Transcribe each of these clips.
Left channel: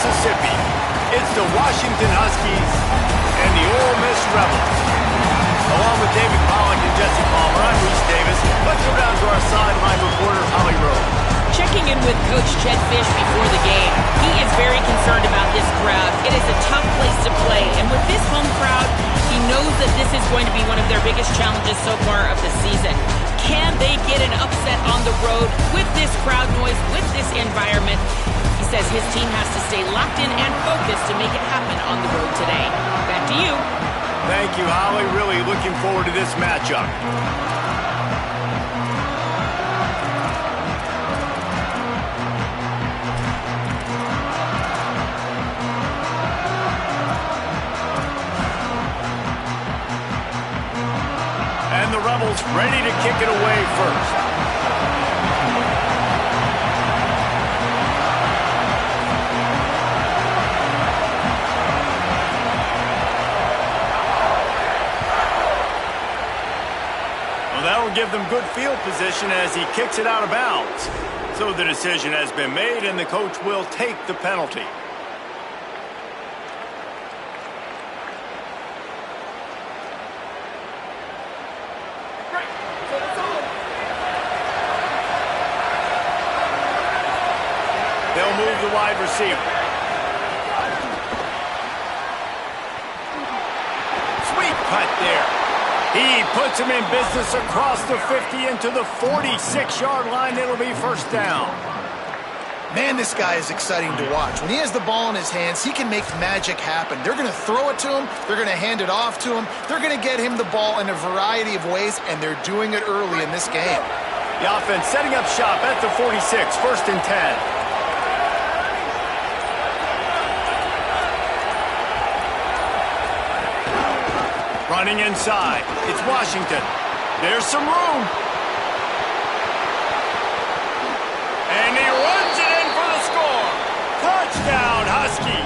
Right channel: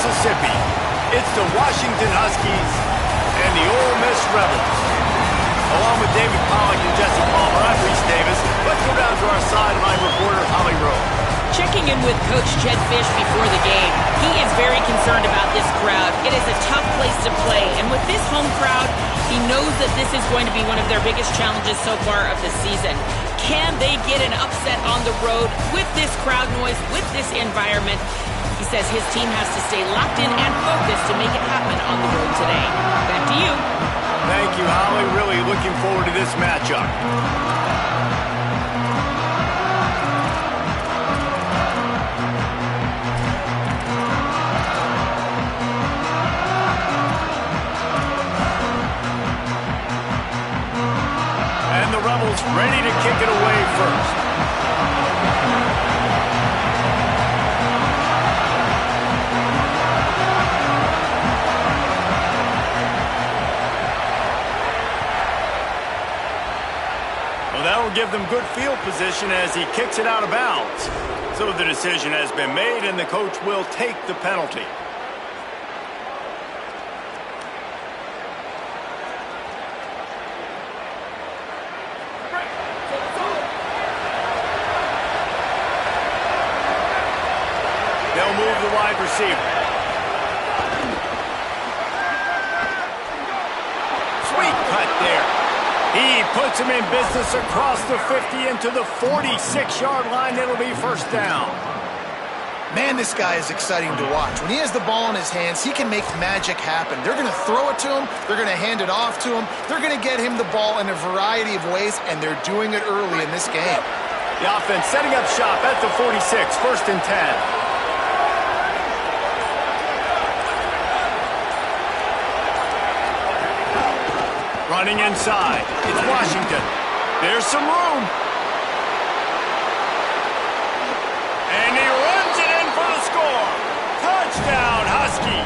Mississippi. It's the Washington Huskies and the Ole Miss Rebels. Along with David Pollack and Jesse Palmer, I'm Reese Davis. Let's go down to our sideline reporter, Holly Rowe. Checking in with Coach Jed Fish before the game, he is very concerned about this crowd. It is a tough place to play, and with this home crowd, he knows that this is going to be one of their biggest challenges so far of the season. Can they get an upset on the road with this crowd noise, with this environment? He says his team has to stay locked in and focused to make it happen on the road today. Back to you. Thank you, Holly. Really looking forward to this matchup. And the Rebels ready to kick it away first. Well, that will give them good field position as he kicks it out of bounds. So the decision has been made, and the coach will take the penalty. They'll move the wide receiver. Sweet cut there. He puts him in business across the 50 into the 46-yard line. It'll be first down. Man, this guy is exciting to watch. When he has the ball in his hands, he can make magic happen. They're going to throw it to him. They're going to hand it off to him. They're going to get him the ball in a variety of ways, and they're doing it early in this game. The offense setting up shop at the 46, first and 10. Running inside, it's Washington. There's some room. And he runs it in for the score. Touchdown, Huskies.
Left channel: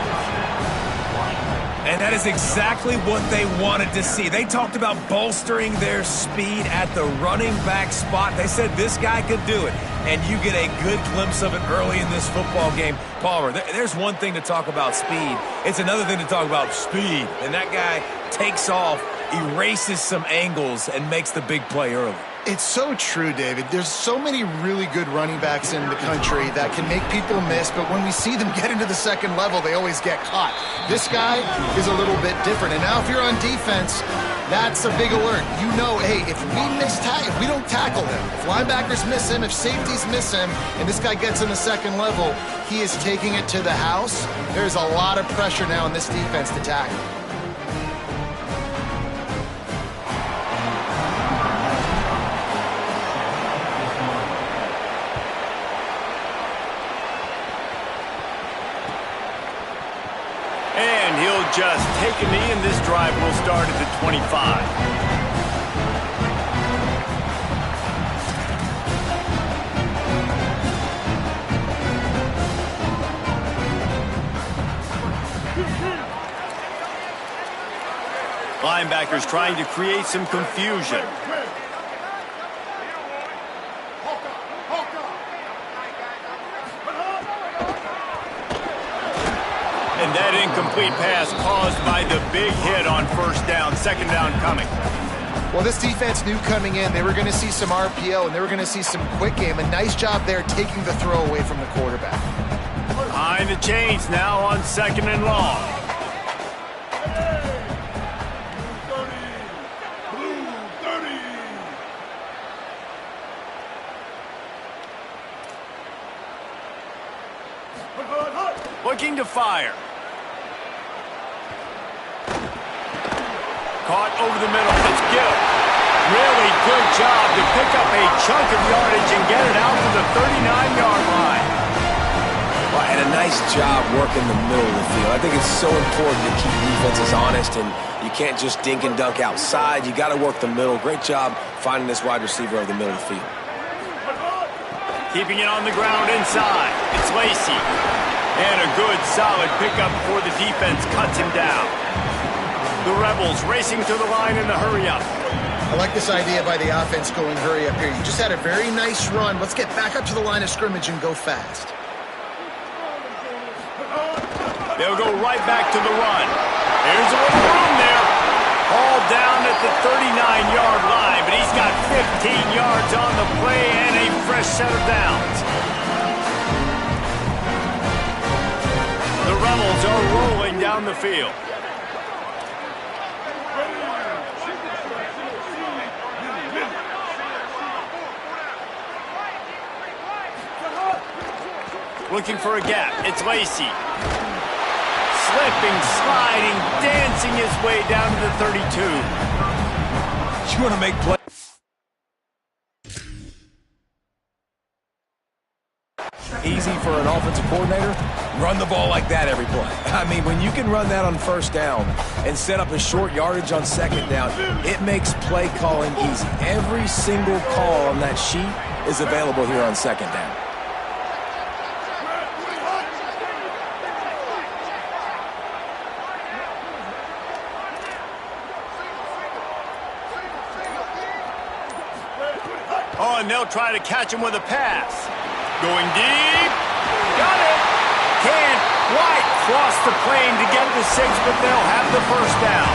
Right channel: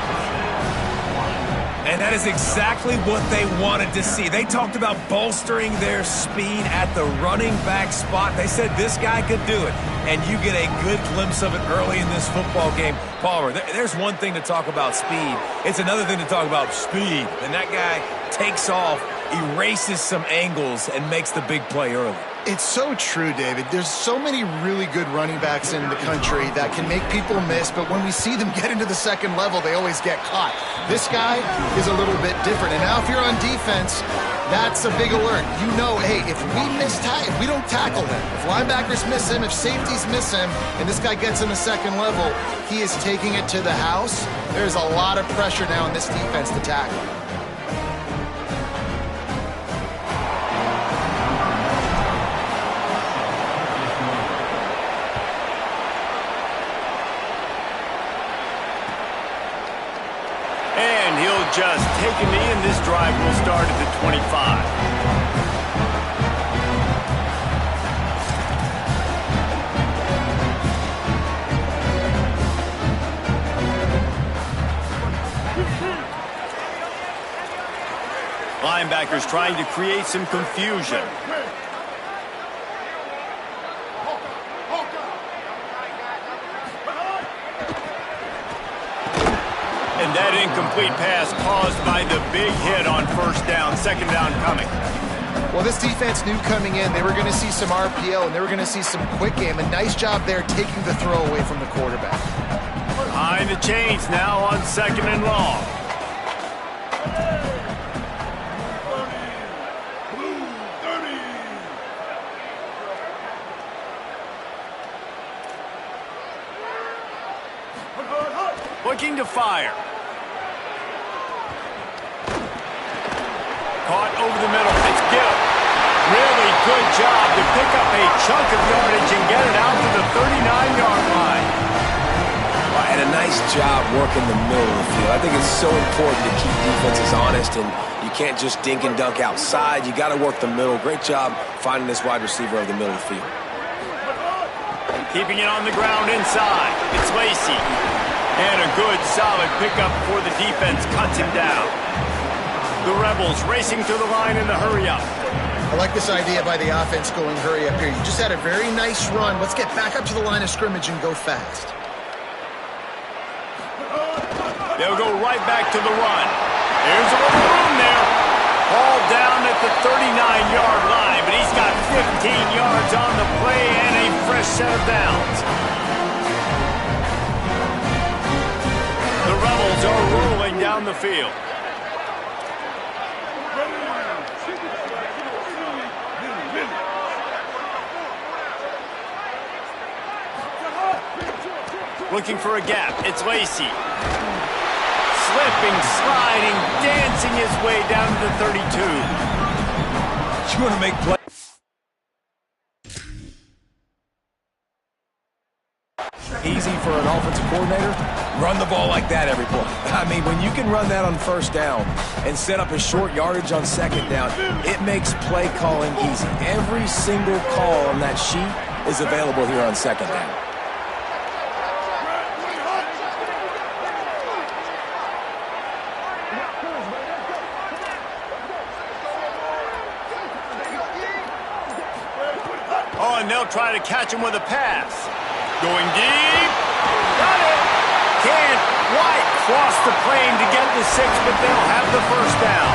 And that is exactly what they wanted to see. They talked about bolstering their speed at the running back spot. They said this guy could do it. And you get a good glimpse of it early in this football game. Palmer, there's one thing to talk about speed. It's another thing to talk about speed. And that guy takes off, erases some angles, and makes the big play early. It's so true, David. There's so many really good running backs in the country that can make people miss, but when we see them get into the second level, they always get caught. This guy is a little bit different. And now if you're on defense, that's a big alert. You know, hey, if we don't tackle him, if linebackers miss him, if safeties miss him, and this guy gets in the second level, he is taking it to the house. There's a lot of pressure now in this defense to tackle. And he'll just take a knee, and this drive will start at the 25. Linebackers trying to create some confusion. And that incomplete pass caused by the big hit on first down, second down coming. Well, this defense knew coming in they were going to see some RPO and they were going to see some quick game. A nice job there taking the throw away from the quarterback. Behind the chains now on second and long. Looking to fire. Caught over the middle. It's Gill. Really good job to pick up a chunk of yardage and get it out to the 39-yard line. Well, and a nice job working the middle of the field. I think it's so important to keep defenses honest, and you can't just dink and dunk outside. You got to work the middle. Great job finding this wide receiver over the middle of the field. Keeping it on the ground inside. It's Lacey. And a good, solid pickup before the defense cuts him down. The Rebels racing to the line in the hurry-up. I like this idea by the offense going hurry up here. You just had a very nice run. Let's get back up to the line of scrimmage and go fast. They'll go right back to the run. There's a little room there. Ball down at the 39-yard line, but he's got 15 yards on the play and a fresh set of downs. The Rebels are rolling down the field. Looking for a gap. It's Lacey. Slipping, sliding, dancing his way down to the 32. You want to make play. Easy for an offensive coordinator? Run the ball like that every play. I mean, when you can run that on first down and set up a short yardage on second down, it makes play calling easy. Every single call on that sheet is available here on second down. Oh, and they'll try to catch him with a pass. Going deep. Got it. Can't quite cross the plane to get the 6, but they'll have the first down.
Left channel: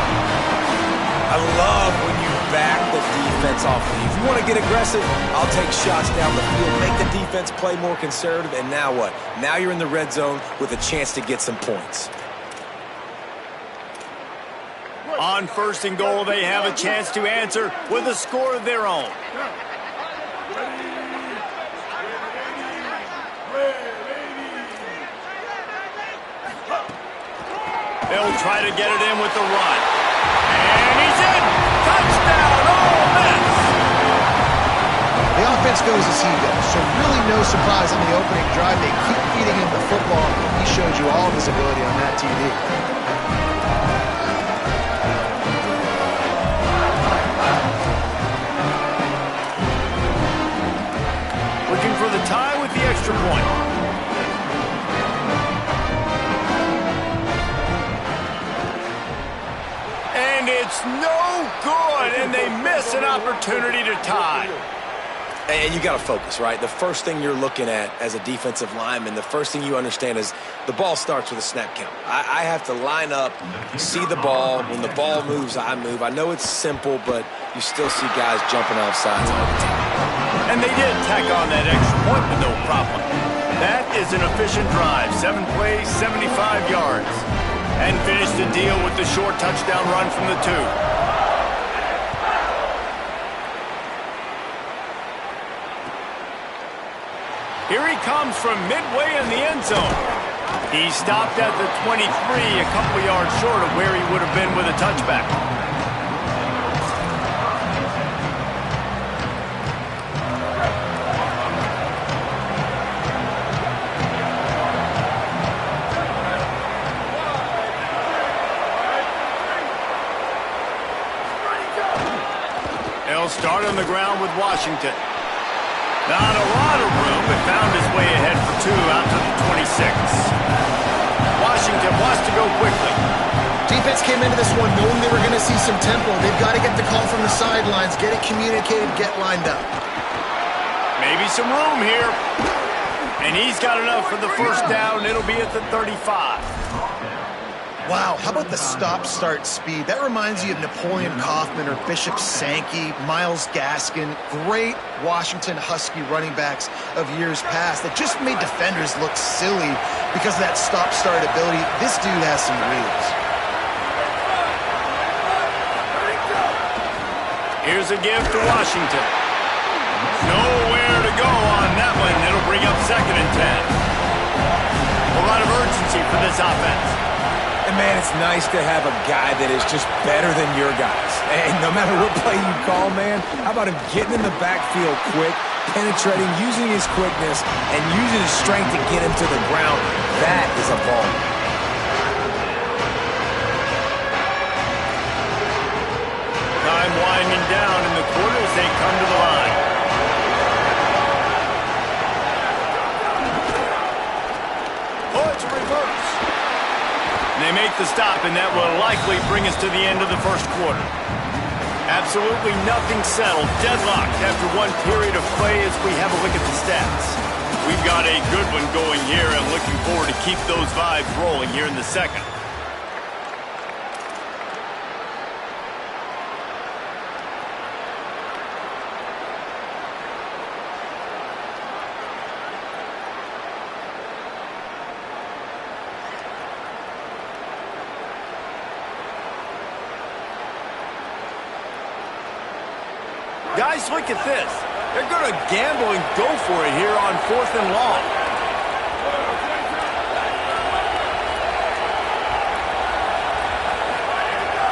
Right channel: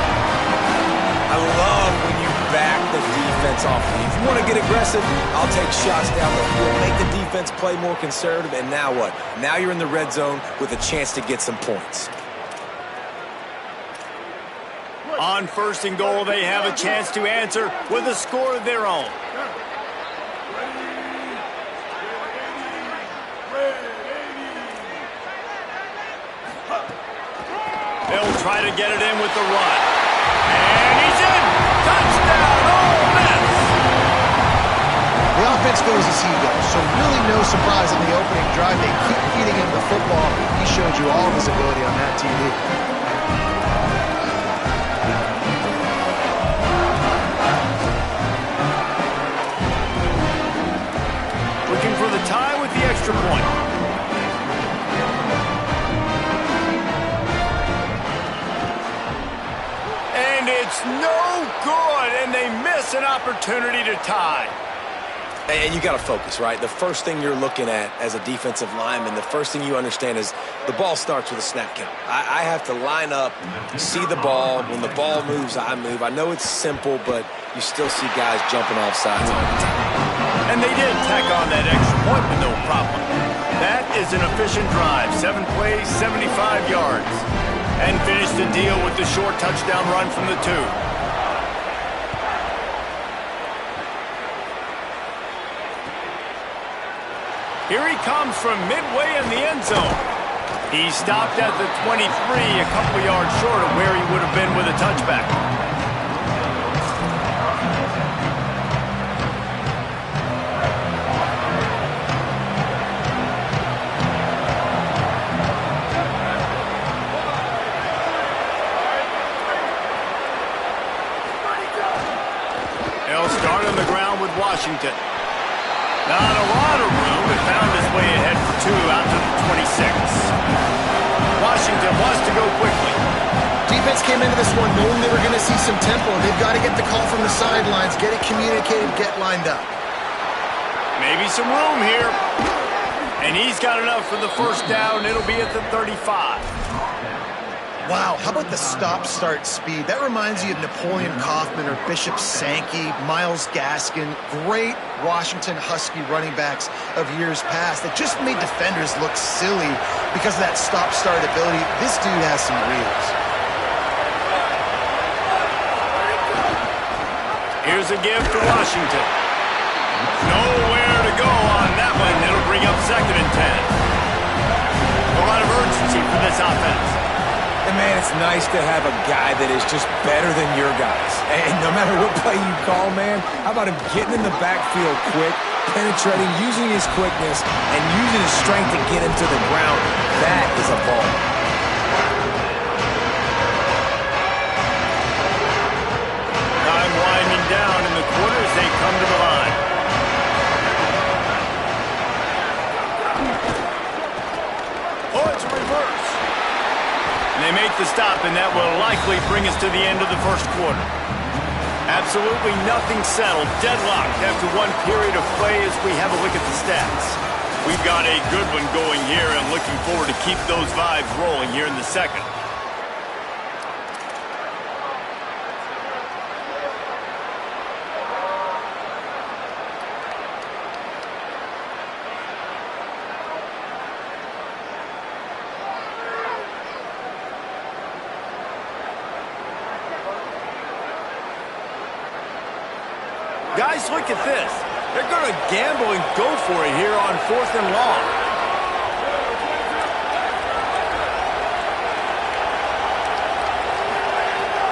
I love when you back the defense off. If you want to get aggressive, I'll take shots down the field, make the defense play more conservative, and now what? Now you're in the red zone with a chance to get some points. On first and goal, they have a chance to answer with a score of their own. They'll try to get it in with the run. And he's in! Touchdown! Ole Miss! The offense goes as he goes, so really no surprise in the opening drive. They keep feeding him the football. He showed you all of his ability on that TV. Looking for the tie with the extra point. And it's no good, and they miss an opportunity to tie. And you got to focus, right? The first thing you're looking at as a defensive lineman, the first thing you understand is the ball starts with a snap count. I have to line up, see the ball. When the ball moves, I move. I know it's simple, but you still see guys jumping off sides all the time. And they did tack on that extra point with no problem. That is an efficient drive. 7 plays, 75 yards. And finished the deal with the short touchdown run from the 2. Here he comes from midway in the end zone. He stopped at the 23, a couple yards short of where he would have been with a touchback. They'll start on the ground with Washington. Not a lot of room, but found his way ahead for 2 out to the 26. Washington wants to go quickly. Defense came into this one knowing they were going to see some tempo. They've got to get the call from the sidelines, get it communicated, get lined up. Maybe some room here. And he's got enough for the first down. It'll be at the 35. Wow, how about the stop-start speed? That reminds you of Napoleon Kaufman or Bishop Sankey, Myles Gaskin, great Washington Husky running backs of years past that just made defenders look silly because of that stop-start ability. This dude has some wheels. Here's a give to Washington. Nowhere to go on that one. It'll bring up 2nd and 10. A lot of urgency for this offense. And, man, it's nice to have a guy that is just better than your guys. And no matter what play you call, man, how about him getting in the backfield quick, penetrating, using his quickness, and using his strength to get him to the ground? That is a ball. Time winding down in the quarter as they come to the line. Oh, it's a reverse. And they make the stop, and that will likely bring us to the end of the first quarter. Absolutely nothing settled. Deadlocked after one period of play as we have a look at the stats. We've got a good one going here and looking forward to keep those vibes rolling here in the second. Guys, look at this. They're going to gamble and go for it here on 4th and long.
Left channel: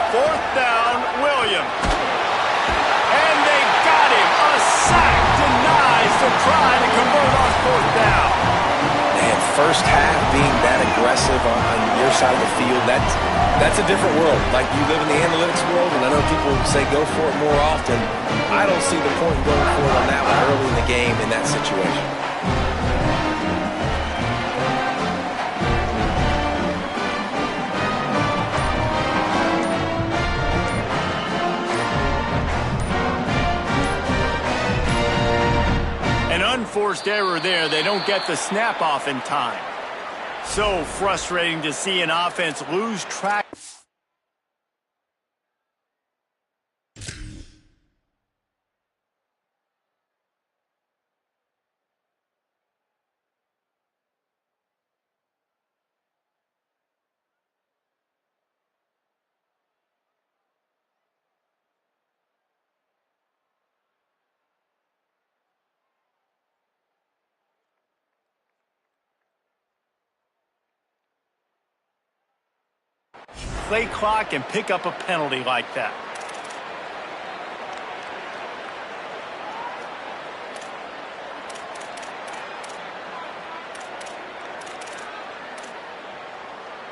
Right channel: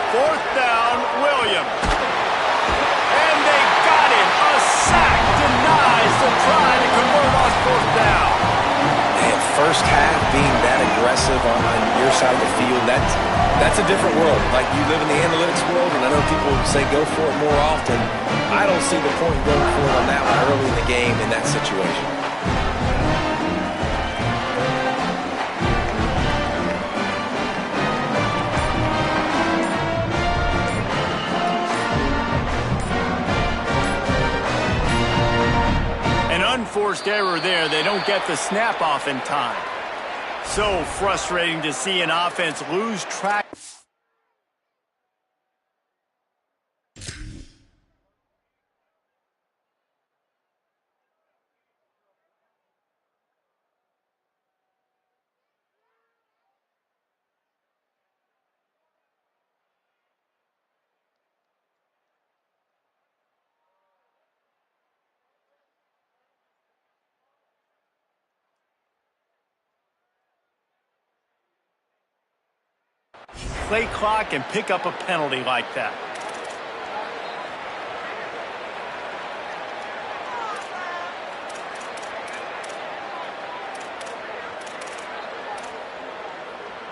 Fourth down, Williams. And they got him. A sack denies to try to convert on 4th down. Man, first half being that aggressive on your side of the field, that's a different world. Like, you live in the analytics world, and I know people say go for it more often. I don't see the point in going for it on that one early in the game in that situation. An unforced error there. They don't get the snap off in time. So frustrating to see an offense lose track. Play clock and pick up a penalty like that.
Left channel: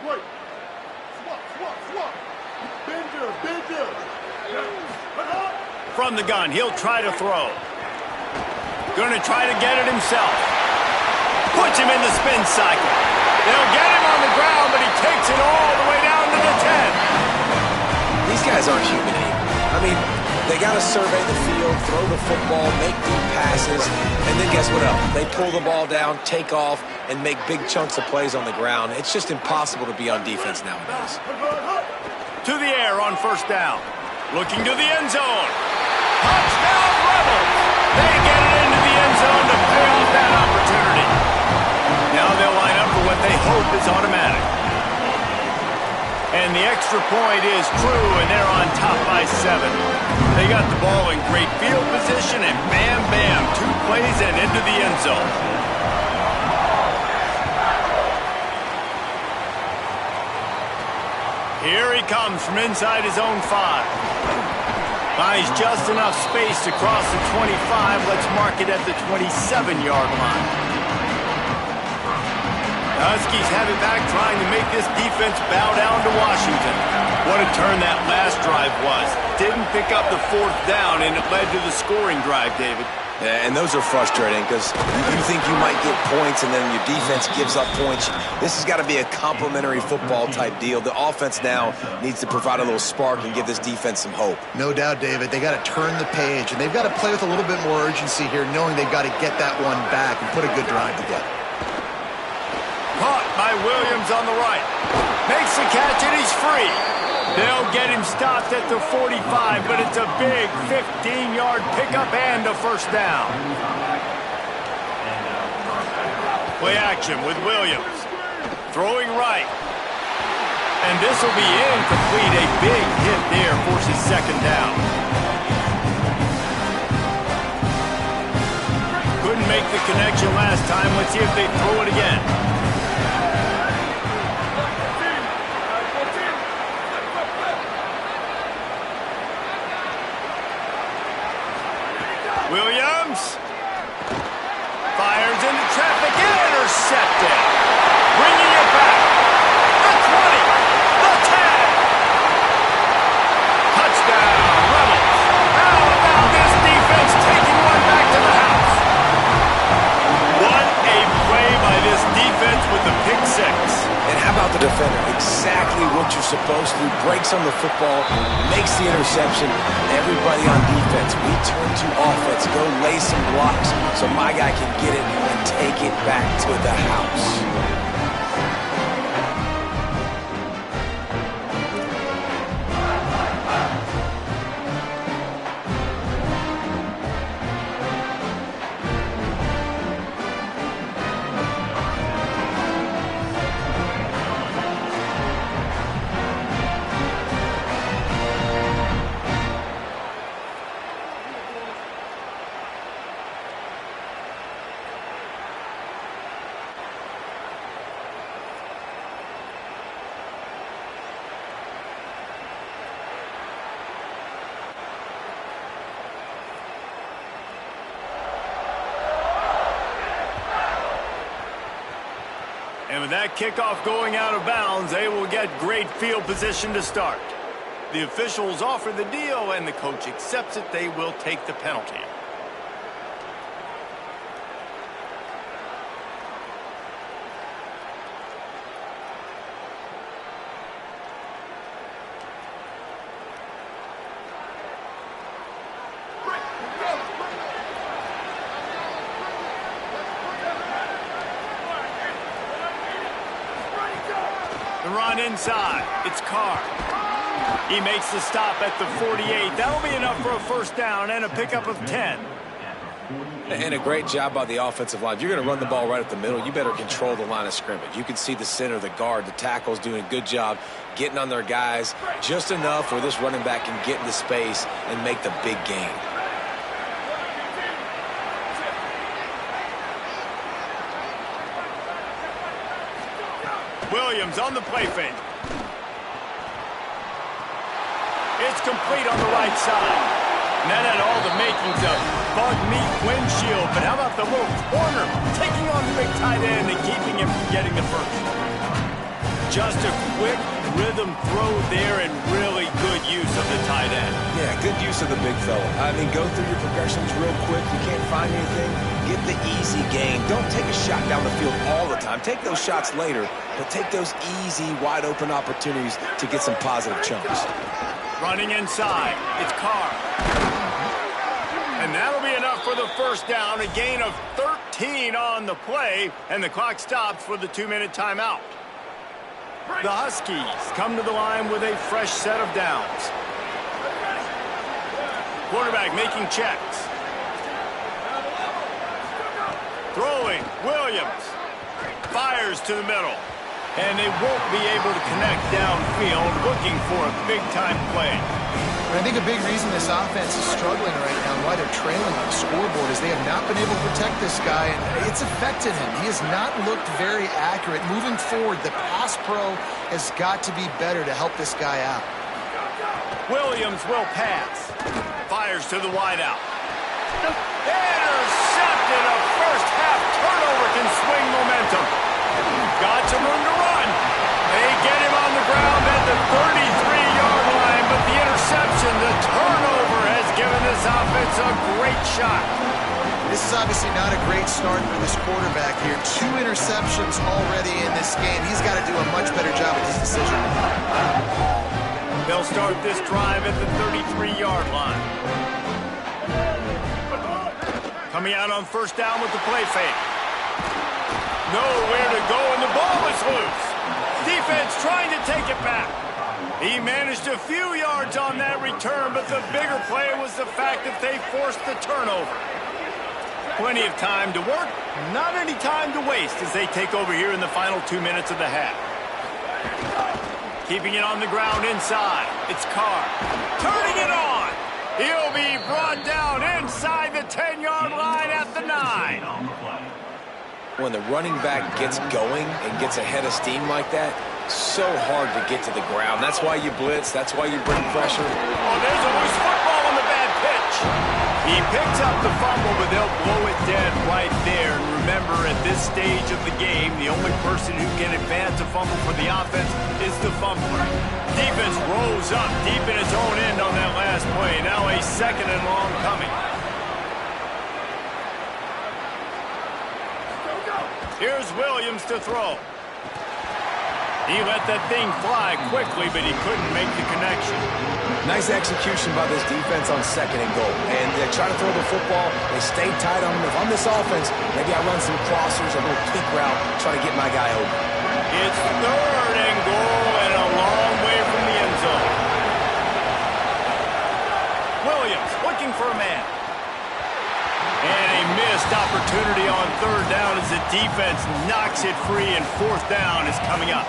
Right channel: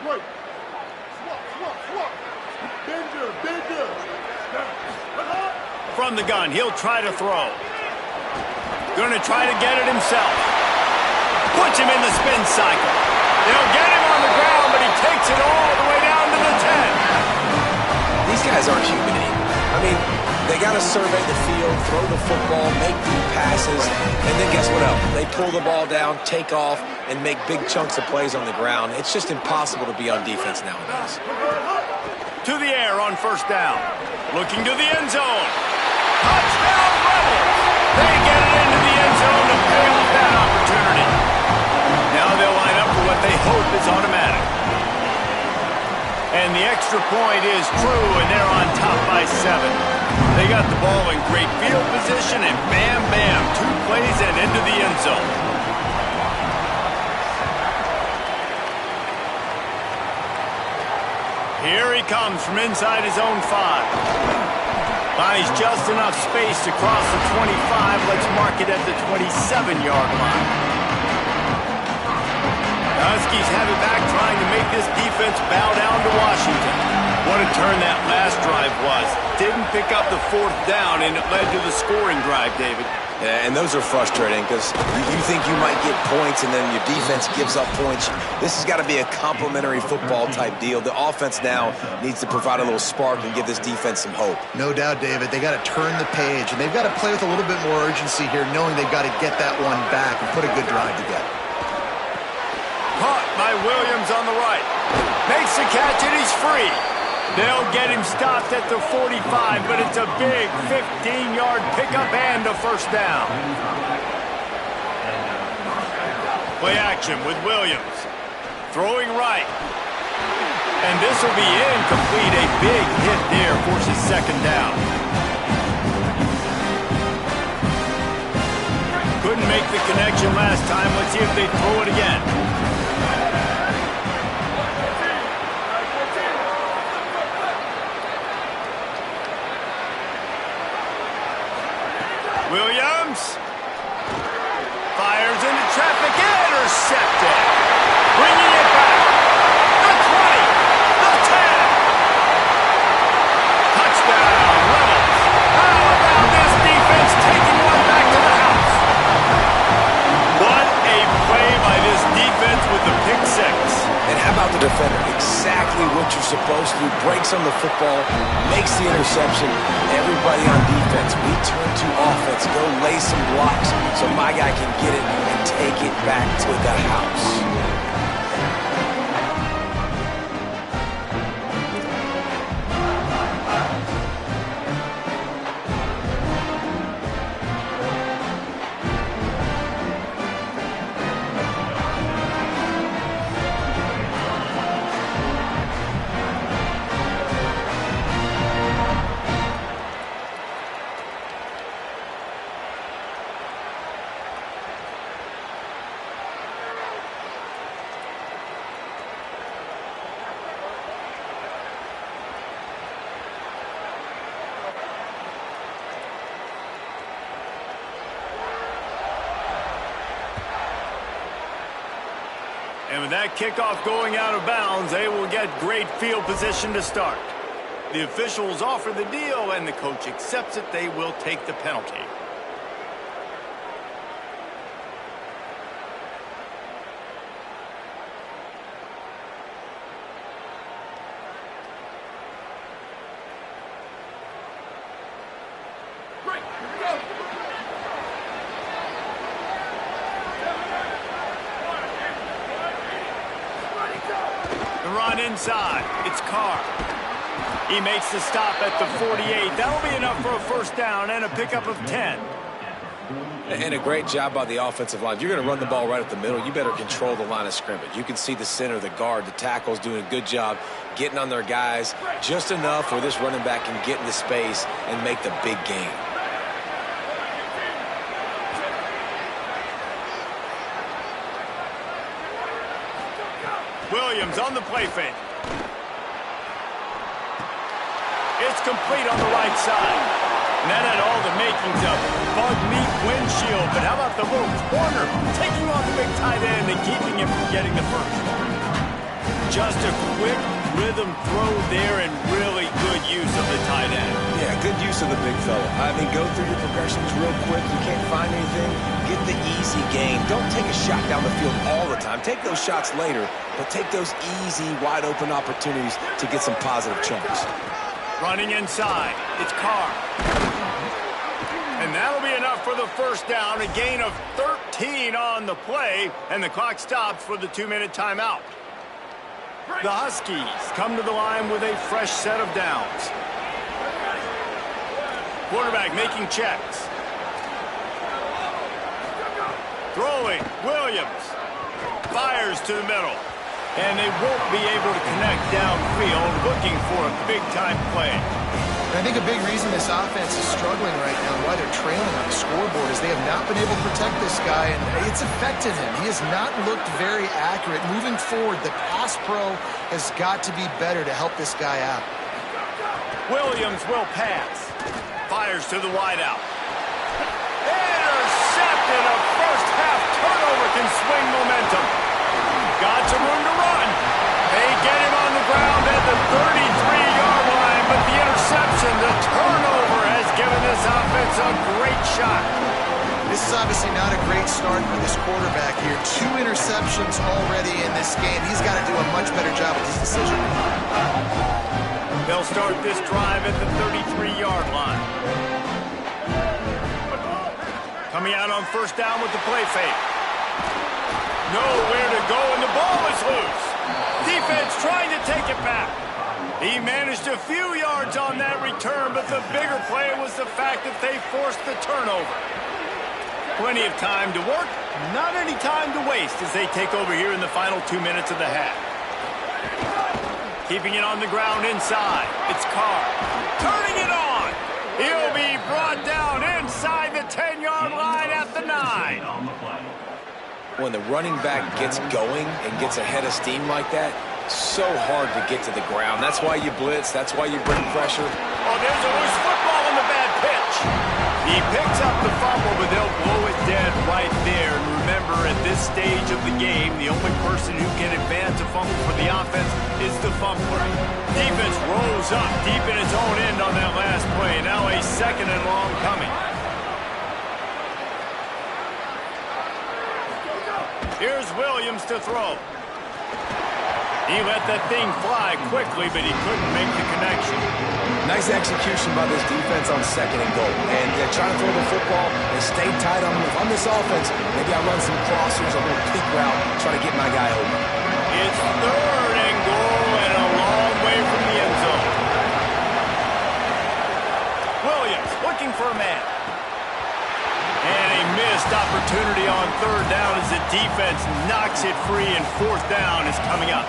Wait. Swap. Bender. From the gun, he'll try to throw. Gonna try to get it himself. Puts him in the spin cycle. They'll get him on the ground, but he takes it all the way down to the 10. These guys aren't human anymore. I mean, they got to survey the field, throw the football, make deep passes, and then guess what else? They pull the ball down, take off, and make big chunks of plays on the ground. It's just impossible to be on defense nowadays. To the air on 1st down. Looking to the end zone. Touchdown, Rebels! They get it into the end zone to pay off that opportunity. Now they'll line up for what they hope is automatic. And the extra point is true, and they're on top by 7. They got the ball in great field position, and bam, 2 plays and into the end zone. Here he comes from inside his own 5. Finds just enough space to cross the 25. Let's mark it at the 27-yard line. Huskies have it back, trying to make this defense bow down to Washington. What a turn that last drive was. Didn't pick up the 4th down, and it led to the scoring drive, David. Yeah, and those are frustrating because you think you might get points and then your defense gives up points. This has got to be a complementary football type deal. The offense now needs to provide a little spark and give this defense some hope. No doubt, David. They got to turn the page, and they've got to play with a little bit more urgency here, knowing they've got to get that one back and put a good drive together. Caught by Williams on the right. Makes the catch, and he's free. They'll get him stopped at the 45, but it's a big 15-yard pickup and a 1st down. Play action with Williams. Throwing right. And this will be incomplete. A big hit there forces 2nd down. Couldn't make the connection last time. Let's see if they throw it again. Williams fires into traffic, intercepted. Bringing it back. The 20, the 10. Touchdown, Rebels. How about this defense taking one back to the house? What a play by this defense with the pick 6. And how about the defender? Exactly what you're supposed to do. Breaks on the football, makes the interception. Everybody on defense, we turn to offense. Go lay some blocks so my guy can get it and take it back to the house. And with that kickoff going out of bounds, they will get great field position to start. The officials offer the deal, and the coach accepts it. They will take the penalty. The run inside. It's Carr. He makes the stop at the 48. That'll be enough for a first down and a pickup of 10. And a great job by the offensive line. If you're going to run the ball right at the middle, you better control the line of scrimmage. You can see the center, the guard, the tackles doing a good job getting on their guys just enough where this running back can get into space and make the big gain. Williams on the play fake. It's complete on the right side. And that had all the makings of bug meat windshield. But how about the little corner taking on the big tight end and keeping him from getting the first? Just a quick rhythm throw there and really good use of the tight end. Yeah, good use of the big fella. I mean, go through your progressions real quick. You can't find anything, get the easy gain. Don't take a shot down the field all the time. Take those shots later, but take those easy, wide-open opportunities to get some positive chunks. Running inside, it's Carr. And that'll be enough for the first down, a gain of 13 on the play, and the clock stops for the 2-minute timeout. The Huskies come to the line with a fresh set of downs. Quarterback making checks. Throwing, Williams. Fires to the middle. And they won't be able to connect downfield, looking for a big-time play. And I think a big reason this offense is struggling right now and why they're trailing on the scoreboard is they have not been able to protect this guy, and it's affected him. He has not looked very accurate. Moving forward, the pass pro has got to be better to help this guy out. Williams will pass. Fires to the wideout. Intercepted. A first-half turnover can swing momentum. Got some room to run. They get him on the ground at the 33-yard line, but the interception, the turnover, has given this offense a great shot. This is obviously not a great start for this quarterback here. 2 interceptions already in this game. He's got to do a much better job with his decision-making. They'll start this drive at the 33-yard line. Coming out on first down with the play fake. Nowhere to go, and the ball is loose. Defense trying to take it back. He managed a few yards on that return, but the bigger play was the fact that they forced the turnover. Plenty of time to work, not any time to waste as they take over here in the final 2 minutes of the half. Keeping it on the ground inside. It's Carr. Turning it on. He'll be brought down inside the 10-yard line at the 9. When the running back gets going and gets ahead of steam like that, so hard to get to the ground. That's why you blitz. That's why you bring pressure. Oh, there's a loose football on the bad pitch. He picks up the fumble, but they'll blow it dead right there. And remember, at this stage of the game, the only person who can advance a fumble for the offense is the fumbler. Defense rolls up deep in its own end on that last play. Now a second and long coming. Here's Williams to throw. He let that thing fly quickly, but he couldn't make the connection. Nice execution by this defense on 2nd and goal. And they try to throw the football. They stay tight on them. If I'm this offense, maybe I run some crossers, a little kick route, try to get my guy open. It's 3rd and goal and a long way from the end zone. Williams looking for a man. And a missed opportunity on 3rd down as the defense knocks it free, and 4th down is coming up.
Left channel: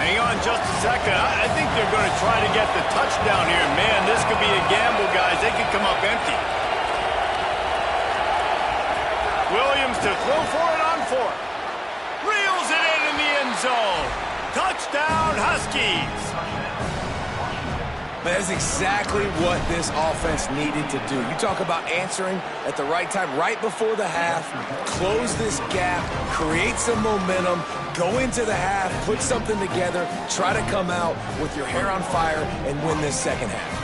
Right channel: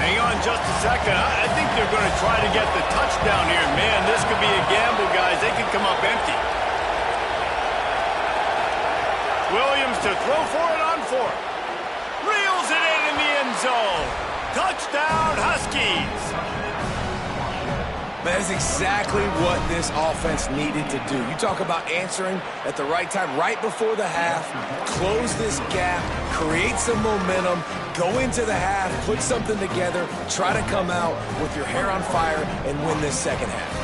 Hang on just a second. I think they're going to try to get the touchdown here. Man, this could be a gamble, guys. They could come up empty. Williams to throw for it on 4th. Reels it in the end zone. Touchdown, Huskies. That is exactly what this offense needed to do. You talk about answering at the right time, right before the half, close this gap, create some momentum, go into the half, put something together, try to come out with your hair on fire and win this second half.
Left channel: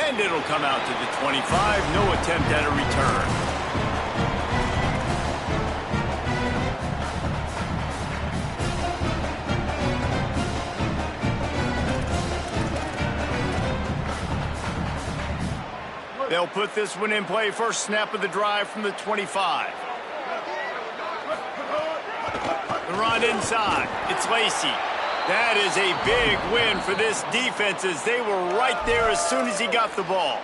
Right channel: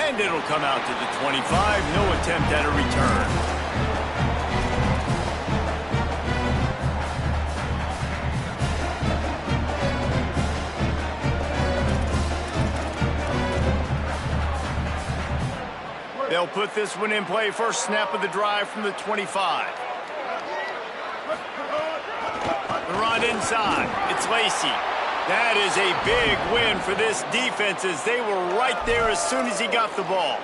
And it'll come out to the 25. No attempt at a return. They'll put this one in play. First snap of the drive from the 25. The run inside. It's Lacey. That is a big win for this defense, as they were right there as soon as he got the ball.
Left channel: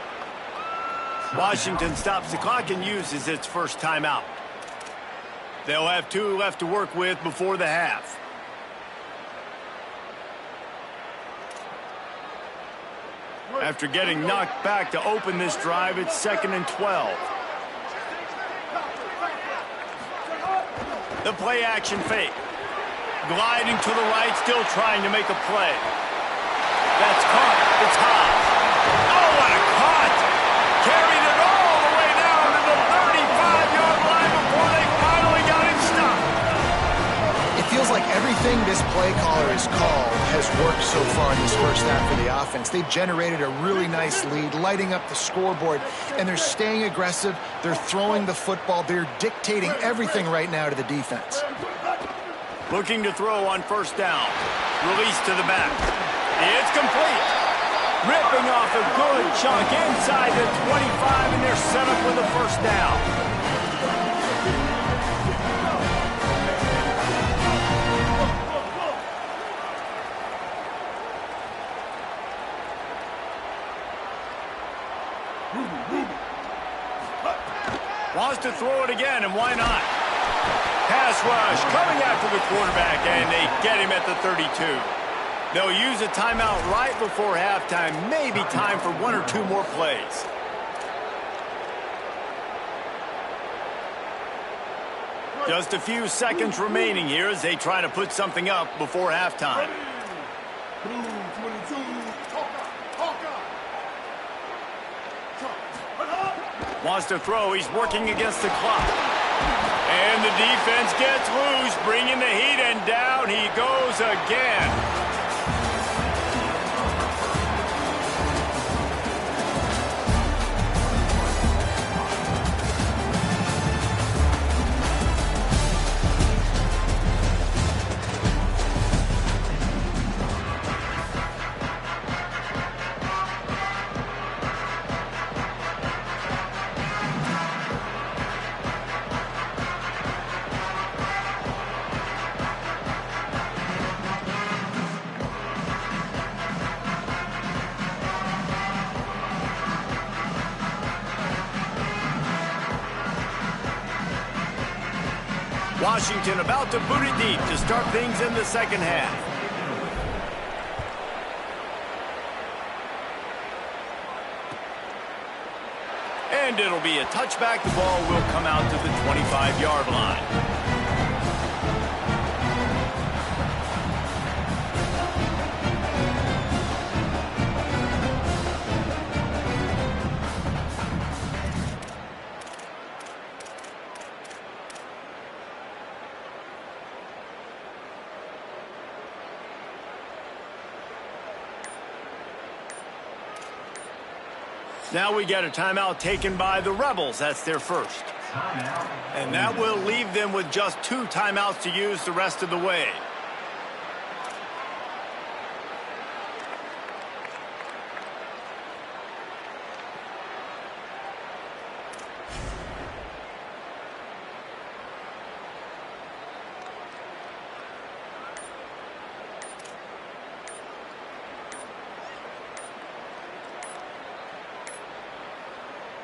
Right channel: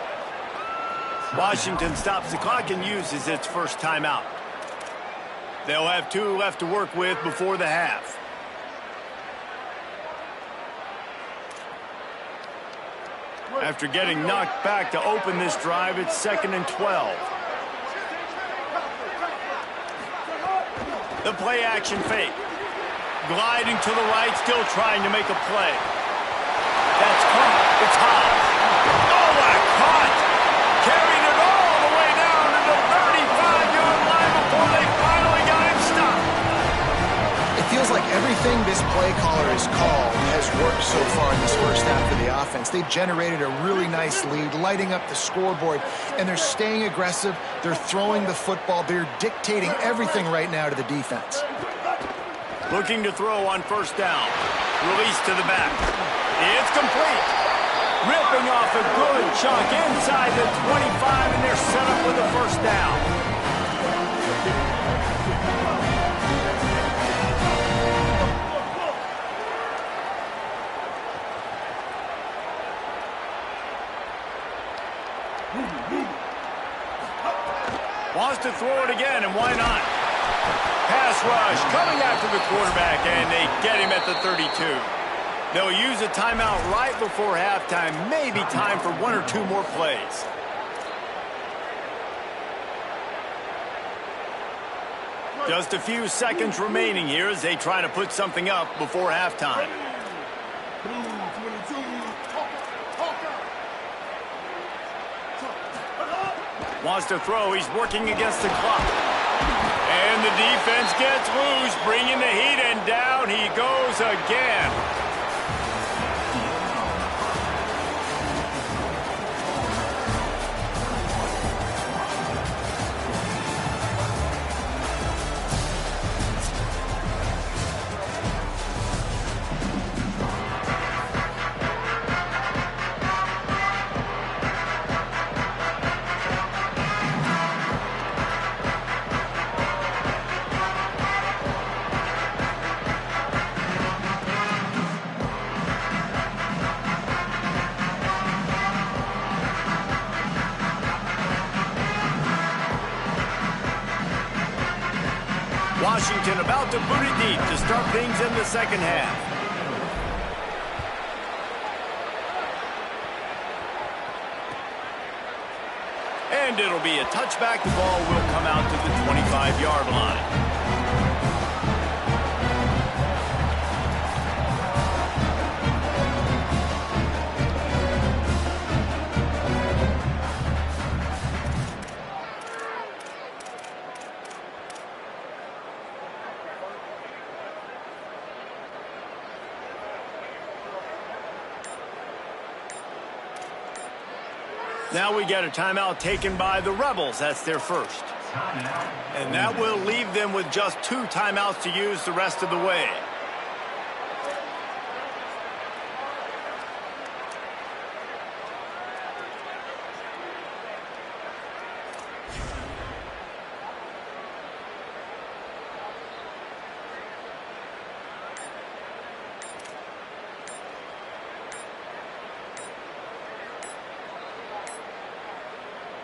Washington stops the clock and uses its first timeout. They'll have 2 left to work with before the half. After getting knocked back to open this drive, it's 2nd and 12. The play action fake. Gliding to the right, still trying to make a play. That's caught. It's Haas. Oh, what a cut! Carried it all the way down to the 35-yard line before they finally got him stopped. It feels like everything this play caller has called has worked so far in this first half for the offense. They've generated a really nice lead, lighting up the scoreboard, and they're staying aggressive. They're throwing the football. They're dictating everything right now to the defense. Looking to throw on first down. Release to the back. It's complete. Ripping off a good chunk inside the 25, and they're set up with a first down. Wants to throw it again, and why not? Pass rush coming after the quarterback, and they get him at the 32. They'll use a timeout right before halftime. Maybe time for 1 or 2 more plays. Just a few seconds remaining here as they try to put something up before halftime. Blue 22, Wants to throw. He's working against the clock. And the defense gets loose, bringing the heat, and down he goes again. Washington about to boot it deep to start things in the second half. And it'll be a touchback. The ball will come out to the 25-yard line. Now we get a timeout taken by the Rebels. That's their first. And that will leave them with just 2 timeouts to use the rest of the way.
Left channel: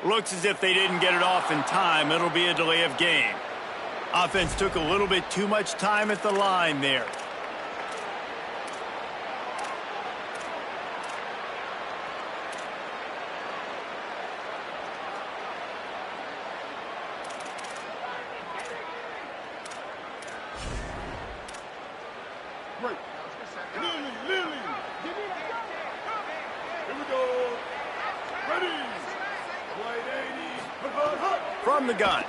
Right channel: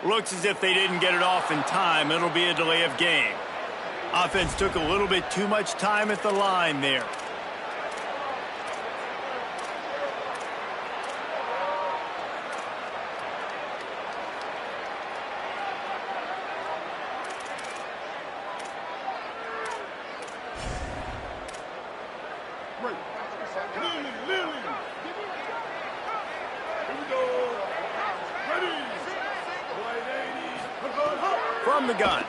Looks as if they didn't get it off in time. It'll be a delay of game. Offense took a little bit too much time at the line there. Great. Lily. Here we go. Ready. From the gun.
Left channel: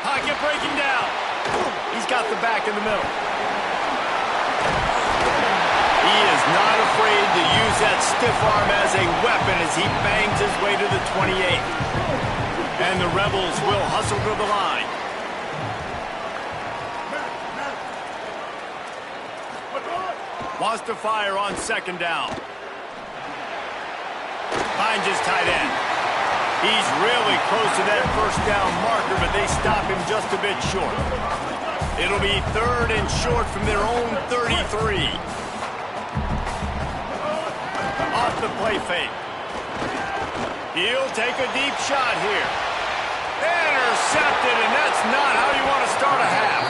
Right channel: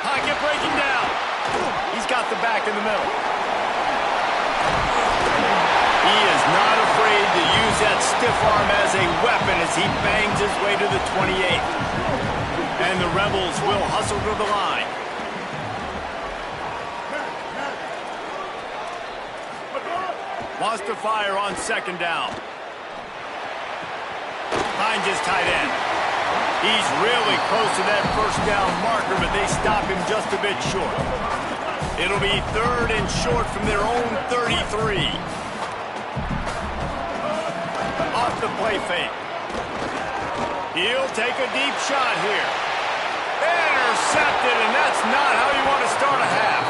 Pocket breaking down. He's got the back in the middle. He is not afraid to use that stiff arm as a weapon as he bangs his way to the 28. And the Rebels will hustle to the line. Wants to fire on second down. Finds his tight end. He's really close to that first down marker, but they stop him just a bit short. It'll be 3rd and short from their own 33. Off the play fake. He'll take a deep shot here. Intercepted, and that's not how you want to start a half.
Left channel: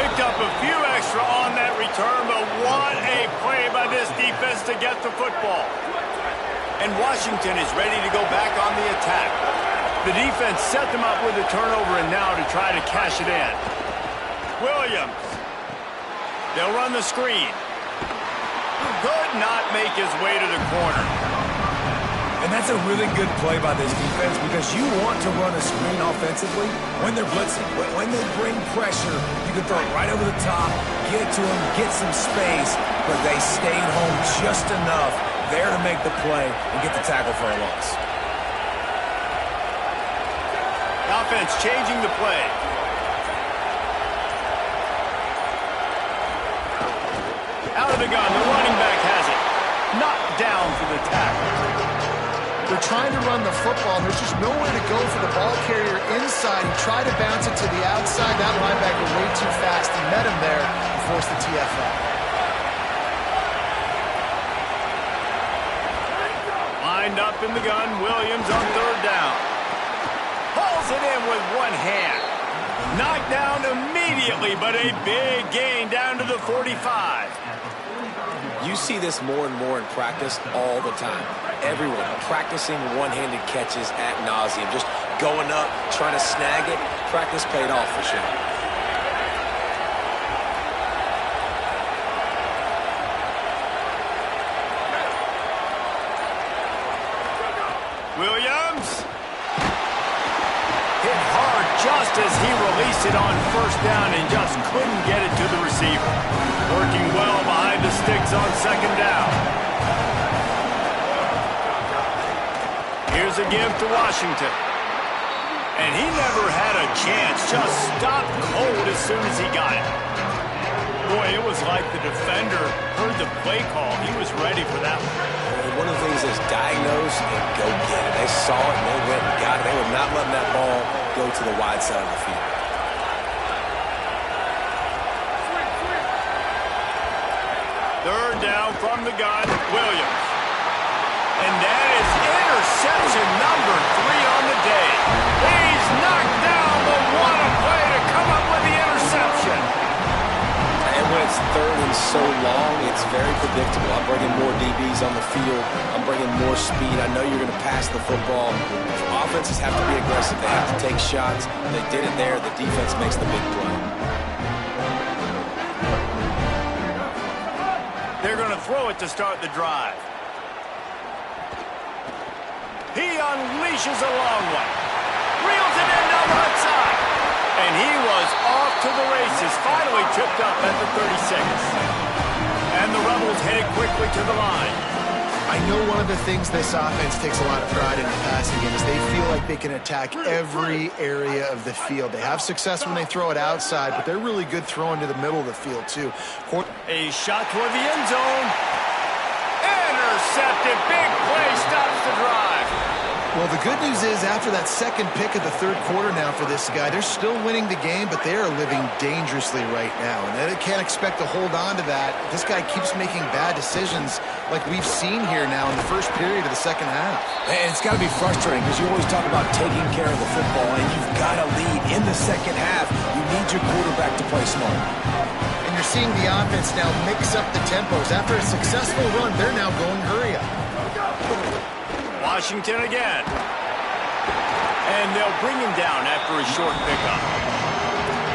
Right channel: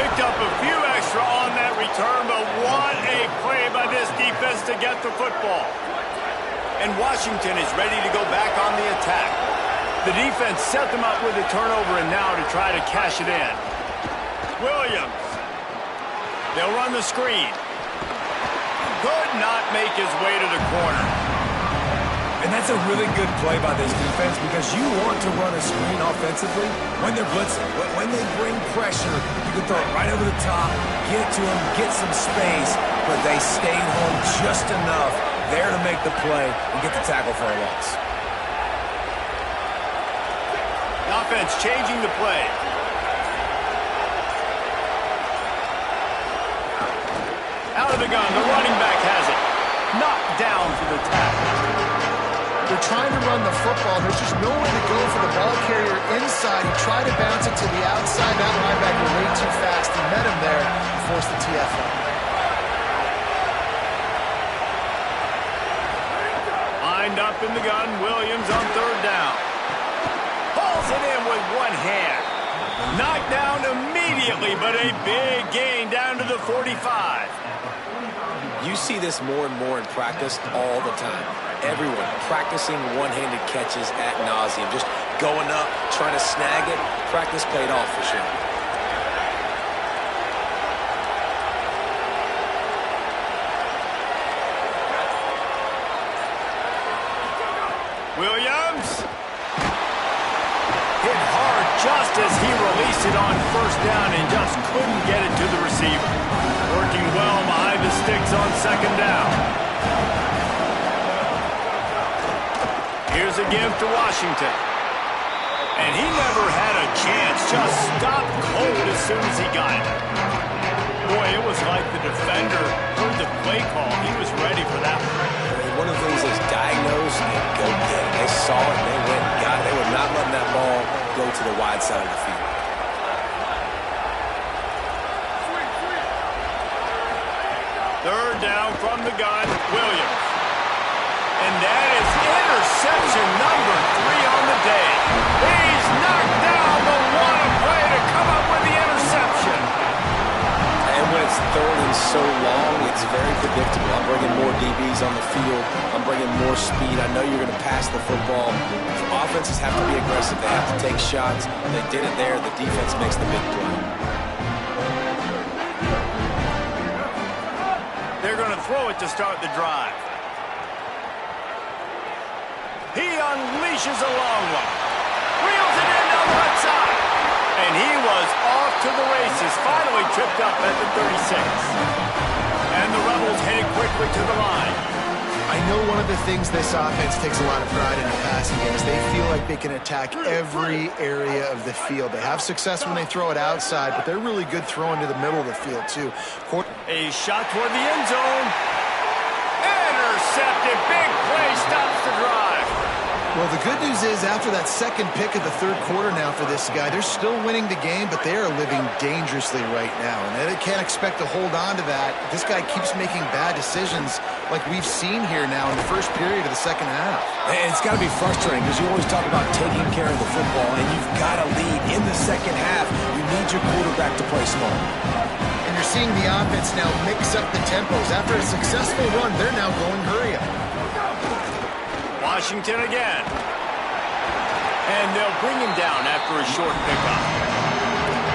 Picked up a few extra on that return, but what a play by this defense to get the football. And Washington is ready to go back on the attack. The defense set them up with a turnover and now to try to cash it in. Williams. They'll run the screen. Could not make his way to the corner. And that's a really good play by this defense because you want to run a screen offensively when they're blitzing. When they bring pressure, you can throw it right over the top, get it to them, get some space, but they stayed home just enough there to make the play and get the tackle for a loss. The offense changing the play. Out of the gun, the running back has it. Knocked down for the tackle. They're trying to run the football. There's just nowhere to go for the ball carrier inside. He tried to bounce it to the outside. That linebacker way too fast. He met him there and forced the TFL. Lined up in the gun, Williams on 3rd down. Pulls it in with one hand. Knocked down immediately, but a big gain down to the 45. You see this more and more in practice all the time. Everyone practicing one-handed catches ad nauseum, just going up, trying to snag it. Practice paid off for sure. Williams. Hit hard just as he released it on 1st down and just couldn't get it to the receiver. Working well behind the sticks on 2nd down. Here's a give to Washington. And he never had a chance. Just stopped cold as soon as he got it. Boy, it was like the defender heard the play call. He was ready for that one. One of the things is diagnose and go get it. They saw it and they went and got it. They were not letting that ball go to the wide side of the field. Third down from the gun, Williams. And that is interception number 3 on the day. He's knocked down, but what a play to come up with the interception. And when it's 3rd and so long, it's very predictable. I'm bringing more DBs on the field. I'm bringing more speed. I know you're going to pass the football. Offenses have to be aggressive. They have to take shots. They did it there. The defense makes the big play. They're going to throw it to start the drive. He unleashes a long one. Reels it in down the left side. And he was off to the races, finally tripped up at the 36. And the Rebels headed quickly to the line. I know one of the things this offense takes a lot of pride in the passing game is they feel like they can attack every area of the field. They have success when they throw it outside, but they're really good throwing to the middle of the field, too. A shot toward the end zone. Intercepted. Big play stops the drive. Well, the good news is after that second pick of the third quarter now for this guy, they're still winning the game, but they are living dangerously right now, and they can't expect to hold on to that. This guy keeps making bad decisions like we've seen here now in the first period of the second half. And it's got to be frustrating because you always talk about taking care of the football, and you've got to lead in the second half. You need your quarterback to play smart. And you're seeing the offense now mix up the tempos. After a successful run, they're now going hurry up. Washington again. And they'll bring him down after a short pickup.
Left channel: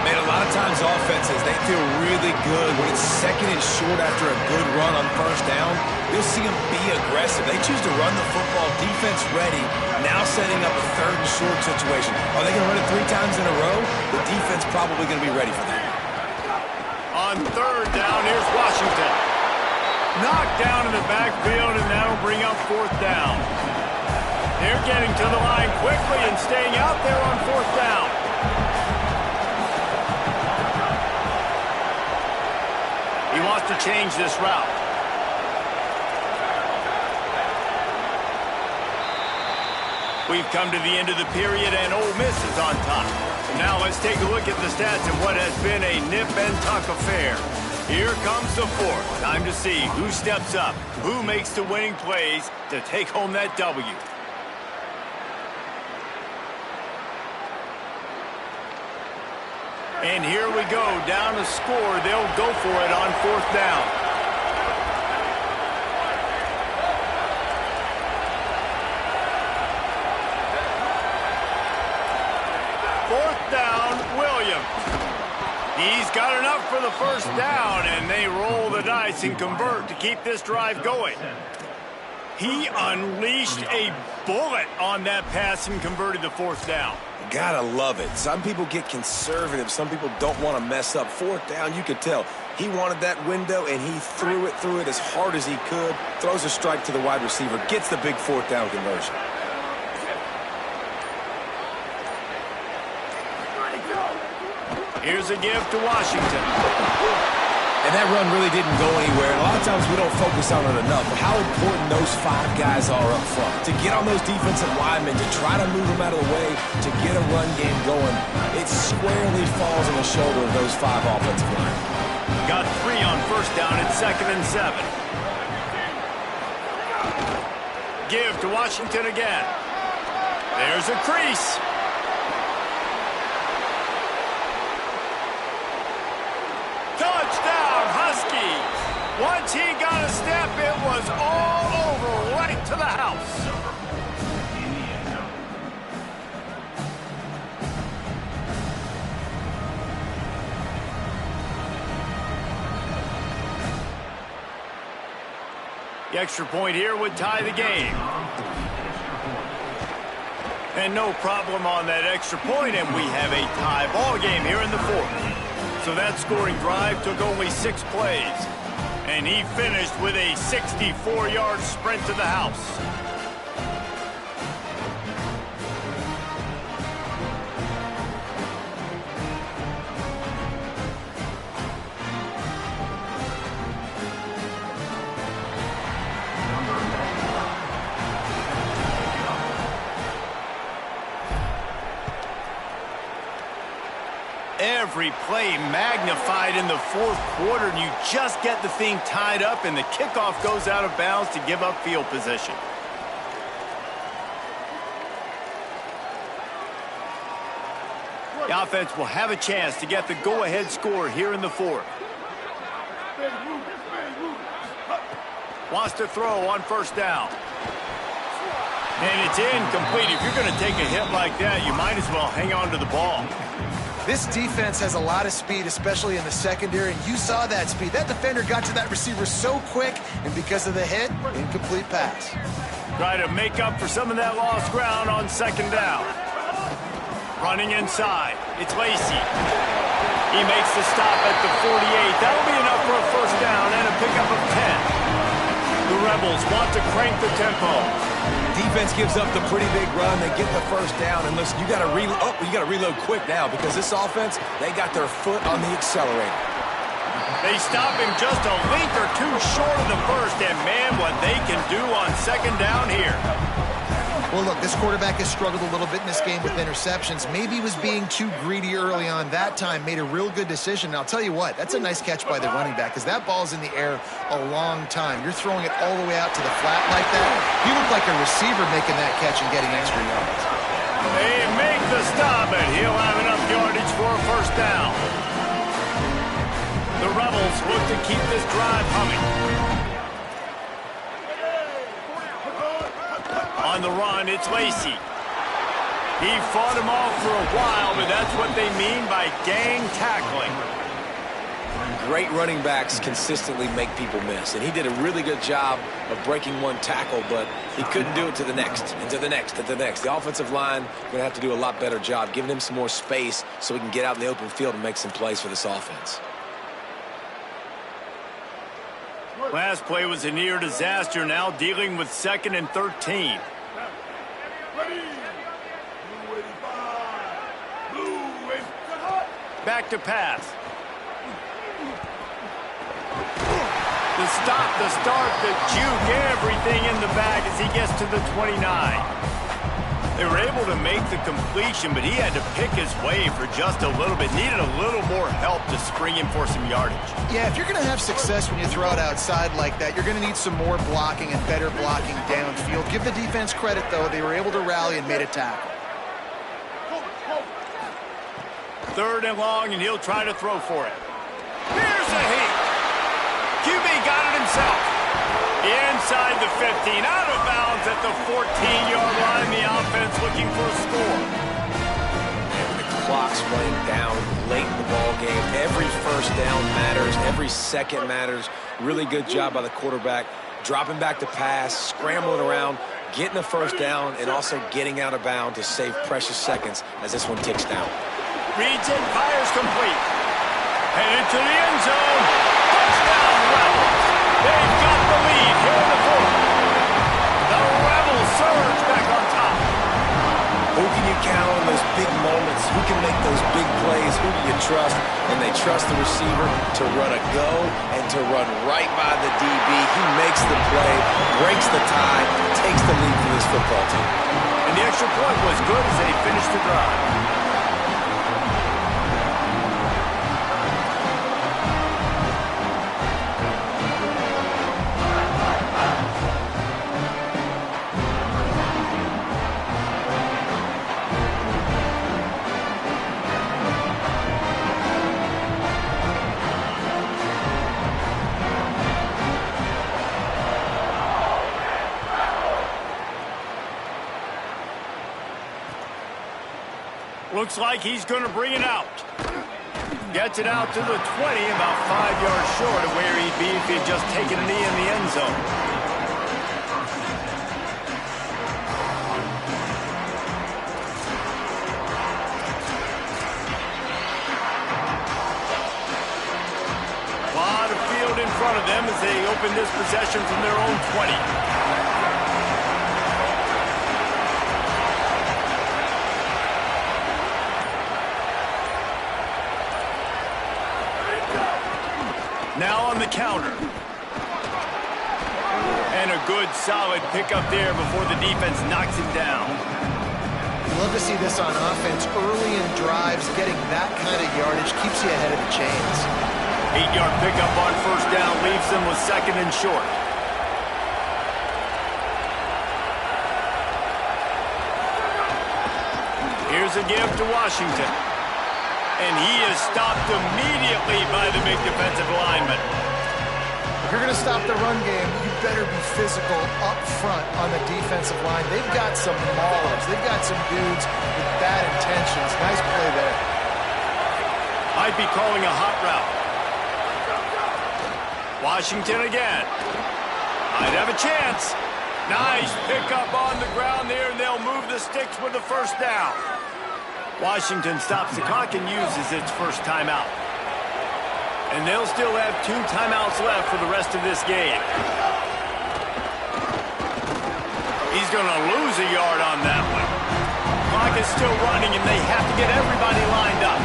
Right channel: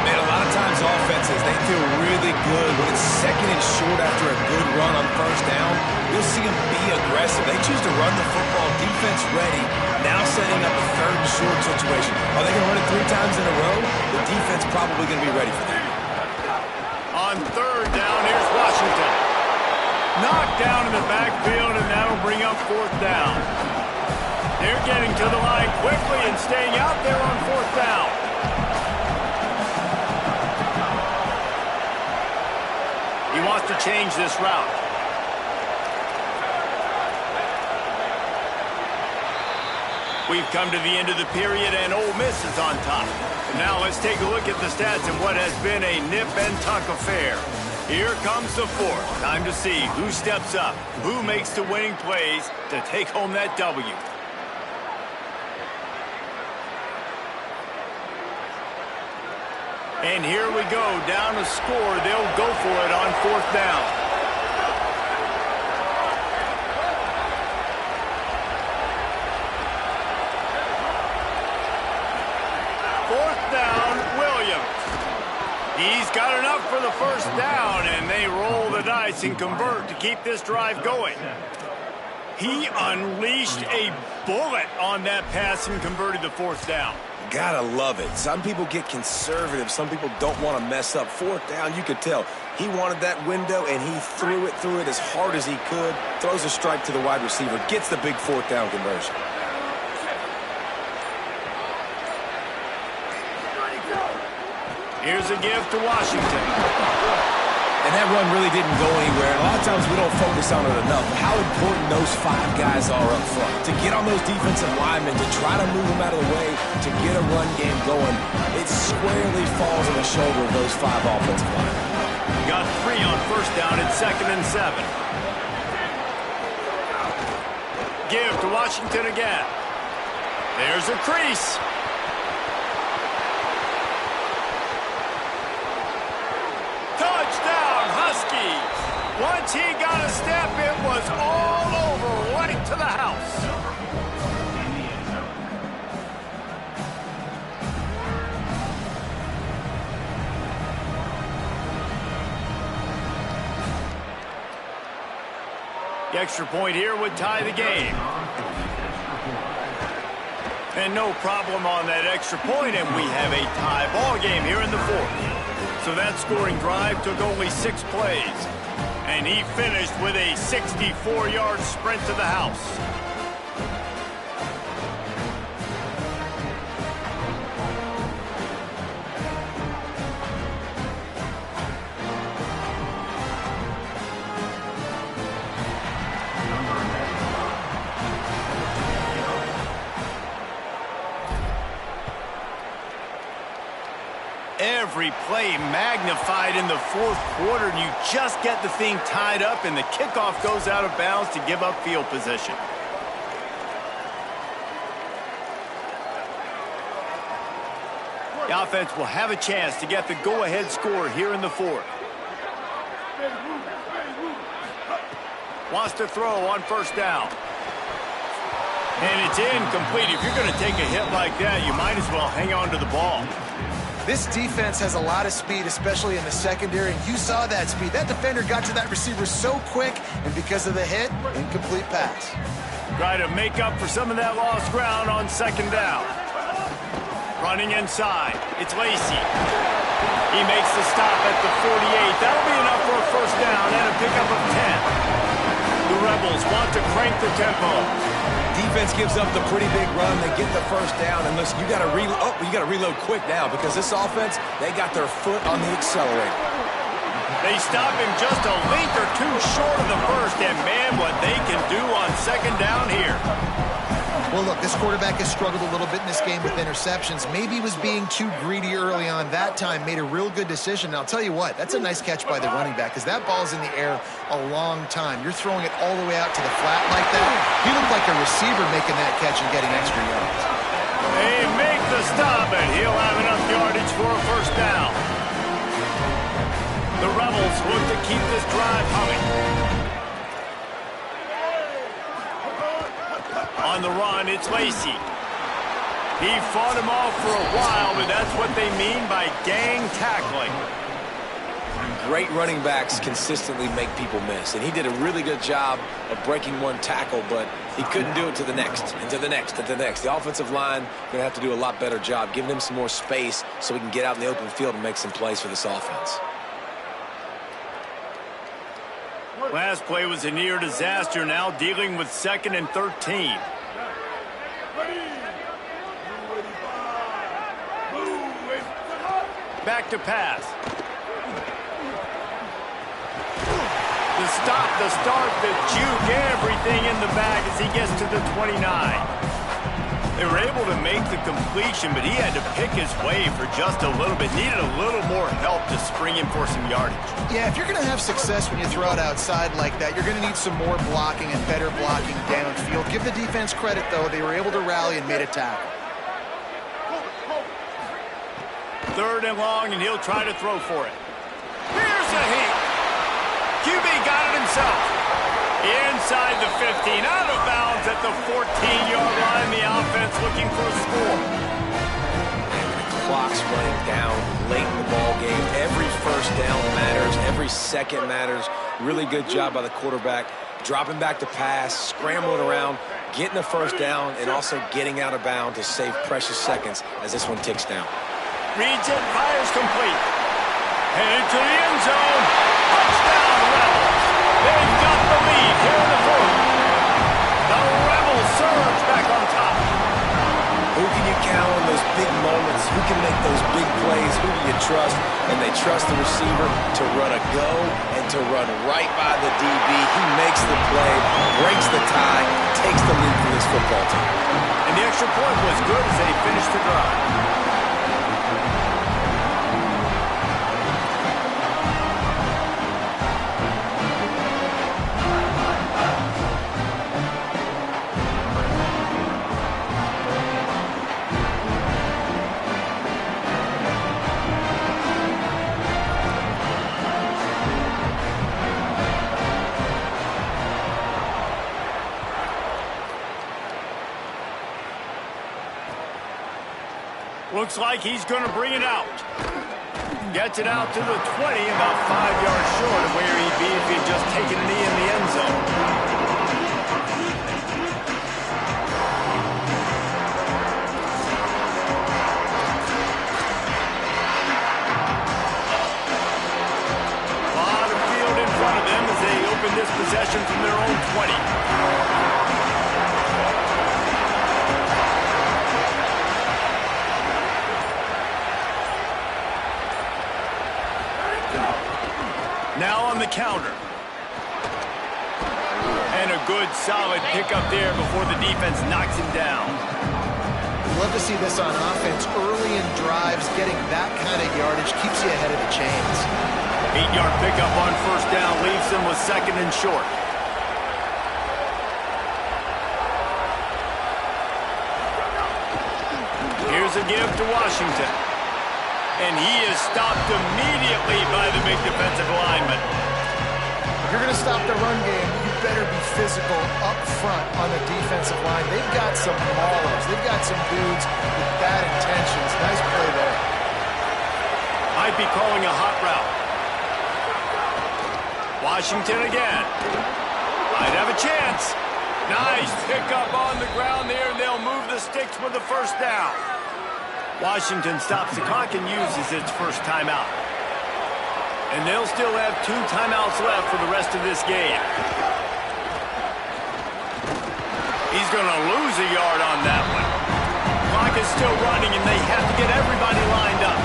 Man, a lot of times offenses, they feel really good when it's second and short after a good run on first down. You'll see them be aggressive. They choose to run the football, defense ready, now setting up a third and short situation. Are they going to run it 3 times in a row? The defense probably going to be ready for that. On third down, here's Washington. Knocked down in the backfield, and that'll bring up fourth down. They're getting to the line quickly and staying out there on fourth down. He wants to change this route. We've come to the end of the period, and Ole Miss is on top. So now let's take a look at the stats in what has been a nip-and-tuck affair. Here comes the fourth. Time to see who steps up, who makes the winning plays to take home that W. And here we go, down a score. They'll go for it on fourth down. Fourth down, Williams. He's got enough for the first down, and they roll the dice and convert to keep this drive going. He unleashed a bullet on that pass and converted the fourth down. Gotta love it. Some people get conservative. Some people don't want to mess up. Fourth down, you could tell. He wanted that window, and he threw it as hard as he could. Throws a strike to the wide receiver. Gets the big fourth down conversion. Here's a give to Washington. And that run really didn't go anywhere. And a lot of times we don't focus on it enough. But how important those 5 guys are up front. To get on those defensive linemen, to try to move them out of the way, to get a run game going, it squarely falls on the shoulder of those 5 offensive linemen. Got 3 on first down at 2nd and 7. Give to Washington again. There's a crease. Touchdown, Huskies. Once he got a step, it was all over, right to the house. The extra point here would tie the game. And no problem on that extra point, and we have a tie ball game here in the fourth. So that scoring drive took only 6 plays. And he finished with a 64-yard sprint to the house. Every play magnified in the fourth quarter, and you just get the thing tied up, and the kickoff goes out of bounds to give up field position. The offense will have a chance to get the go-ahead score here in the fourth. Wants to throw on first down. And it's incomplete. If you're going to take a hit like that, you might as well hang on to the ball. This defense has a lot of speed, especially in the secondary, and you saw that speed. That defender got to that receiver so quick, and because of the hit, incomplete pass. Try to make up for some of that lost ground on second down. Running inside, it's Lacey. He makes the stop at the 48. That'll be enough for a first down and a pickup of 10. The Rebels want to crank the tempo. Defense gives up the pretty big run. They get the first down. And listen, you got to reload quick now because this offense, they got their foot on the accelerator. They stop him just a length or two short of the first, and man, what they can do on second down here. Well, look, this quarterback has struggled a little bit in this game with interceptions. Maybe he was being too greedy early on that time, made a real good decision. And I'll tell you what, that's a nice catch by the running back because that ball's in the air a long time. You're throwing it all the way out to the flat like that. He looked like a receiver making that catch and getting extra yards. They make the stop, and he'll have enough yardage for a first down. The Rebels look to keep this drive humming. On the run, it's Lacey. He fought him off for a while, but that's what they mean by gang tackling. Great running backs consistently make people miss, and he did a really good job of breaking one tackle, but he couldn't do it to the next, and to the next, and to the next. The offensive line going to have to do a lot better job, giving him some more space so he can get out in the open field and make some plays for this offense. Last play was a near disaster, now dealing with 2nd and 13. Ready. Blue 85. Blue 85. Back to pass. The stop, the start, the juke, everything in the bag as he gets to the 29. They were able to make the completion, but he had to pick his way for just a little bit. Needed a little more help to spring him for some yardage. Yeah, if you're going to have success when you throw it outside like that, you're going to need some more blocking and better blocking downfield. Give the defense credit, though. They were able to rally and made a tackle. 3rd and long, and he'll try to throw for it. Here's a heat. QB got it himself. Inside the 15, out of bounds at the 14-yard line. The offense looking for a score. And the clock's running down late in the ball game. Every first down matters. Every second matters. Really good job by the quarterback. Dropping back to pass, scrambling around, getting the first down, and also getting out of bounds to save precious seconds as this one ticks down. Reads it, fires complete. Headed to the end zone. Touchdown, Rebels. They've got the lead here in the 4th. The Rebels surge back on top. Who can you count on those big moments? Who can make those big plays? Who do you trust? And they trust the receiver to run a go and to run right by the DB. He makes the play, breaks the tie, takes the lead for this football team. And the extra point was good as they finished the drive. Looks like he's going to bring it out. Gets it out to the 20, about 5 yards short of where he'd be if he'd just taken a knee in the end zone. A lot of field in front of them as they open this possession from their own 20. Now on the counter. And a good, solid pickup there before the defense knocks him down. We love to see this on offense. Early in drives, getting that kind of yardage keeps you ahead of the chains. 8-yard pickup on first down leaves them with 2nd and short. Here's a give to Washington. And he is stopped immediately by the big defensive lineman. If you're going to stop the run game, you better be physical up front on the defensive line. They've got some maulers. They've got some dudes with bad intentions. Nice play there. Might be calling a hot route. Washington again. Might have a chance. Nice pickup on the ground there, and they'll move the sticks with the first down. Washington stops the clock and uses its first timeout. And they'll still have 2 timeouts left for the rest of this game. He's going to lose a yard on that one. Clock is still running, and they have to get everybody lined up.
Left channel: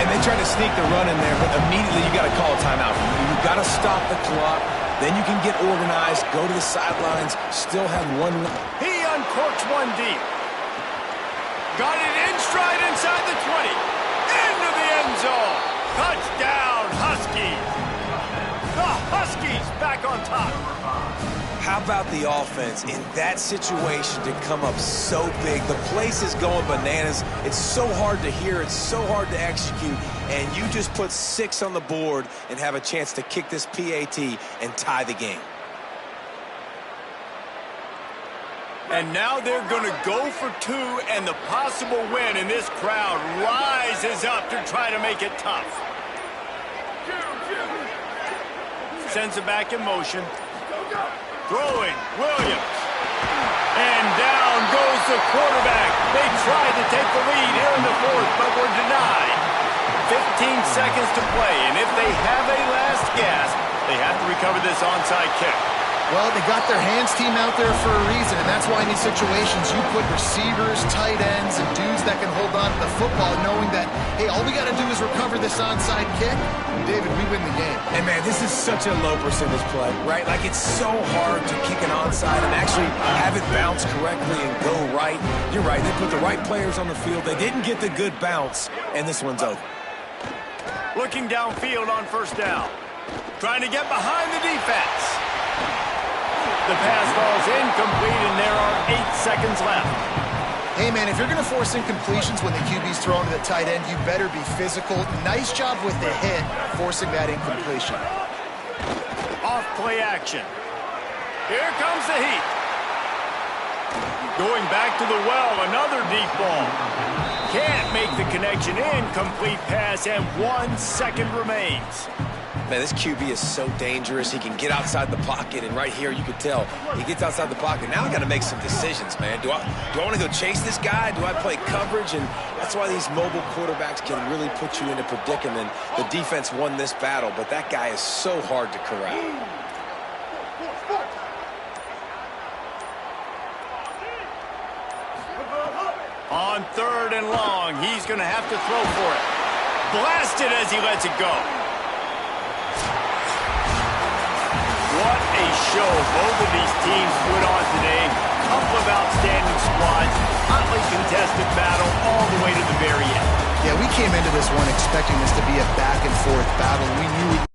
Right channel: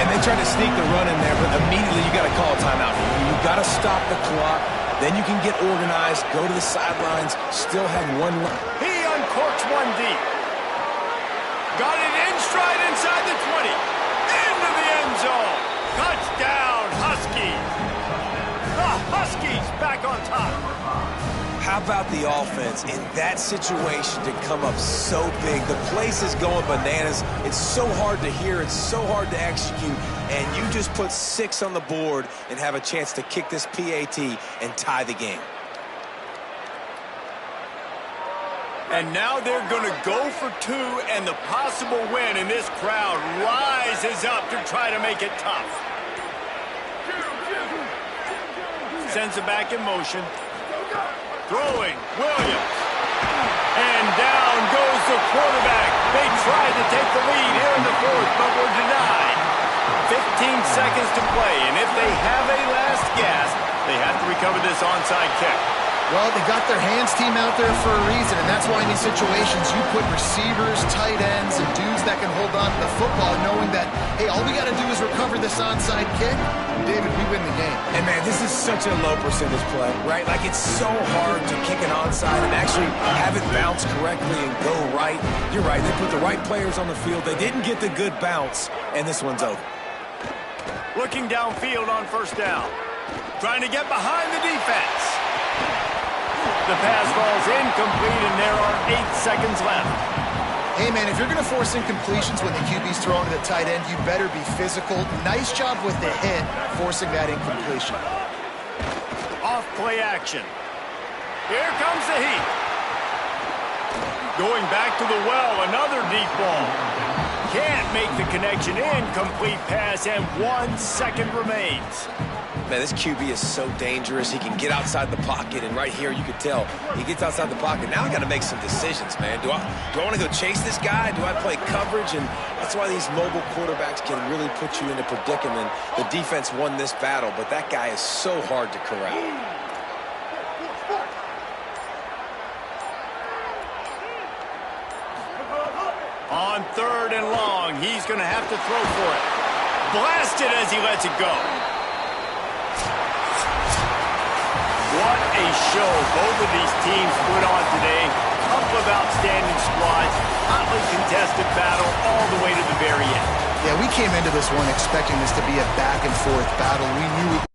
And they tried to sneak the run in there, but immediately you got to call a timeout. You got to stop the clock. Then you can get organized, go to the sidelines, still have one. He uncorks one deep. Got it in stride inside the 20. Into the end zone. Touchdown, Huskies. The Huskies back on top. How about the offense in that situation to come up so big? The place is going bananas. It's so hard to hear. It's so hard to execute. And you just put 6 on the board and have a chance to kick this PAT and tie the game. And now they're going to go for 2 and the possible win, and this crowd rises up to try to make it tough. Sends it back in motion. Throwing, Williams. And down goes the quarterback. They tried to take the lead here in the 4th, but were denied. 15 seconds to play, and if they have a last gasp, they have to recover this onside kick. Well, they got their hands team out there for a reason, and that's why in these situations you put receivers, tight ends, and dudes that can hold on to the football, knowing that, hey, all we got to do is recover this onside kick. David, we win the game. And, man, this is such a low percentage play, right? Like, it's so hard to kick an onside and actually have it bounce correctly and go right. You're right. They put the right players on the field. They didn't get the good bounce, and this one's over. Looking downfield on 1st down. Trying to get behind the defense. The pass falls incomplete, and there are 8 seconds left. Hey, man, if you're going to force incompletions when the QB's thrown to the tight end, you better be physical. Nice job with the hit, forcing that incompletion. Off play action. Here comes the heat. Going back to the well, another deep ball. Can't make the connection. Incomplete pass, and 1 second remains. Man, this QB is so dangerous. He can get outside the pocket, and right here you can tell he gets outside the pocket. Now I got to make some decisions, man. Do I want to go chase this guy? Do I play coverage? And that's why these mobile quarterbacks can really put you in a predicament. The defense won this battle, but that guy is so hard to corral. On 3rd and long, he's going to have to throw for it. Blasted as he lets it go. What a show both of these teams put on today. Couple of outstanding squads, hotly contested battle all the way to the very end. Yeah, we came into this one expecting this to be a back-and-forth battle. We knew it.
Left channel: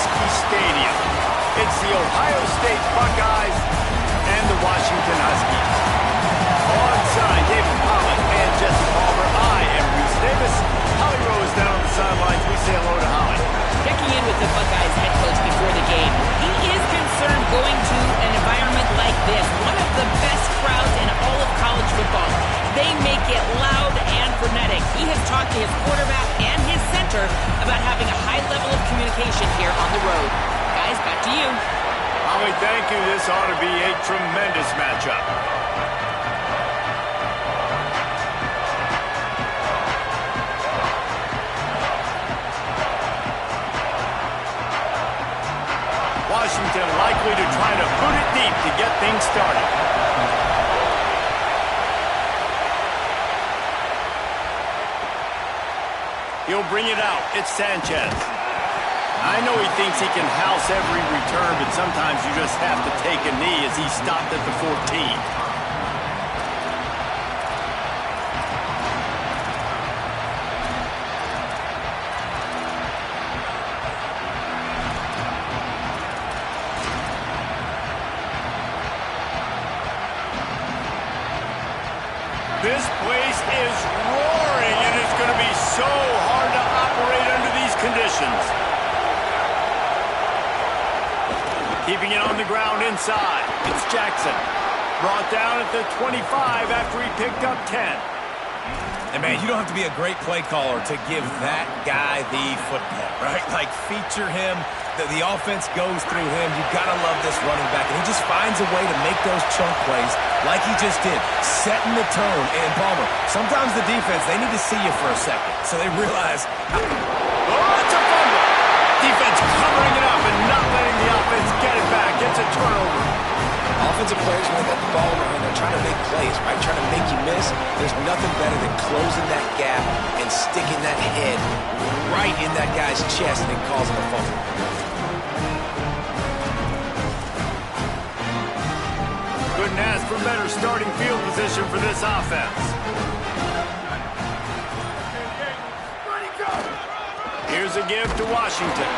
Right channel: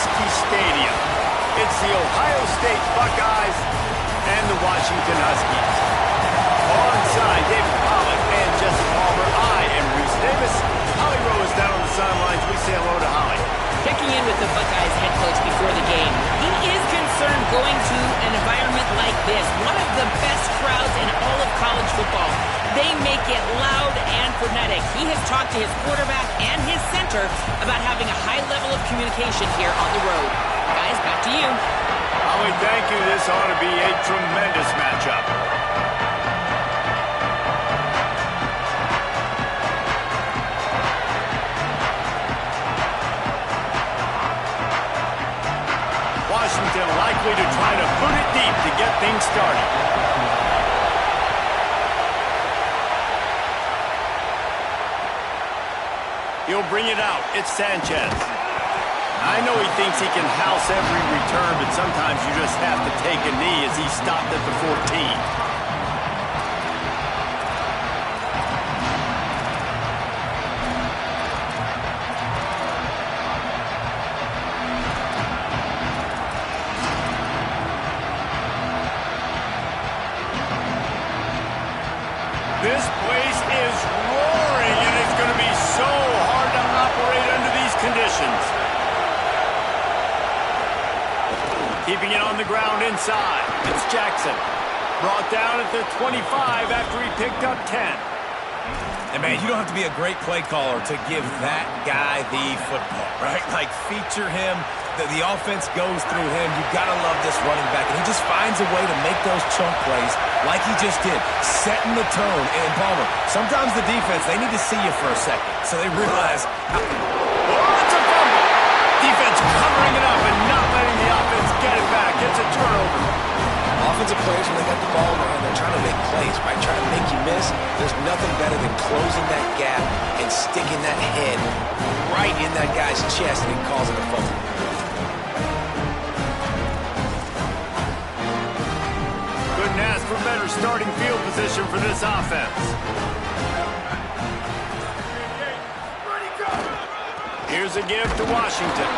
Husky Stadium. It's the Ohio State Buckeyes and the Washington Huskies. Onside, David Pollack and Jesse Palmer. I am Reese Davis. Holly Rowe is down on the sidelines. We say hello to Holly. Checking in with the Buckeyes head coach before the game. He is concerned going to an environment like this, one of the best crowds in all of college football. They make it loud and frenetic. He has talked to his quarterback and his center about having a high level of communication here on the road. Guys, back to you. Holly, thank you. This ought to be a tremendous matchup. Washington likely to try to boot it deep to get things started. He'll bring it out. It's Sanchez. I know he thinks he can house every return, but sometimes you just have to take a knee as he stopped at the 14. This place is roaring, and it's going to be so hard to operate under these conditions. Keeping it on the ground inside. It's Jackson. Brought down at the 25 after he picked up 10. And, man, you don't have to be a great play caller to give that guy the football, right? Like, feature him. The offense goes through him. You've got to love this running back. And he just finds a way to make those chunk plays like he just did, setting the tone. And, Palmer, sometimes the defense, they need to see you for a second so they realize. Oh, it's a fumble. Defense covering it up and not letting the offense get it back. It's a turnover. Offensive players, when they got the ball in their hand, they're trying to make plays, right? Trying to make you miss. There's nothing better than closing that gap and sticking that head right in that guy's chest and causing a fumble. Couldn't ask for better starting field position for this offense. Here's a give to Washington.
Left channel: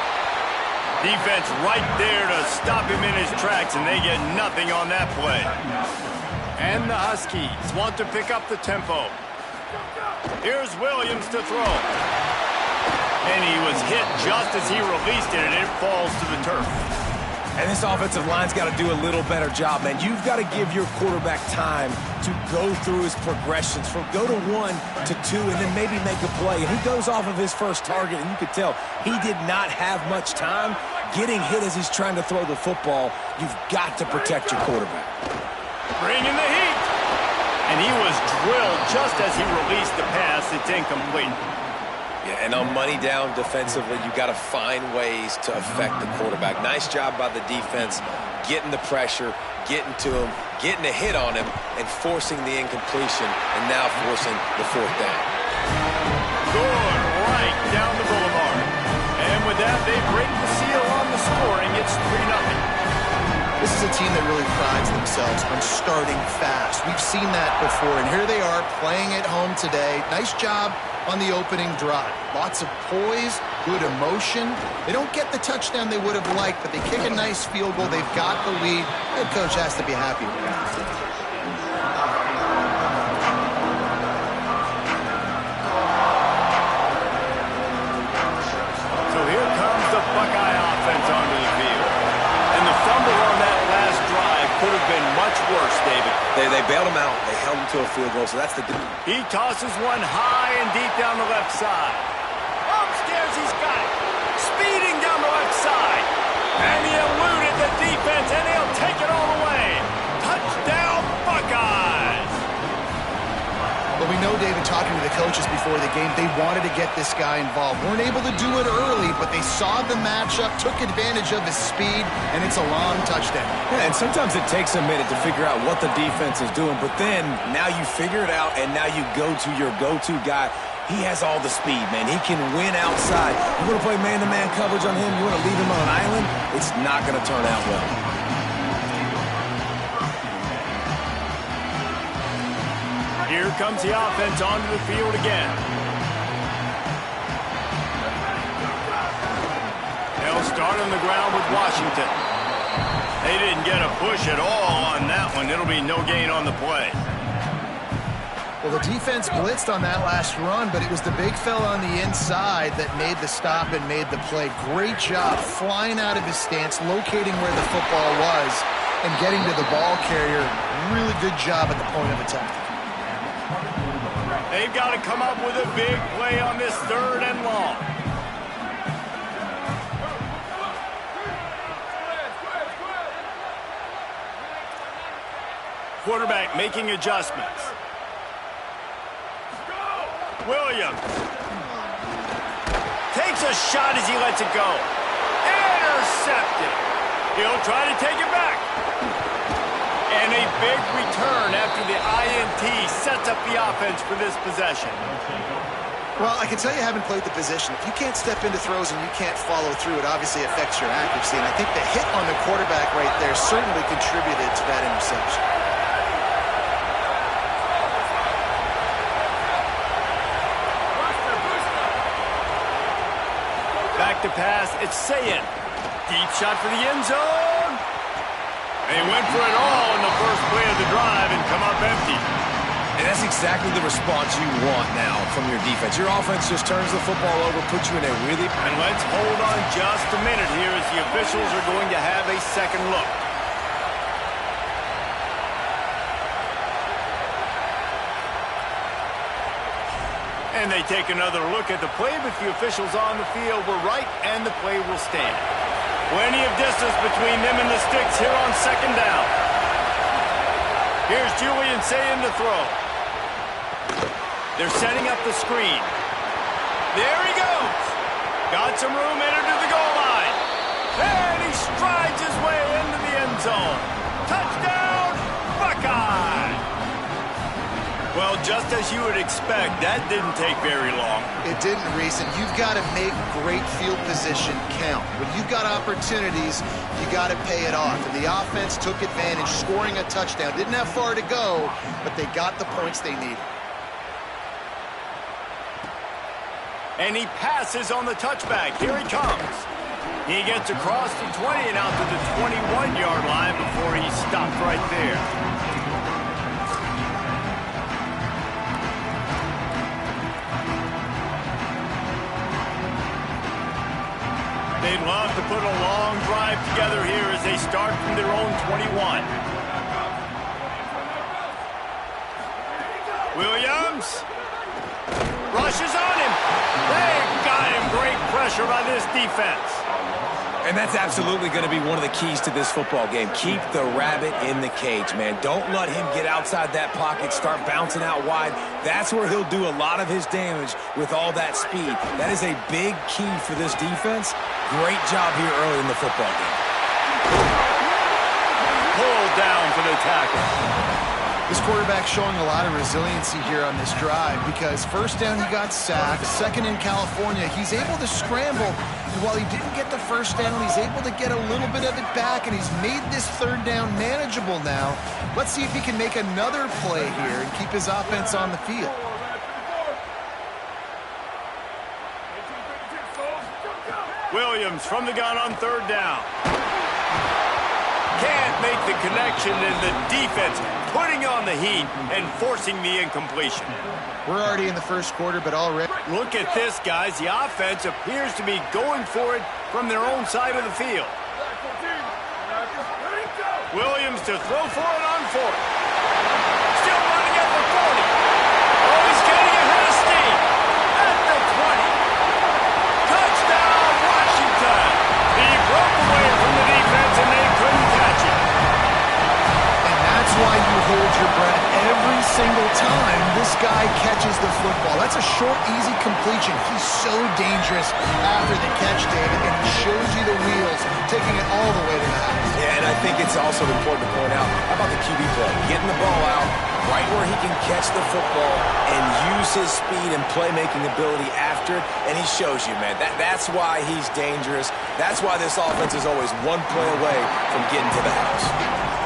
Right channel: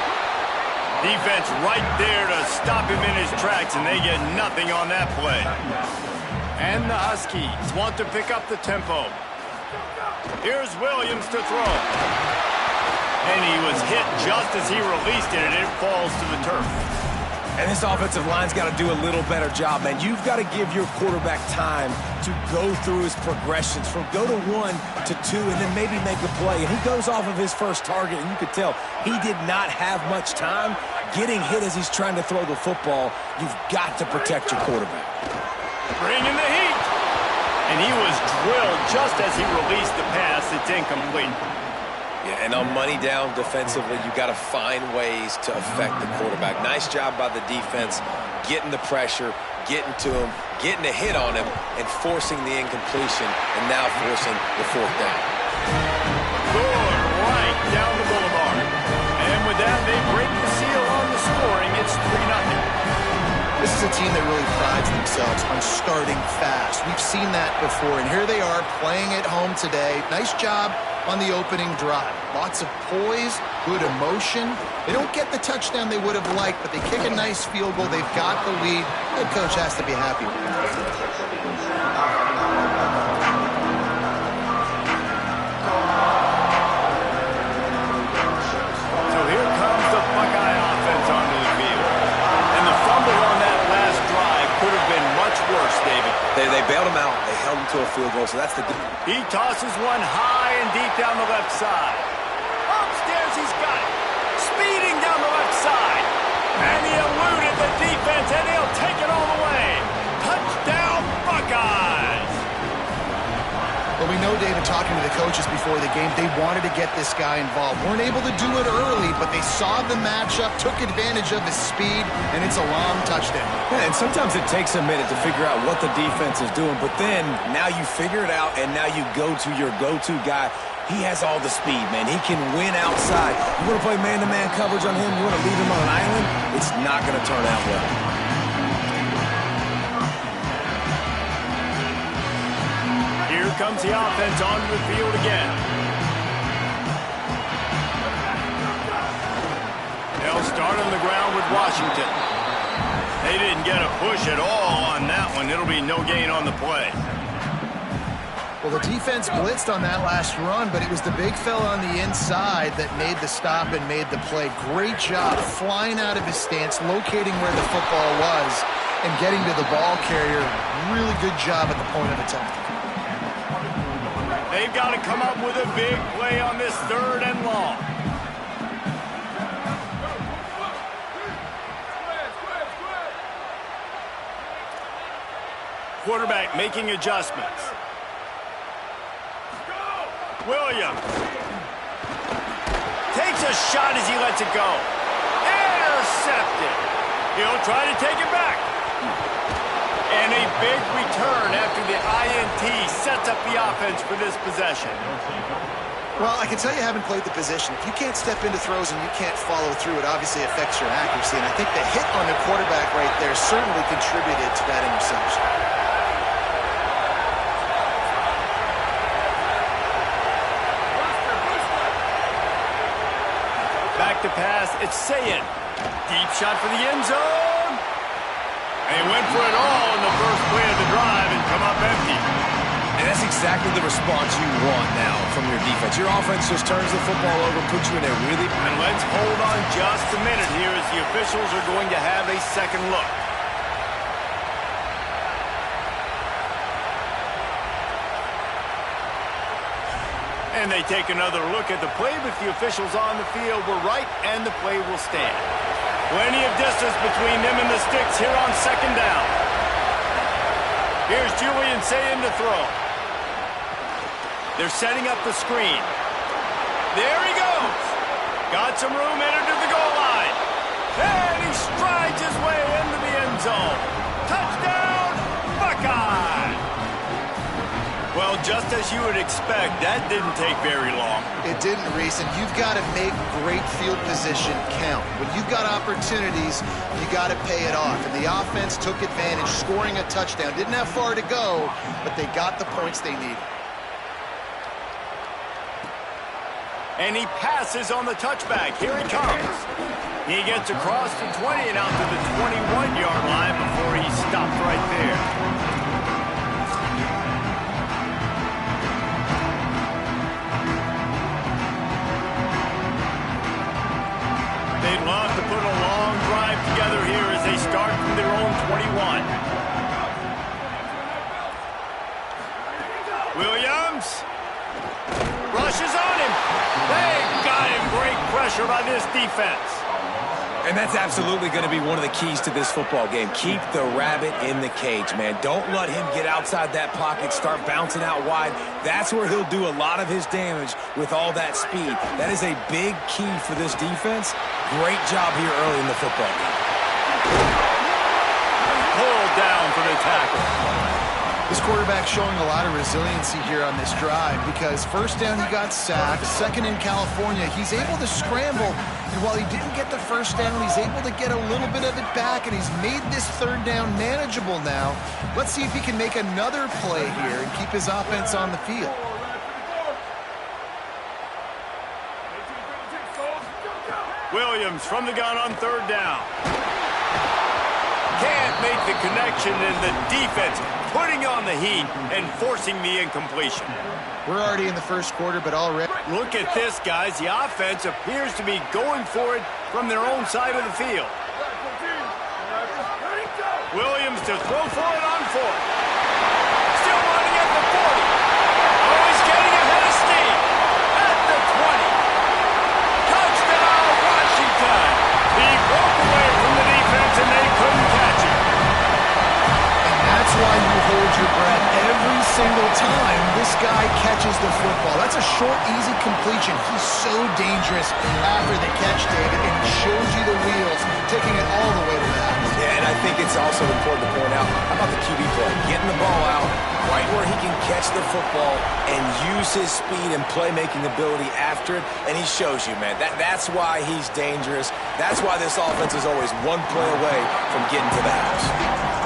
Defense right there to stop him in his tracks, and they get nothing on that play. And the Huskies want to pick up the tempo. Here's Williams to throw. And he was hit just as he released it, and it falls to the turf. And this offensive line's got to do a little better job, man. You've got to give your quarterback time to go through his progressions from go to 1 to 2 and then maybe make a play. And he goes off of his first target, and you could tell he did not have much time getting hit as he's trying to throw the football. You've got to protect your quarterback. Bringing the heat. And he was drilled just as he released the pass. It's incomplete. Yeah, and on money down defensively, you got to find ways to affect the quarterback. Nice job by the defense, getting the pressure, getting to him, getting a hit on him, and forcing the incompletion, and now forcing the fourth down. Good right down the boulevard. And with that, they break the seal on the scoring. It's 3-0. This is a team that really prides themselves on starting fast. We've seen that before, and here they are playing at home today. Nice job on the opening drive. Lots of poise, good emotion. They don't get the touchdown they would have liked, but they kick a nice field goal. They've got the lead. Head coach has to be happy with that. So here comes the Buckeye offense onto the field. And the fumble on that last drive could have been much worse, David. They bailed him out. They held him to a field goal, so that's the good. He tosses one high and deep down the left side. Upstairs, he's got it. Speeding down the left side. And he eluded the defense, and he'll take it all the way. Touchdown, Buckeyes! But we know, David, talking to the coaches before the game, they wanted to get this guy involved. Weren't able to do it early, but they saw the matchup, took advantage of his speed, and it's a long touchdown. Yeah, and sometimes it takes a minute to figure out what the defense is doing, but then now you figure it out, and now you go to your go-to guy. He has all the speed, man. He can win outside. You want to play man-to-man coverage on him? You want to leave him on an island? It's not going to turn out well. Here comes the offense onto the field again. They'll start on the ground with Washington. They didn't get a push at all on that one. It'll be no gain on the play. Well, the defense blitzed on that last run, but it was the big fella on the inside that made the stop and made the play. Great job flying out of his stance, locating where the football was, and getting to the ball carrier. Really good job at the point of attack. They've got to come up with a big play on this 3rd and long. Quarterback making adjustments. Williams takes a shot as he lets it go. Intercepted. He'll try to take it back. And a big return after the INT sets up the offense for this possession. Well, I can tell you haven't played the position. If you can't step into throws and you can't follow through, it obviously affects your accuracy. And I think the hit on the quarterback right there certainly contributed to that interception. Back to pass, it's SZN. Deep shot for the end zone. And he went for it all in the first play of the drive and come up empty. And that's exactly the response you want now from your defense. Your offense just turns the football over, puts you in a really... And let's hold on just a minute here as the officials are going to have a second look. And they take another look at the play, but the officials on the field were right, and the play will stand. Plenty of distance between them and the sticks here on 2nd down. Here's Julian SZN to throw. They're setting up the screen. There he goes. Got some room, entered to the goal line. And he strides his way into the end zone. Touchdown, Buckeye! Well, just as you would expect, that didn't take very long. It didn't, Reese, and you've got to make great field position count. When you've got opportunities, you got to pay it off. And the offense took advantage, scoring a touchdown. Didn't have far to go, but they got the points they needed. And he passes on the touchback. Here he comes. He gets across the 20 and out to the 21-yard line before he stopped right there. They'd love to put a long drive together here as they start from their own 21. Williams rushes on him. They got him. Great pressure by this defense. And that's absolutely going to be one of the keys to this football game. Keep the rabbit in the cage, man. Don't let him get outside that pocket, start bouncing out wide. That's where he'll do a lot of his damage with all that speed. That is a big key for this defense. Great job here early in the football game. Pulled down for the tackle. This quarterback showing a lot of resiliency here on this drive because 1st down he got sacked, 2nd in California, he's able to scramble, and while he didn't get the 1st down, he's able to get a little bit of it back, and he's made this 3rd down manageable now. Let's see if he can make another play here and keep his offense on the field. Williams from the gun on 3rd down. Can't make the connection, and the defense putting on the heat and forcing the incompletion. We're already in the 1st quarter, but already... Look at this, guys. The offense appears to be going for it from their own side of the field. Williams to throw for it on 4th. Still running at the 40. Oh, he's getting ahead of steam. At the 20. Touchdown, Washington. He broke away from the defense, and they couldn't catch him. That's why you hold your breath every single time this guy catches the football. That's a short, easy completion. He's so dangerous after the catch, David, and he shows you the wheels, taking it all the way to the house. Yeah, and I think it's also important to point out, how about the QB play? Getting the ball out right where he can catch the football and use his speed and playmaking ability after it, and he shows you, man. That's why he's dangerous. That's why this offense is always one play away from getting to the house.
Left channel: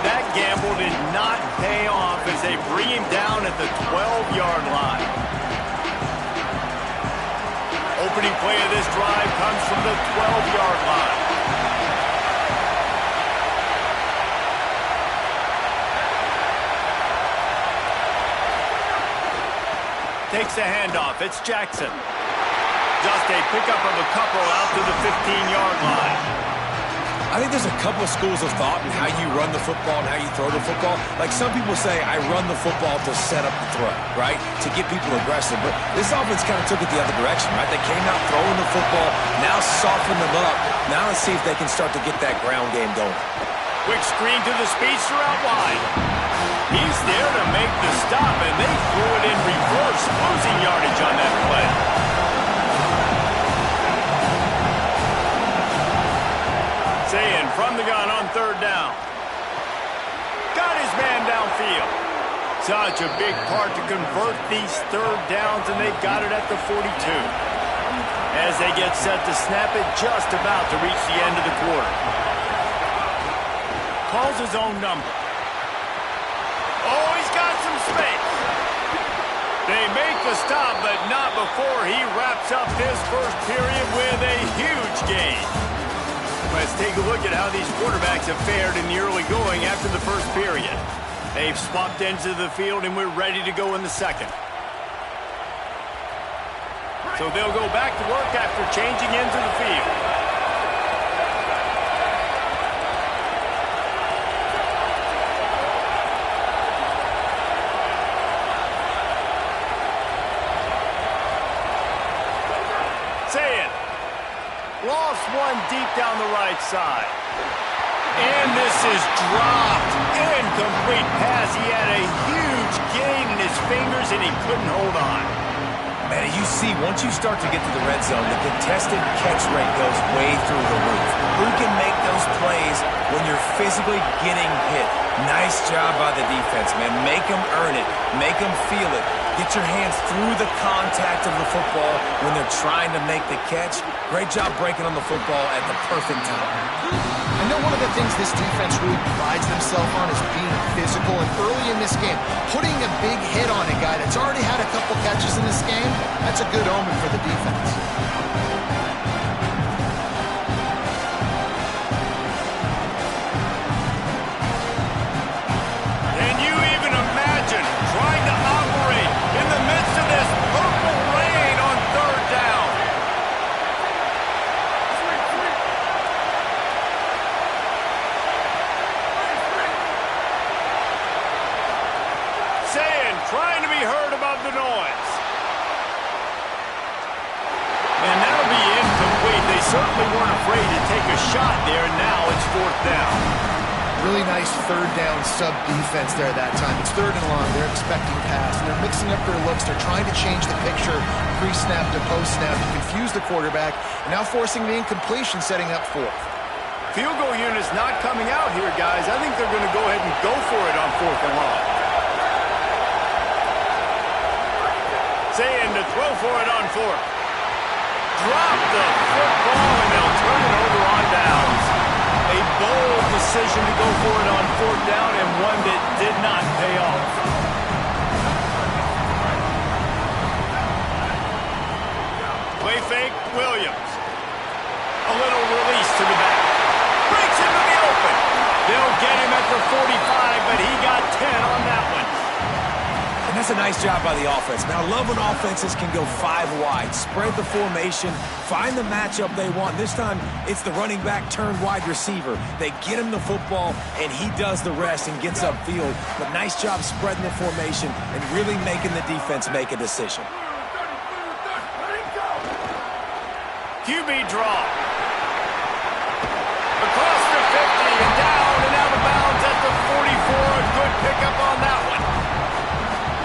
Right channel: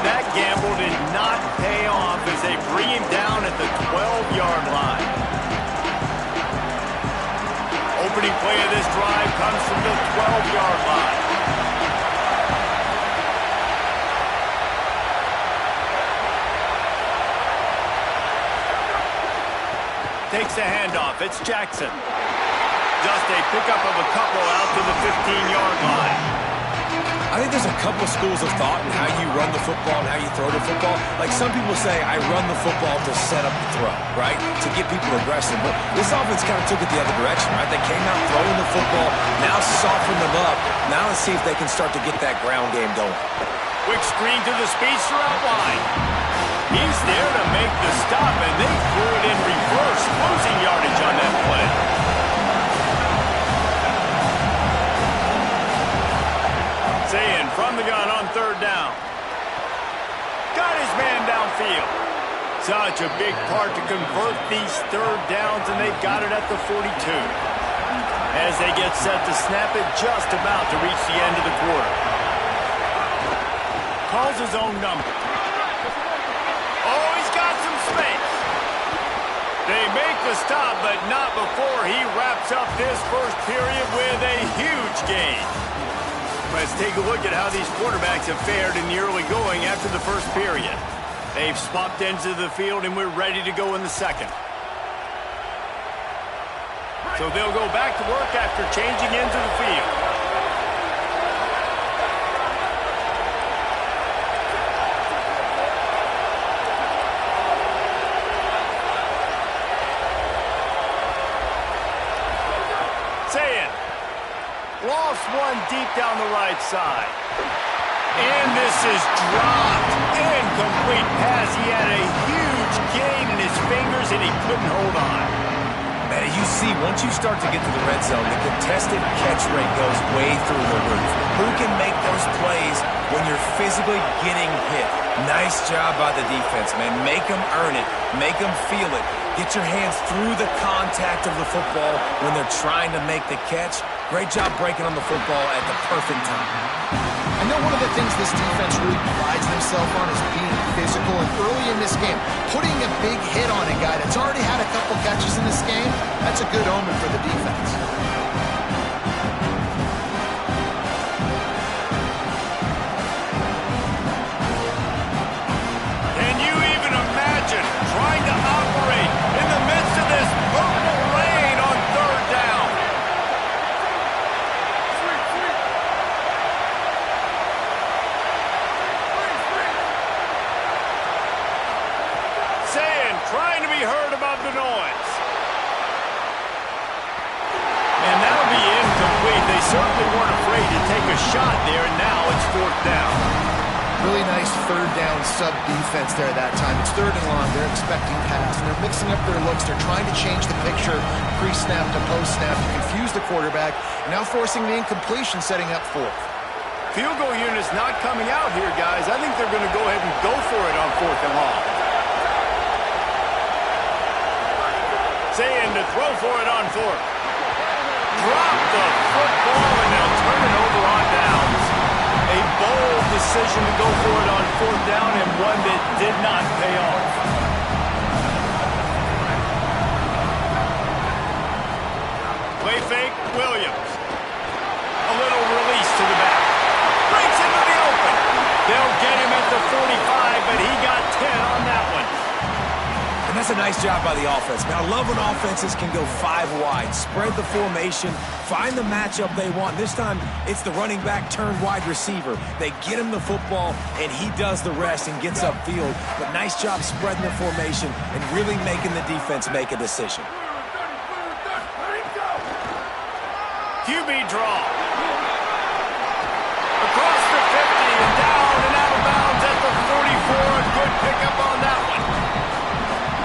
That gamble did not pay off as they bring him down at the 12-yard line. Opening play of this drive comes from the 12-yard line. Takes the handoff. It's Jackson. Just a pickup of a couple out to the 15-yard line. I think there's a couple schools of thought in how you run the football and how you throw the football. Like some people say, I run the football to set up the throw, right? To get people aggressive. But this offense kind of took it the other direction, right? They came out throwing the football, now soften them up. Now let's see if they can start to get that ground game going. Quick screen to the speedster out wide. He's there to make the stop, and they threw it in reverse, losing yardage on that play. SZN from the gun on third down. Got his man downfield. Such a big part to convert these third downs, and they've got it at the 42. As they get set to snap it, just about to reach the end of the quarter. Calls his own number. Oh, he's got some space. They make the stop, but not before he wraps up this first period with a huge gain. Let's take a look at how these quarterbacks have fared in the early going after the first period. They've swapped ends of the field, and we're ready to go in the second. So they'll go back to work after changing into the field. SZN. Lost one deep down the right side. And this is dropped. Incomplete pass. He had a huge gain in his fingers, and he couldn't hold on. Man, you see, once you start to get to the red zone, the contested catch rate goes way through the roof. Who can make those plays when you're physically getting hit? Nice job by the defense, man. Make them earn it. Make them feel it. Get your hands through the contact of the football when they're trying to make the catch. Great job breaking on the football at the perfect time. I know one of the things this defense really prides themselves on is being physical, and early in this game, putting a big hit on a guy that's already had a couple catches in this game, that's a good omen for the defense. Can you even imagine trying to operate in the midst of this purple rain on third down? SZN trying to be heard above the noise. And that'll be incomplete. They certainly weren't afraid to take a shot there, and now it's fourth down. Really nice third down sub-defense there that time. It's third and long. They're expecting pass, and they're mixing up their looks. They're trying to change the picture pre-snap to post-snap to confuse the quarterback, and now forcing the incompletion, setting up fourth. Field goal unit's not coming out here, guys. I think they're going to go ahead and go for it on fourth and long. SZN to throw for it on fourth. Drop the football, and they'll turn it over on downs. A bold decision to go for it on fourth down, and one that did not pay off. Play fake, Williams. A little release to the back. Breaks into the open. They'll get him at the 45, but he got 10 on that one. And that's a nice job by the offense. Now, I love when offenses can go 5 wide, spread the formation, find the matchup they want. This time, it's the running back turned wide receiver. They get him the football, and he does the rest and gets upfield. But nice job spreading the formation and really making the defense make a decision. QB draw. Across the 50 and down and out of bounds at the 44. A good pickup on that one.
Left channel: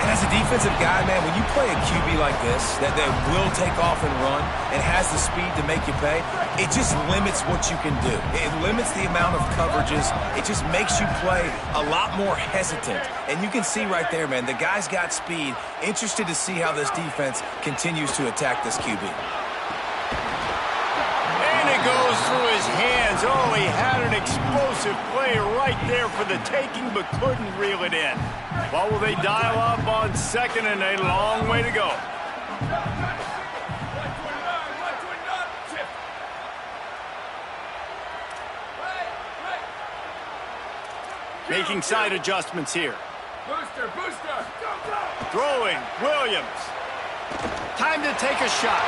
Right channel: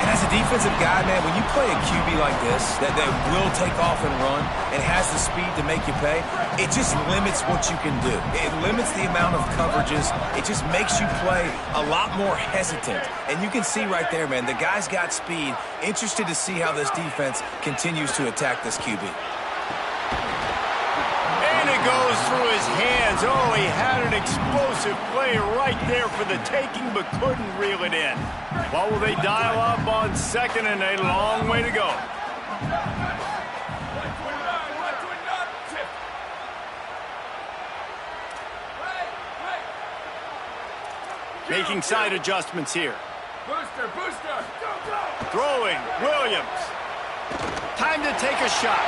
And as a defensive guy, man, when you play a QB like this, that will take off and run and has the speed to make you pay, it just limits what you can do. It limits the amount of coverages. It just makes you play a lot more hesitant. And you can see right there, man, the guy's got speed. Interested to see how this defense continues to attack this QB. And it goes through his hands. Oh, he had an explosive play right there for the taking, but couldn't reel it in. Well, will they dial up on second, and a long way to go. Making side adjustments here. Booster, booster, go, go! Throwing, Williams. Time to take a shot.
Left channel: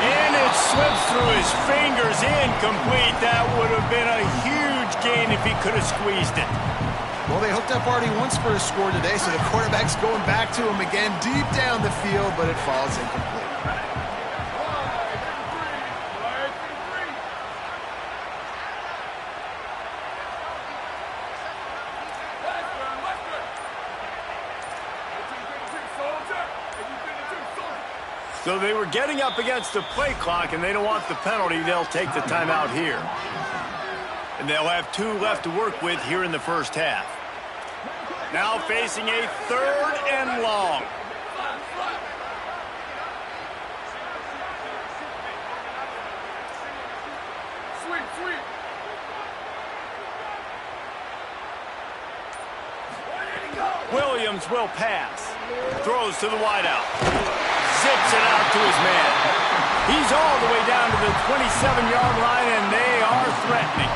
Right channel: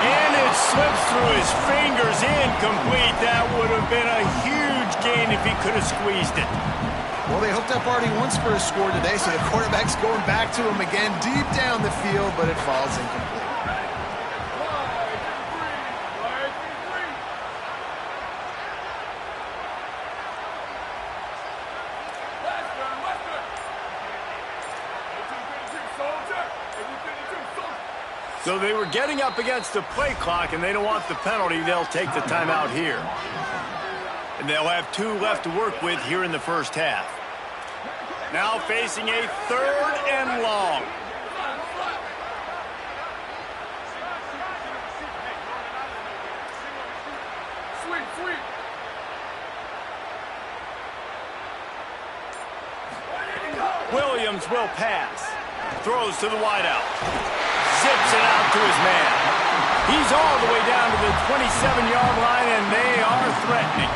And it slips through his fingers, incomplete. That would have been a huge gain if he could have squeezed it. Well, they hooked up already once for a score today, so the quarterback's going back to him again deep down the field, but it falls incomplete. So they were getting up against the play clock, and they don't want the penalty. They'll take the timeout here. And they'll have 2 left to work with here in the first half. Now facing a 3rd and long. Sweep. Williams will pass. Throws to the wideout. Zips it out to his man. He's all the way down to the 27-yard line, and they are threatening.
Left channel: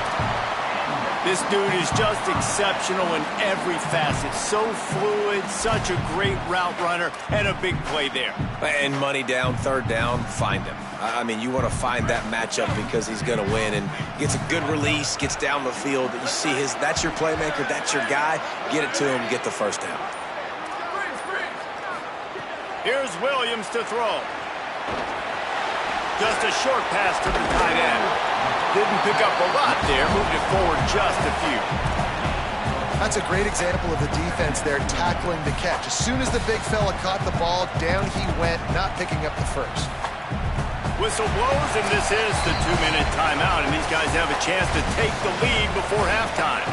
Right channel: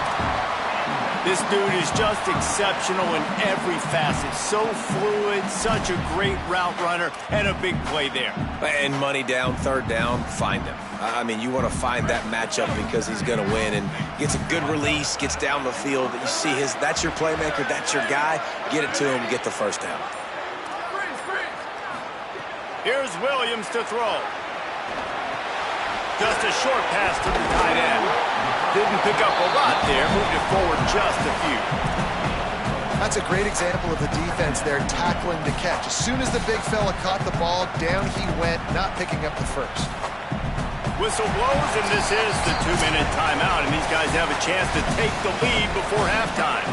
This dude is just exceptional in every facet. So fluid, such a great route runner, and a big play there. And money down, 3rd down, find him. I mean, you want to find that matchup because he's going to win and gets a good release, gets down the field. You see that's your playmaker, that's your guy. Get it to him, get the first down. Here's Williams to throw. Just a short pass to the tight end. Didn't pick up a lot there, moved it forward just a few. That's a great example of the defense there tackling the catch. As soon as the big fella caught the ball, down he went, not picking up the first. Whistle blows, and this is the 2-minute timeout, and these guys have a chance to take the lead before halftime.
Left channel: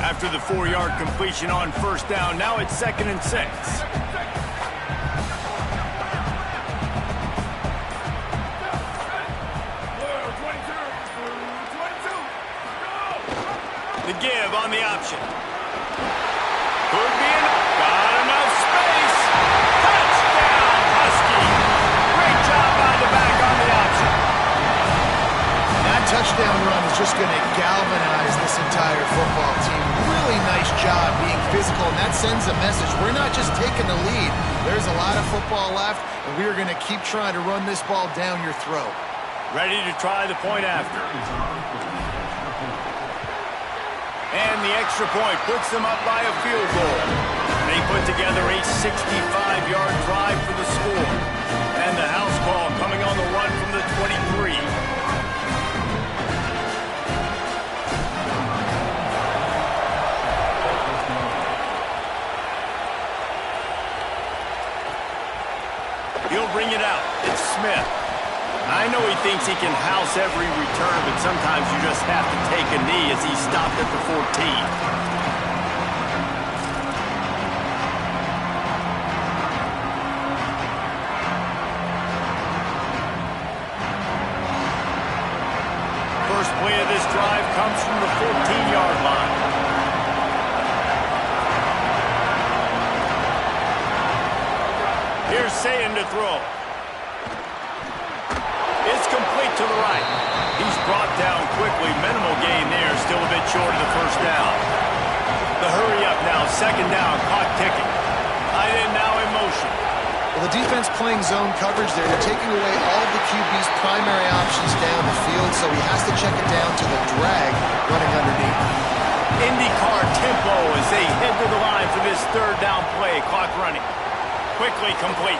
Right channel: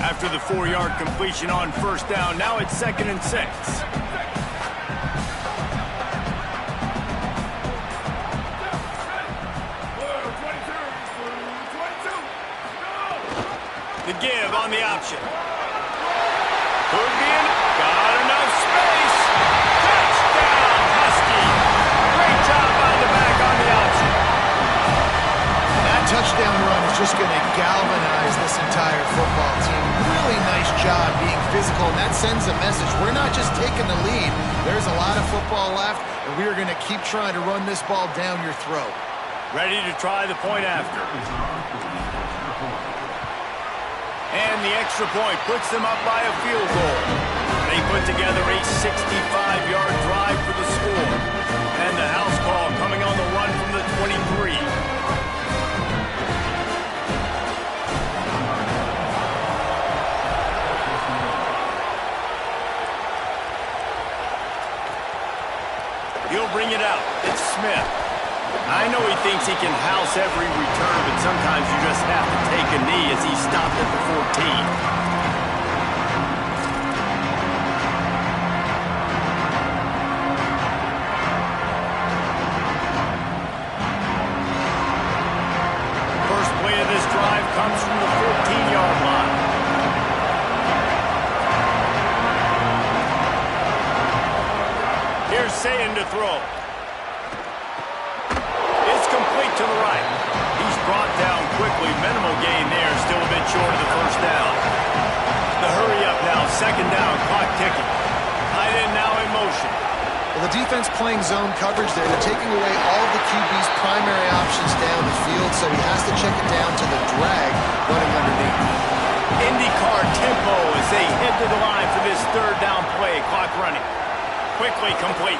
After the 4-yard completion on first down, now it's 2nd and 6. The give on the option. Could be got enough space. Touchdown, Husky. Great job by the back on the option. That touchdown run is just going to galvanize this entire football team. Really nice job being physical, and that sends a message. We're not just taking the lead. There's a lot of football left, and we are going to keep trying to run this ball down your throat. Ready to try the point after. And the extra point puts them up by a field goal. They put together a 65-yard drive for the score. And the house call coming on the run from the 23. He'll bring it out. It's Smith. I know he thinks he can house every return, but sometimes you just have to take a knee as he stopped at the 14. First play of this drive comes from the 14-yard line. Here's Sayin to throw. It's complete to the right. He's brought down quickly. Minimal gain there. Still a bit short of the first down. The hurry up now. 2nd down. Clock ticking. Tight end now in motion. Well, the defense playing zone coverage there. They're taking away all of the QB's primary options down the field, so he has to check it down to the drag running underneath. IndyCar tempo as they head to the line for this 3rd down play. Clock running. Quickly complete.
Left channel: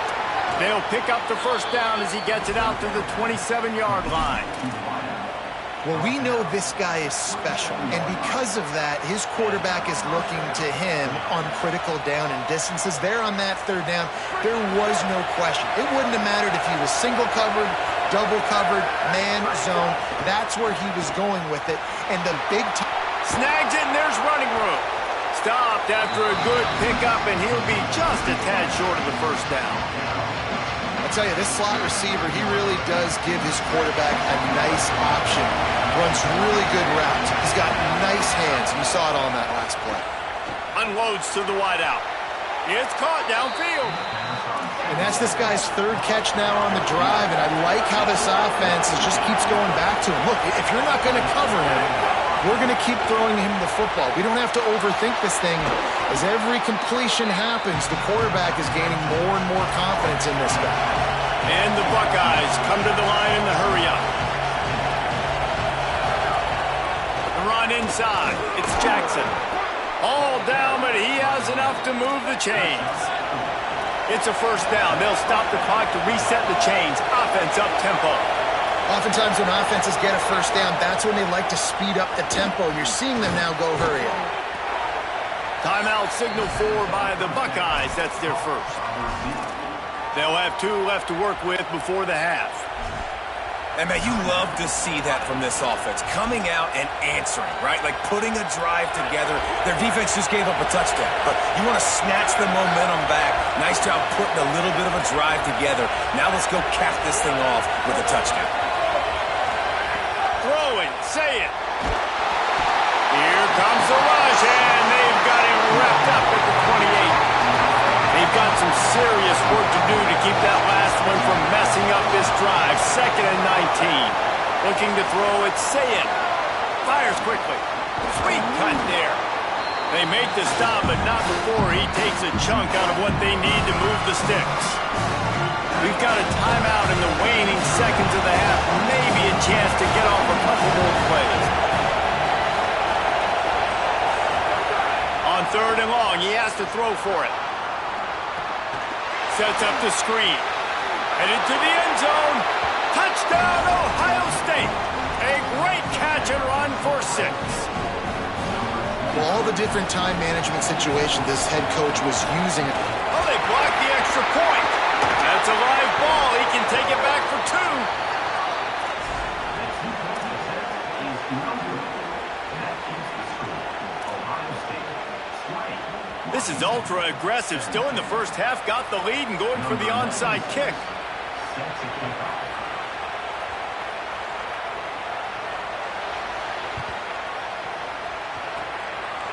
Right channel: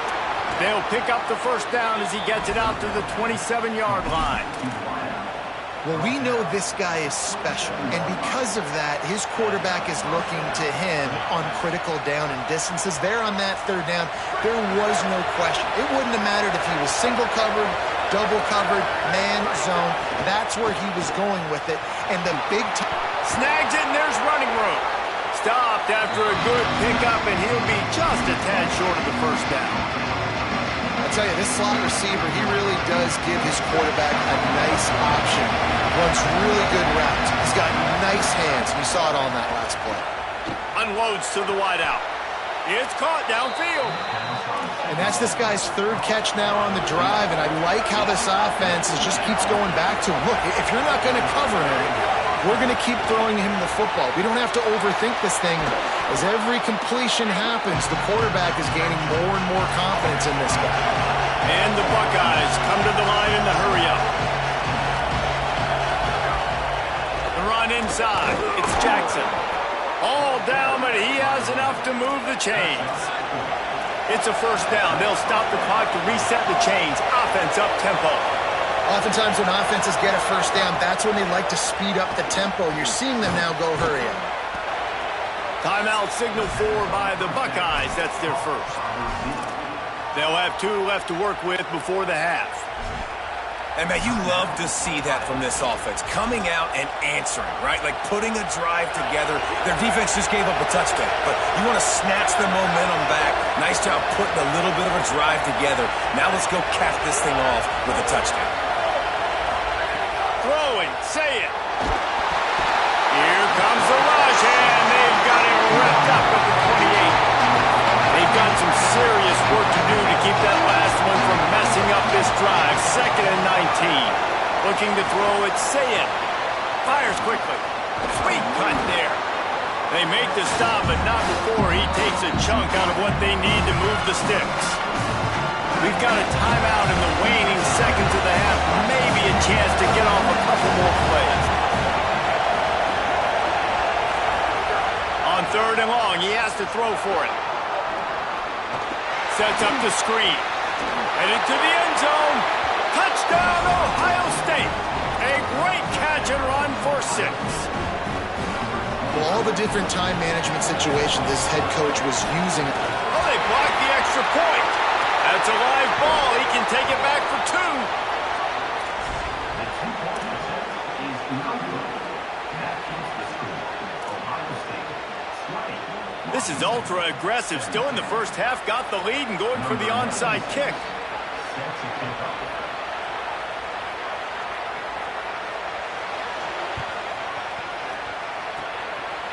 They'll pick up the first down as he gets it out to the 27-yard line. Well, we know this guy is special, and because of that, his quarterback is looking to him on critical down and distances. There on that 3rd down, there was no question. It wouldn't have mattered if he was single covered, double covered, man, zone. That's where he was going with it, and the big time. Snags it, and there's running room. Stopped after a good pickup, and he'll be just a tad short of the first down. I'll tell you, this slot receiver, he really does give his quarterback a nice option. Runs really good routes. He's got nice hands. You saw it on that last play. Unloads to the wideout. It's caught downfield. And that's this guy's third catch now on the drive, and I like how this offense just keeps going back to him. Look, if you're not going to cover him, we're going to keep throwing him the football. We don't have to overthink this thing. As every completion happens, the quarterback is gaining more and more confidence in this guy. And the Buckeyes come to the line in the hurry-up. The run inside. It's Jackson. All down, but he has enough to move the chains. It's a first down. They'll stop the clock to reset the chains. Offense up tempo. Oftentimes when offenses get a first down, that's when they like to speed up the tempo. You're seeing them now go hurry up. Timeout signal for by the Buckeyes. That's their first. They'll have 2 left to work with before the half. And, man, you love to see that from this offense, coming out and answering, right? Like putting a drive together. Their defense just gave up a touchdown, but you want to snatch the momentum back. Nice job putting a little bit of a drive together. Now let's go cap this thing off with a touchdown. Throwing, say it. Here comes the rush, and they've got it wrapped up at the 28. They've got some serious work to do to keep that last one from messing up this drive. 2nd and 19. Looking to throw it, say it. Fires quickly. Sweet cut there. They make the stop, but not before he takes a chunk out of what they need to move the sticks. We've got a timeout in the waning seconds of the half. Maybe a chance to get off a couple more plays. On 3rd and long, he has to throw for it. Sets up the screen. Headed to the end zone. Touchdown, Ohio State. A great catch and run for 6. Well, all the different time management situations this head coach was using. Oh, they blocked the extra point. That's a live ball. He can take it back for 2. This is ultra-aggressive. Still in the first half. Got the lead and going for the onside kick.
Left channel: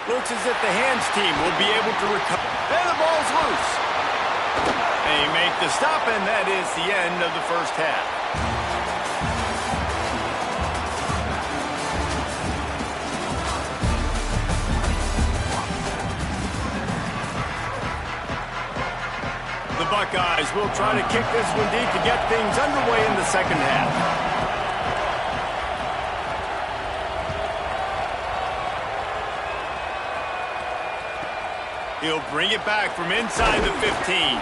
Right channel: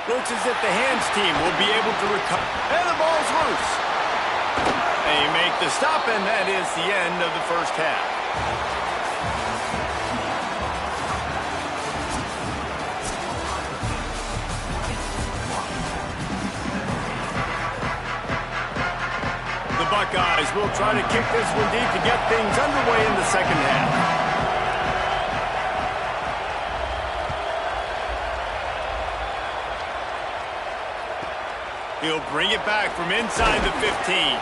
Looks as if the hands team will be able to recover. And the ball's loose. They make the stop, and that is the end of the first half. The Buckeyes will try to kick this one deep to get things underway in the second half. He'll bring it back from inside the 15.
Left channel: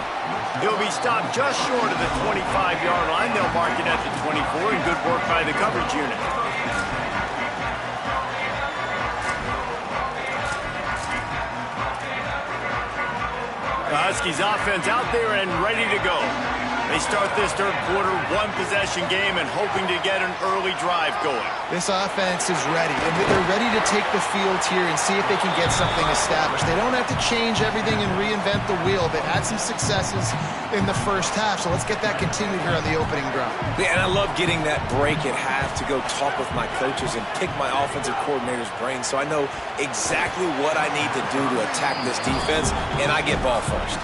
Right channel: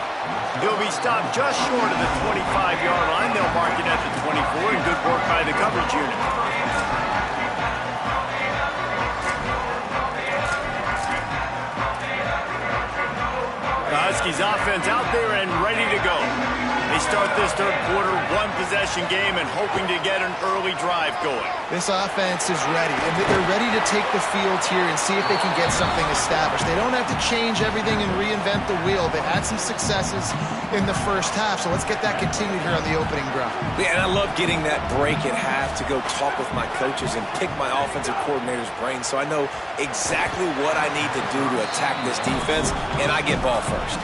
He'll be stopped just short of the 25-yard line. They'll mark it at the 24, and good work by the coverage unit. The Huskies offense out there and ready to go. They start this third quarter, 1-possession game, and hoping to get an early drive going. This offense is ready, and they're ready to take the field here and see if they can get something established. They don't have to change everything and reinvent the wheel. They've had some successes in the first half, so let's get that continued here on the opening drive. Yeah, and I love getting that break at half to go talk with my coaches and pick my offensive coordinator's brain so I know exactly what I need to do to attack this defense, and I get ball first.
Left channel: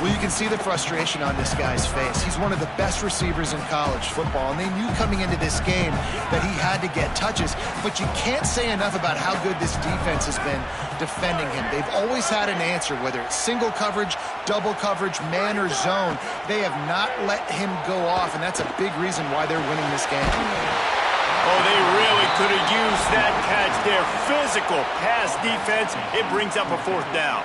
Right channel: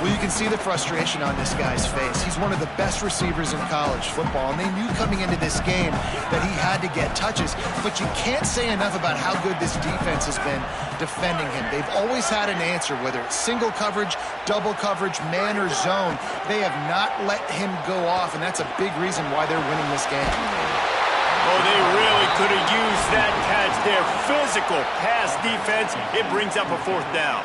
Well, you can see the frustration on this guy's face. He's one of the best receivers in college football, and they knew coming into this game that he had to get touches, but you can't say enough about how good this defense has been defending him. They've always had an answer, whether it's single coverage, double coverage, man or zone. They have not let him go off, and that's a big reason why they're winning this game. Oh, they really could have used that catch there. Physical pass defense. It brings up a 4th down.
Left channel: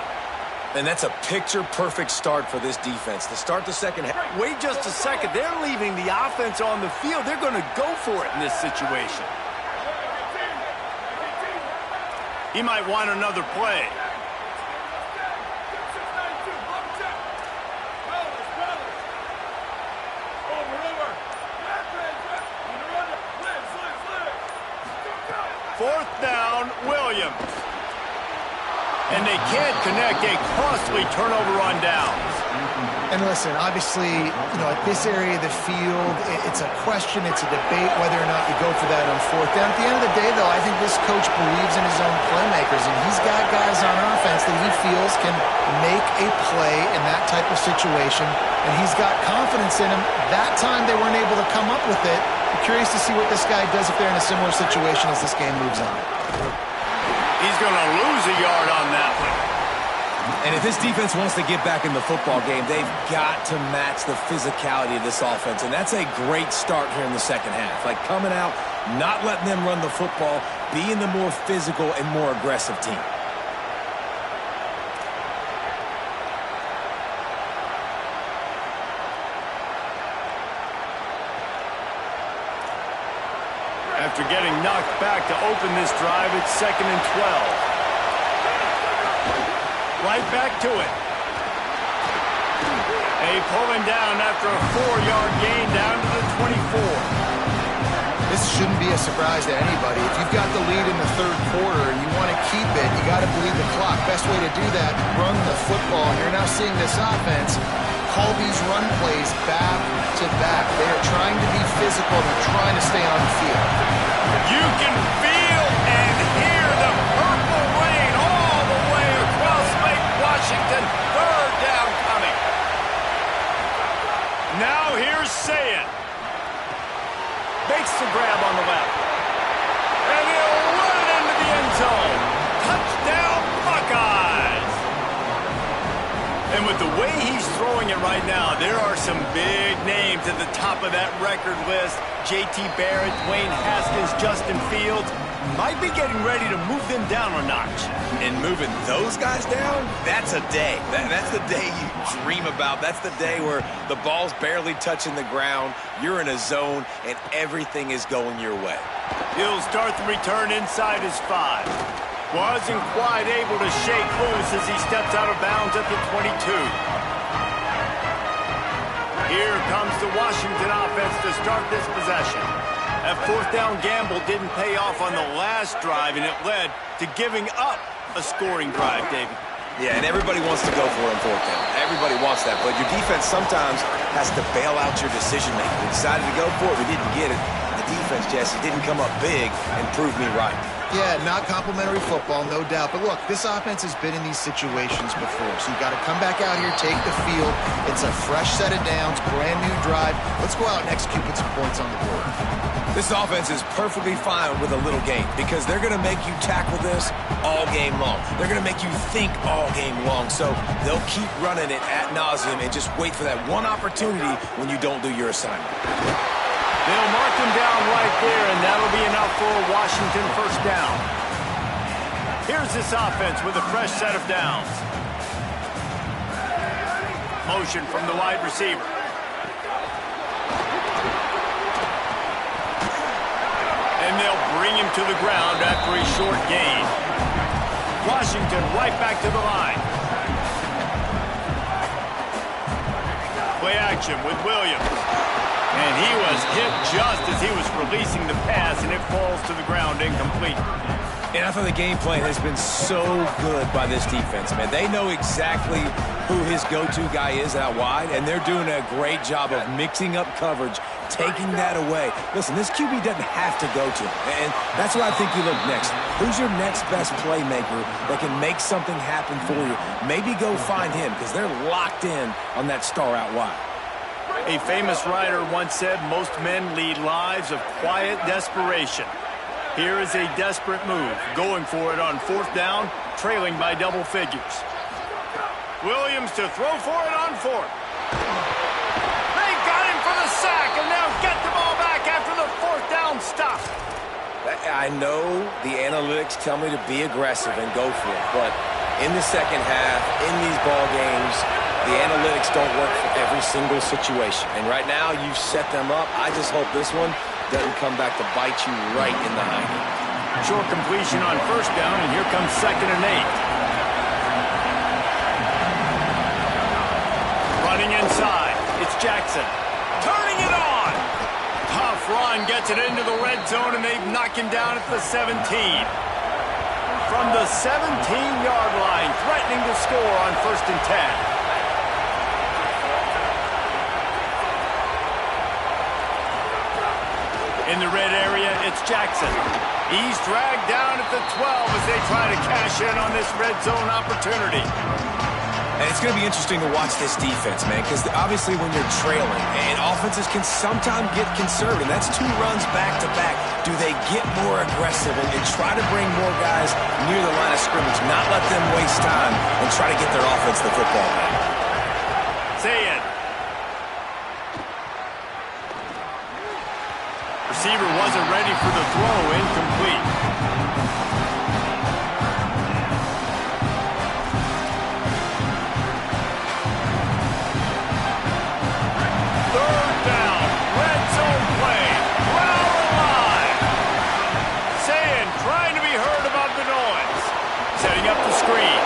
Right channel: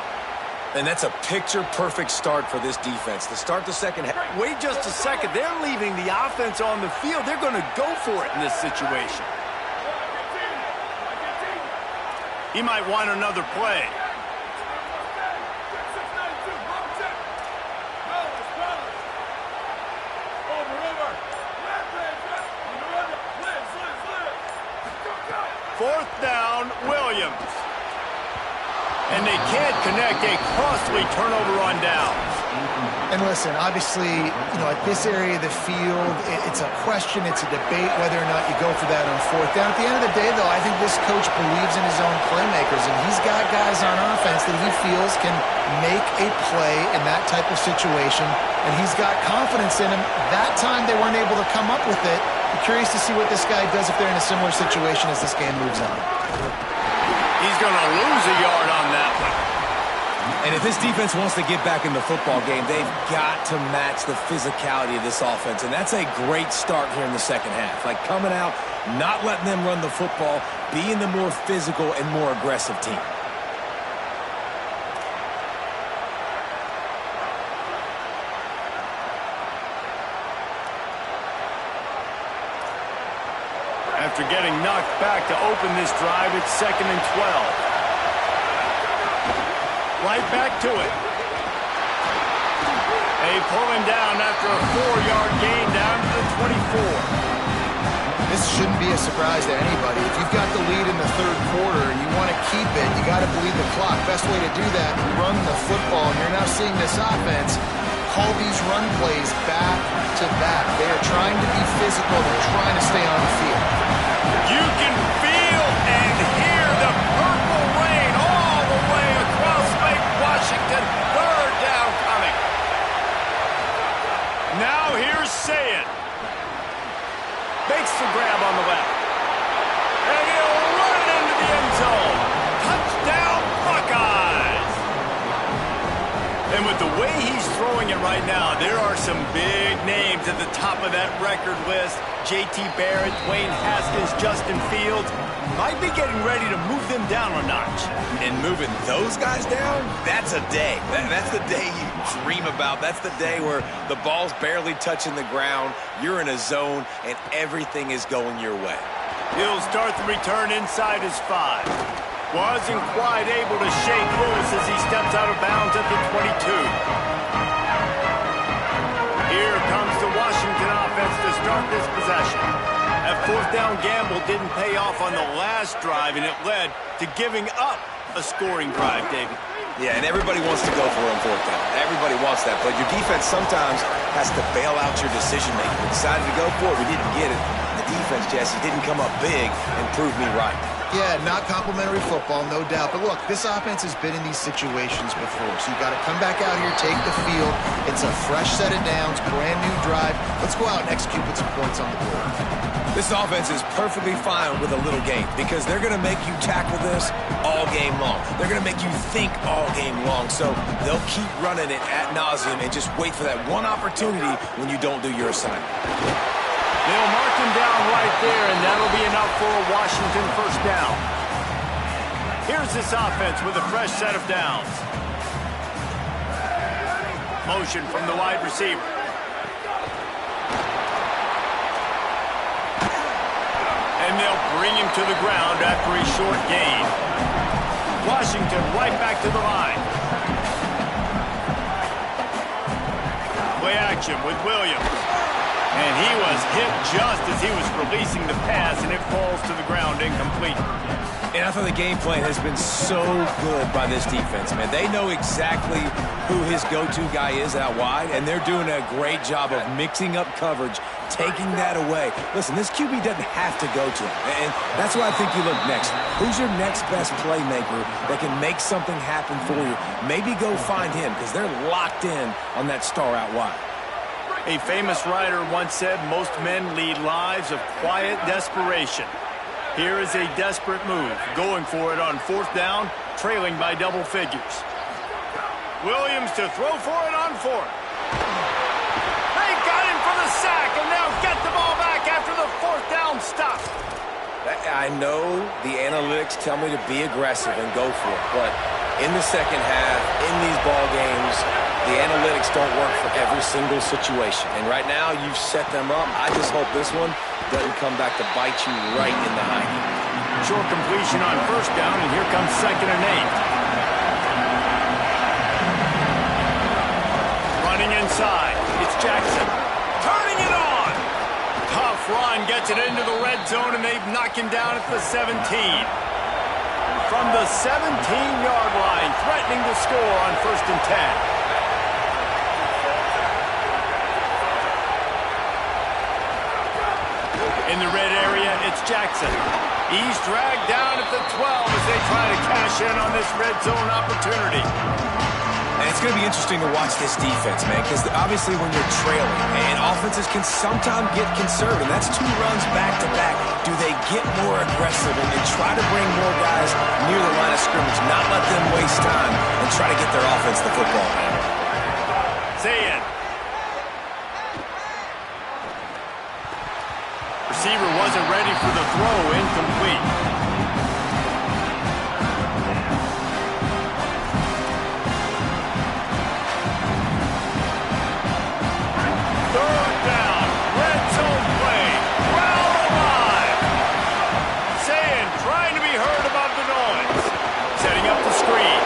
And that's a picture-perfect start for this defense. To start the second half. Wait just a second. They're leaving the offense on the field. They're going to go for it in this situation. He might want another play. Fourth down, Williams. And they can't connect a costly turnover on downs. And listen, obviously, at this area of the field, it's a question, it's a debate whether or not you go for that on fourth down. At the end of the day, though, I think this coach believes in his own playmakers, and he's got guys on offense that he feels can make a play in that type of situation, and he's got confidence in him. That time they weren't able to come up with it. I'm curious to see what this guy does if they're in a similar situation as this game moves on. He's going to lose a yard on that one. And if this defense wants to get back in the football game, they've got to match the physicality of this offense. And that's a great start here in the second half. Like coming out, not letting them run the football, being the more physical and more aggressive team. After getting knocked back to open this drive, it's 2nd and 12. Right back to it. They pull him down after a 4-yard gain down to the 24. This shouldn't be a surprise to anybody. If you've got the lead in the third quarter and you want to keep it, you got to bleed the clock. Best way to do that, run the football. And you're now seeing this offense call these run plays back to back. They are trying to be physical. They're trying to stay on the field. You can feel and hear the purple rain all the way across Lake Washington. 3rd down coming. Now here's SZN. Makes the grab on the left. And he'll run it into the end zone. Touchdown, Buckeyes! And with the way he's throwing it right now, there are some big names at the top of that record list. J.T. Barrett, Dwayne Haskins, Justin Fields. Might be getting ready to move them down a notch. And moving those guys down, that's a day. That's the day you dream about. That's the day where the ball's barely touching the ground, you're in a zone, and everything is going your way. He'll start the return inside his 5. Wasn't quite able to shake loose as he steps out of bounds at the 22. Here comes the Washington offense to start this possession. That 4th down gamble didn't pay off on the last drive, and it led to giving up a scoring drive, David. Yeah, and everybody wants to go for it on 4th down. Everybody wants that, but your defense sometimes has to bail out your decision-making. We decided to go for it. We didn't get it. The defense, Jesse, didn't come up big and prove me right. Yeah, not complimentary football, no doubt. But look, this offense has been in these situations before. So you got to come back out here, take the field. It's a fresh set of downs, brand new drive. Let's go out and execute with some points on the board. This offense is perfectly fine with a little game because they're going to make you tackle this all game long. They're going to make you think all game long. So they'll keep running it ad nauseum and just wait for that one opportunity when you don't do your assignment. They'll mark him down right there, and that'll be enough for a Washington 1st down. Here's this offense with a fresh set of downs. Motion from the wide receiver. And they'll bring him to the ground after a short gain. Washington right back to the line. Play action with Williams. And he was hit just as he was releasing the pass, and it falls to the ground incomplete. And I thought the game plan has been so good by this defense, man. They know exactly who his go-to guy is out wide, and they're doing a great job of mixing up coverage, taking that away. Listen, this QB doesn't have to go to him, and that's why I think you look next. Who's your next best playmaker that can make something happen for you? Maybe go find him, because they're locked in on that star out wide. A famous writer once said, most men lead lives of quiet desperation. Here is a desperate move, going for it on 4th down, trailing by double figures. Williams to throw for it on 4th. They got him for the sack, and now get the ball back after the 4th down stop. I know the analytics tell me to be aggressive and go for it, but in the second half, in these ball games, the analytics don't work for every single situation. And right now, you've set them up. I just hope this one doesn't come back to bite you right in the hiney. Short completion on 1st down, and here comes 2nd and 8. Running inside, it's Jackson. Turning it on! Tough run gets it into the red zone, and they knock him down at the 17. from the 17-yard line, threatening to score on 1st and 10. In the red area, it's Jackson. He's dragged down at the 12 as they try to cash in on this red zone opportunity. And it's going to be interesting to watch this defense, man, because obviously when you're trailing, and offenses can sometimes get conservative. That's 2 runs back-to-back. Do they get more aggressive and try to bring more guys near the line of scrimmage, not let them waste time, and try to get their offense the football, man? SZN. Receiver wasn't ready for the throw, incomplete. Third down, red zone play, crowd alive. SZN trying to be heard above the noise. Setting up the screen,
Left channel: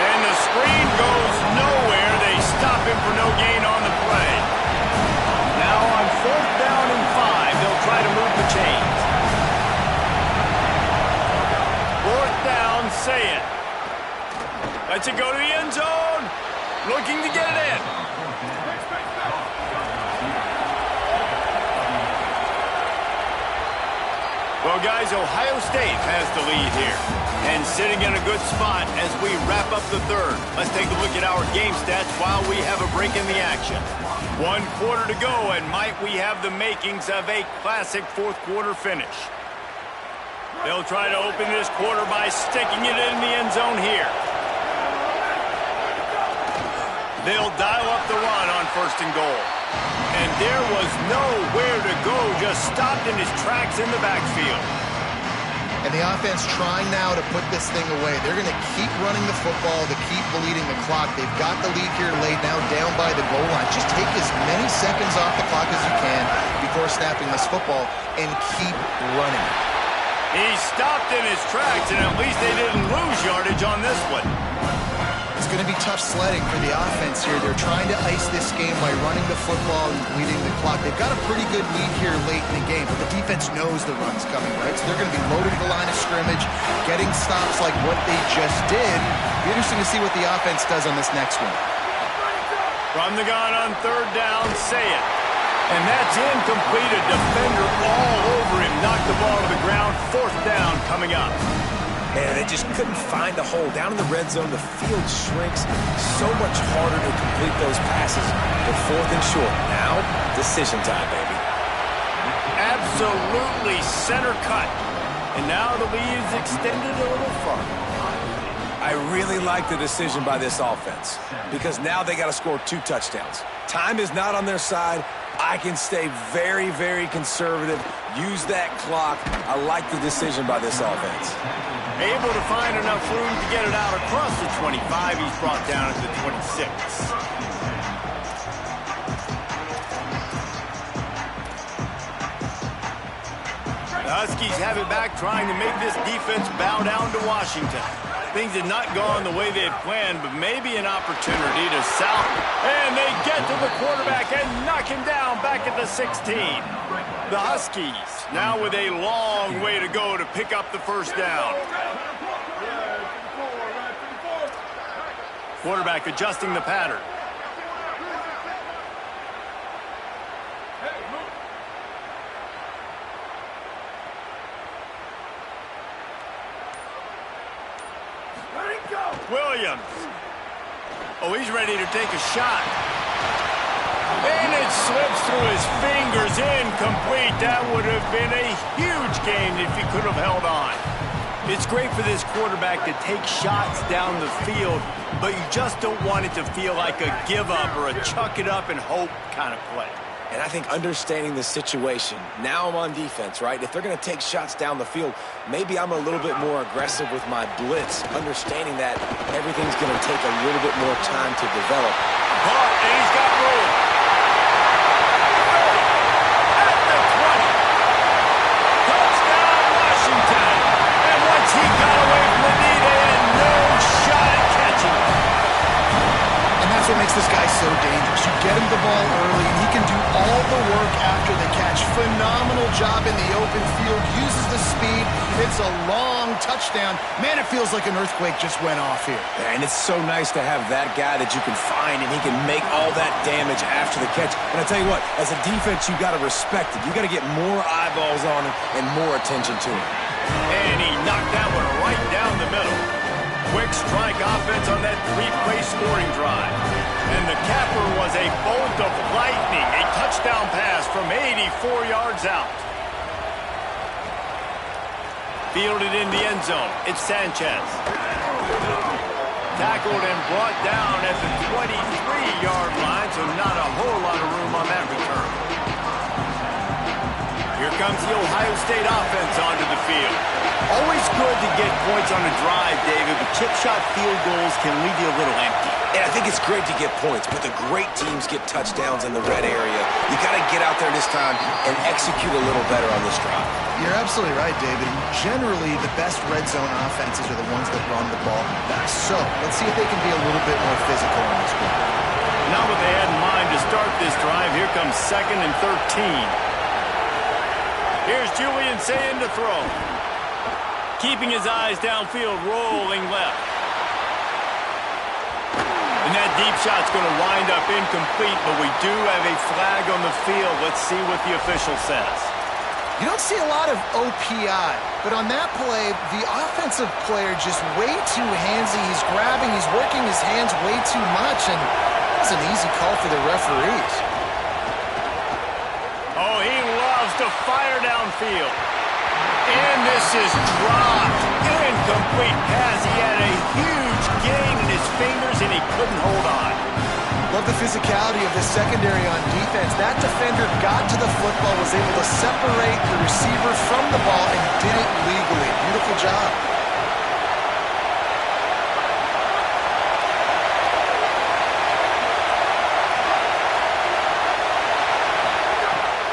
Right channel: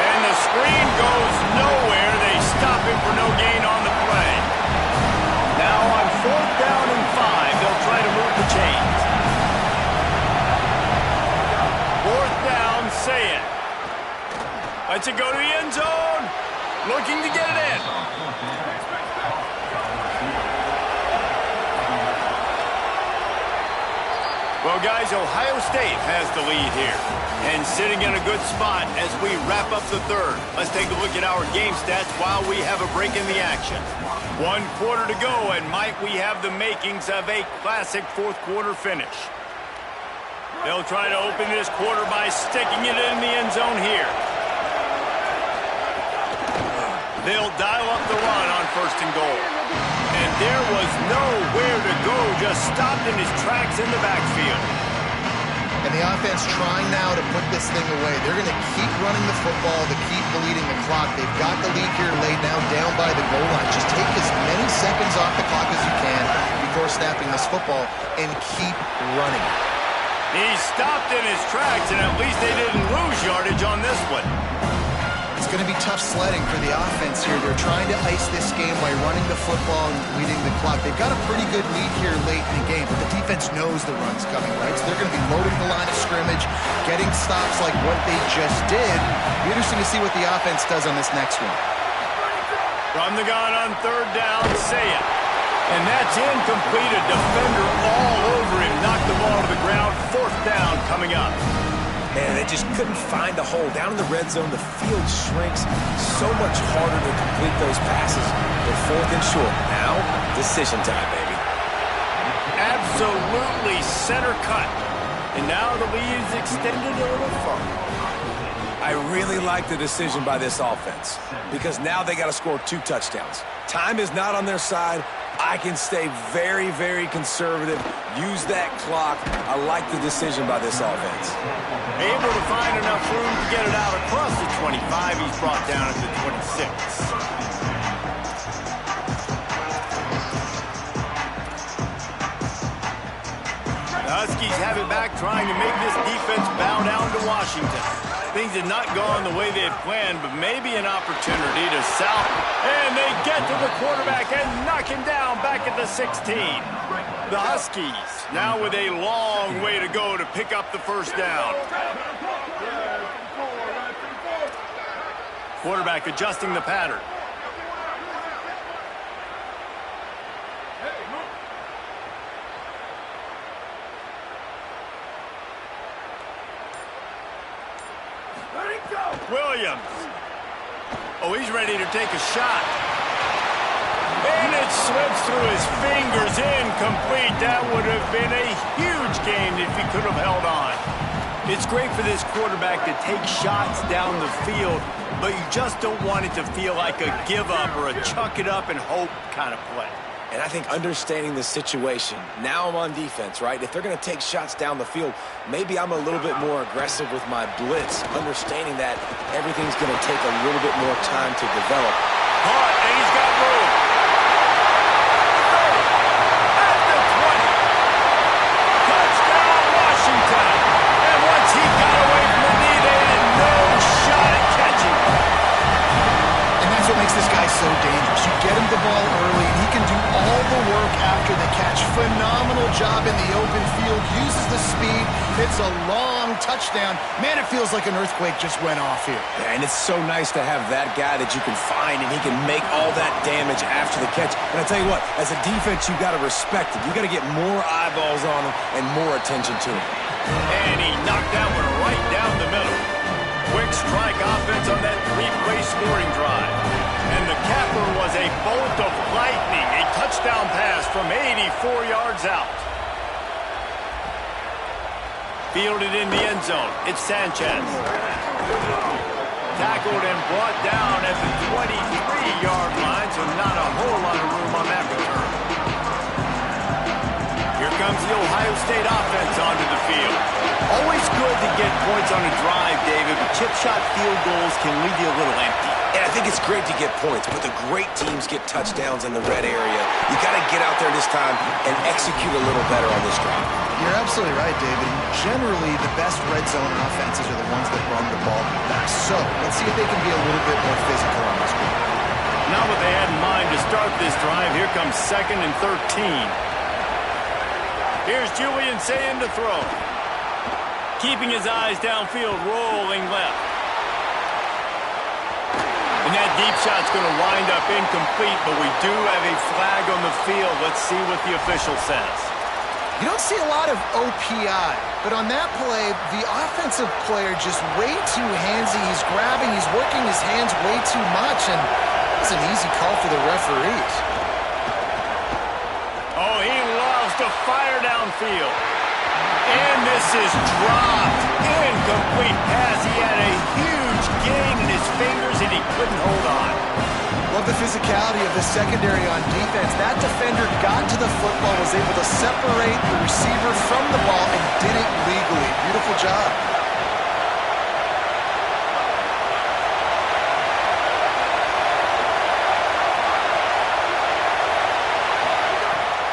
and the screen goes nowhere. They stop him for no gain on the play. Now on 4th down and 5, they'll try to move the chains. 4th down, SZN. Lets it go to the end zone. Looking to get it in. Well, guys, Ohio State has the lead here. And sitting in a good spot as we wrap up the 3rd. Let's take a look at our game stats while we have a break in the action. 1 quarter to go, and might we have the makings of a classic 4th quarter finish. They'll try to open this quarter by sticking it in the end zone here. They'll dial up the run on 1st and goal. And there was nowhere to go, just stopped in his tracks in the backfield. And the offense trying now to put this thing away. They're going to keep running the football to keep bleeding the clock. They've got the lead here laid now down by the goal line. Just take as many seconds off the clock as you can before snapping this football and keep running. He stopped in his tracks, and at least they didn't lose yardage on this one. It's going to be tough sledding for the offense here. They're trying to ice this game by running the football and bleeding the clock. They've got a pretty good lead here late in the game, but the defense knows the run's coming, right? So they're going to be loading the line of scrimmage, getting stops like what they just did. Be interesting to see what the offense does on this next one. From the gun on 3rd down, SZN. And that's incomplete. A defender all over him. Knocked the ball to the ground. 4th down coming up. Man, they just couldn't find a hole. Down in the red zone, the field shrinks. So much harder to complete those passes. They're 4th and short. Now, decision time, baby. Absolutely center cut. And now the lead is extended a little further. I really like the decision by this offense because now they got to score 2 touchdowns. Time is not on their side. I can stay very, very conservative. Use that clock. I like the decision by this offense. Able to find enough room to get it out across the 25. He's brought down at the 26. The Huskies have it back, trying to make this defense bow down to Washington. Things had not gone the way they had planned, but maybe an opportunity to south. And they get to the quarterback and knock him down back at the 16. The Huskies now with a long way to go to pick up the 1st down. Quarterback adjusting the pattern. Williams. Oh, he's ready to take a shot. And it slips through his fingers, incomplete. That would have been a huge gain if he could have held on. It's great for this quarterback to take shots down the field, but you just don't want it to feel like a give up or a chuck it up and hope kind of play. And I think understanding the situation, now I'm on defense, right? If they're going to take shots down the field, maybe I'm a little bit more aggressive with my blitz, understanding that everything's going to take a little bit more time to develop. Caught, and he's got room. The 30, at the 20. Touchdown, Washington. And once he got away from the knee, they had no shot at catching him. And that's what makes this guy so dangerous. You get him the ball early, and he can do all the work after the catch. Phenomenal job in the open field. Uses the speed. It's a long touchdown. Man, it feels like an earthquake just went off here. Yeah, and it's so nice to have that guy that you can find, and he can make all that damage after the catch. And I tell you what, as a defense, you got to respect it. You got to get more eyeballs on him and more attention to him. And he knocked that one right down the middle. Quick strike offense on that three-play scoring drive. And the capper was a bolt of lightning, a touchdown pass from 84 yards out. Fielded in the end zone. It's Sanchez. Tackled and brought down at the 23-yard line, so not a whole lot of room on that return. Here comes the Ohio State offense onto the field. Always good to get points on a drive, David, but chip shot field goals can leave you a little empty. And I think it's great to get points, but the great teams get touchdowns in the red area. You got to get out there this time and execute a little better on this drive. You're absolutely right, David. Generally, the best red zone offenses are the ones that run the ball best. So let's see if they can be a little bit more physical in this one. Not what they had in mind to start this drive. Here comes 2nd and 13. Here's Julian Sayin to throw. Keeping his eyes downfield, rolling left. And that deep shot's going to wind up incomplete, but we do have a flag on the field. Let's see what the official says. You don't see a lot of OPI, but on that play, the offensive player just way too handsy. He's grabbing, he's working his hands way too much, and it's an easy call for the referees. Oh, he loves to fire downfield. And this is dropped. Incomplete pass. He had a huge gain in his fingers, and he couldn't hold on. Love the physicality of the secondary on defense. That defender got to the football, was able to separate the receiver from the ball, and did it legally. Beautiful job.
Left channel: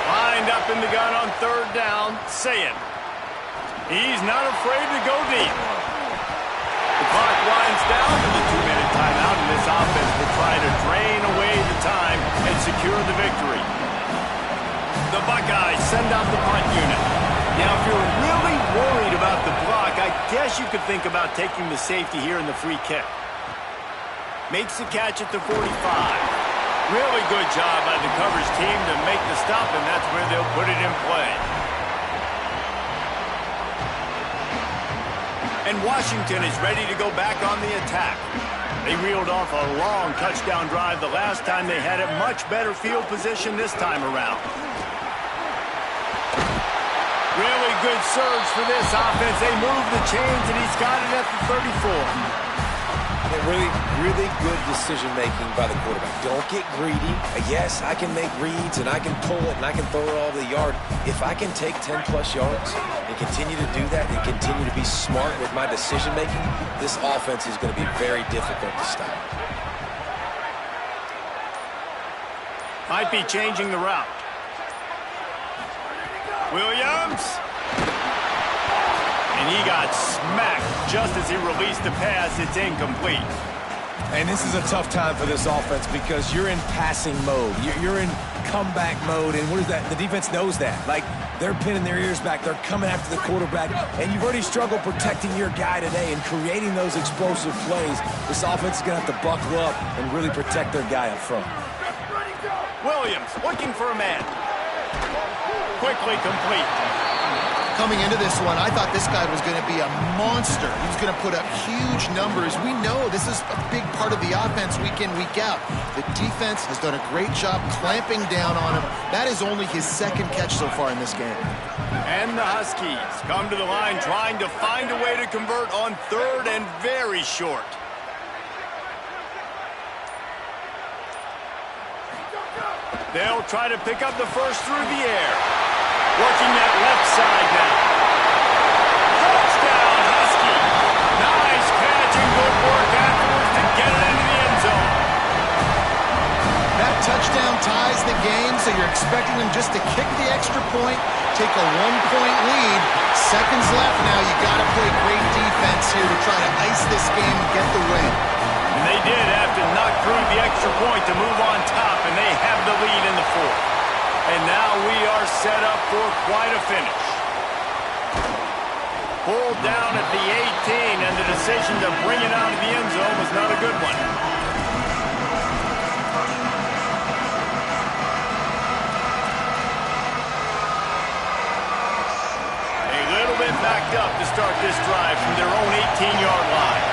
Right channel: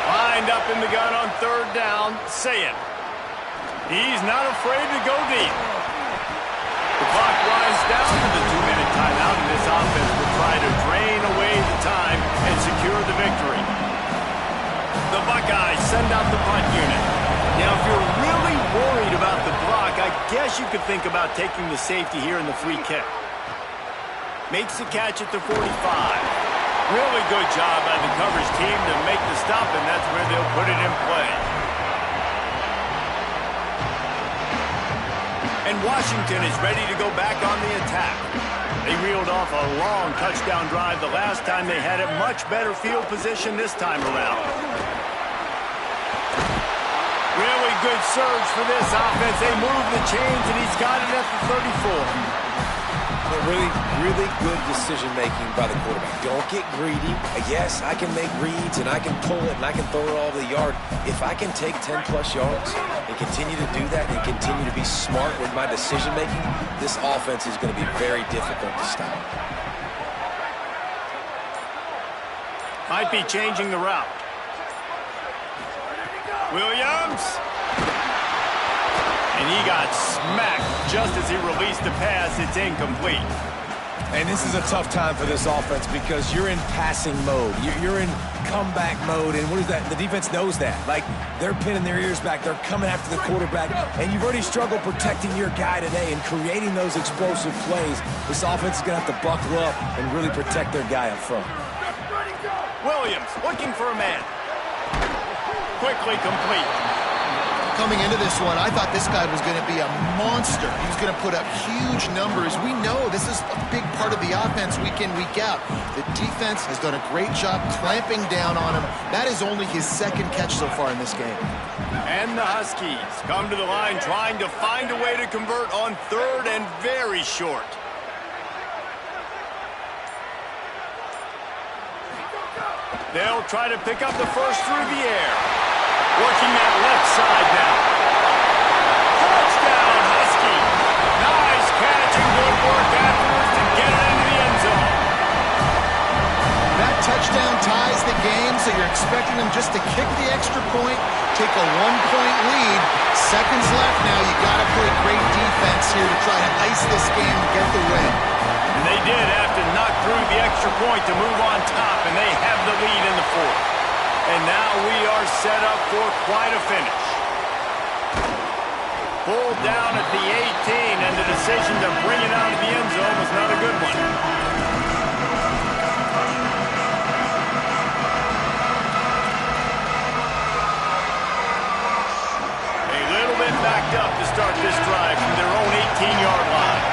Lined up in the gun on 3rd down, Sayin. He's not afraid to go deep. The clock winds down to the 2-minute timeout, and this offense will try to drain away the time and secure the victory. The Buckeyes send out the punt unit. Now, if you're really worried about the block, I guess you could think about taking the safety here in the free kick. Makes the catch at the 45. Really good job by the coverage team to make the stop, and that's where they'll put it in play. And Washington is ready to go back on the attack. They reeled off a long touchdown drive the last time they had it. Much better field position this time around. Really good surge for this offense. They move the chains, and he's got it at the 34. Really good decision-making by the quarterback. Don't get greedy. Yes, I can make reads, and I can pull it, and I can throw it all over the yard. If I can take 10-plus yards and continue to do that and continue to be smart with my decision-making, this offense is going to be very difficult to stop. Might be changing the route. Williams. And he got smacked just as he released the pass. It's incomplete. And this is a tough time for this offense because you're in passing mode. You're in comeback mode, and what is that? The defense knows that. Like, they're pinning their ears back. They're coming after the quarterback, and you've already struggled protecting your guy today and creating those explosive plays. This offense is going to have to buckle up and really protect their guy up front. Williams looking for a man. Quickly complete. Coming into this one, I thought this guy was going to be a monster. He was going to put up huge numbers. We know this is a big part of the offense week in, week out. The defense has done a great job clamping down on him. That is only his 2nd catch so far in this game. And the Huskies come to the line trying to find a way to convert on 3rd and very short. They'll try to pick up the first through the air. Working that left side now. Touchdown, Husky. Nice catch and good work afterwards to get it into the end zone. That touchdown ties the game, so you're expecting them just to kick the extra point, take a 1-point lead. Seconds left now. You got to play great defense here to try to ice this game and get the win. And they did have to knock through the extra point to move on top, and they have the lead in the fourth. And now we are set up for quite a finish. Pulled down at the 18, and the decision to bring it out of the end zone was not a good one. A little bit backed up to start this drive from their own 18-yard line.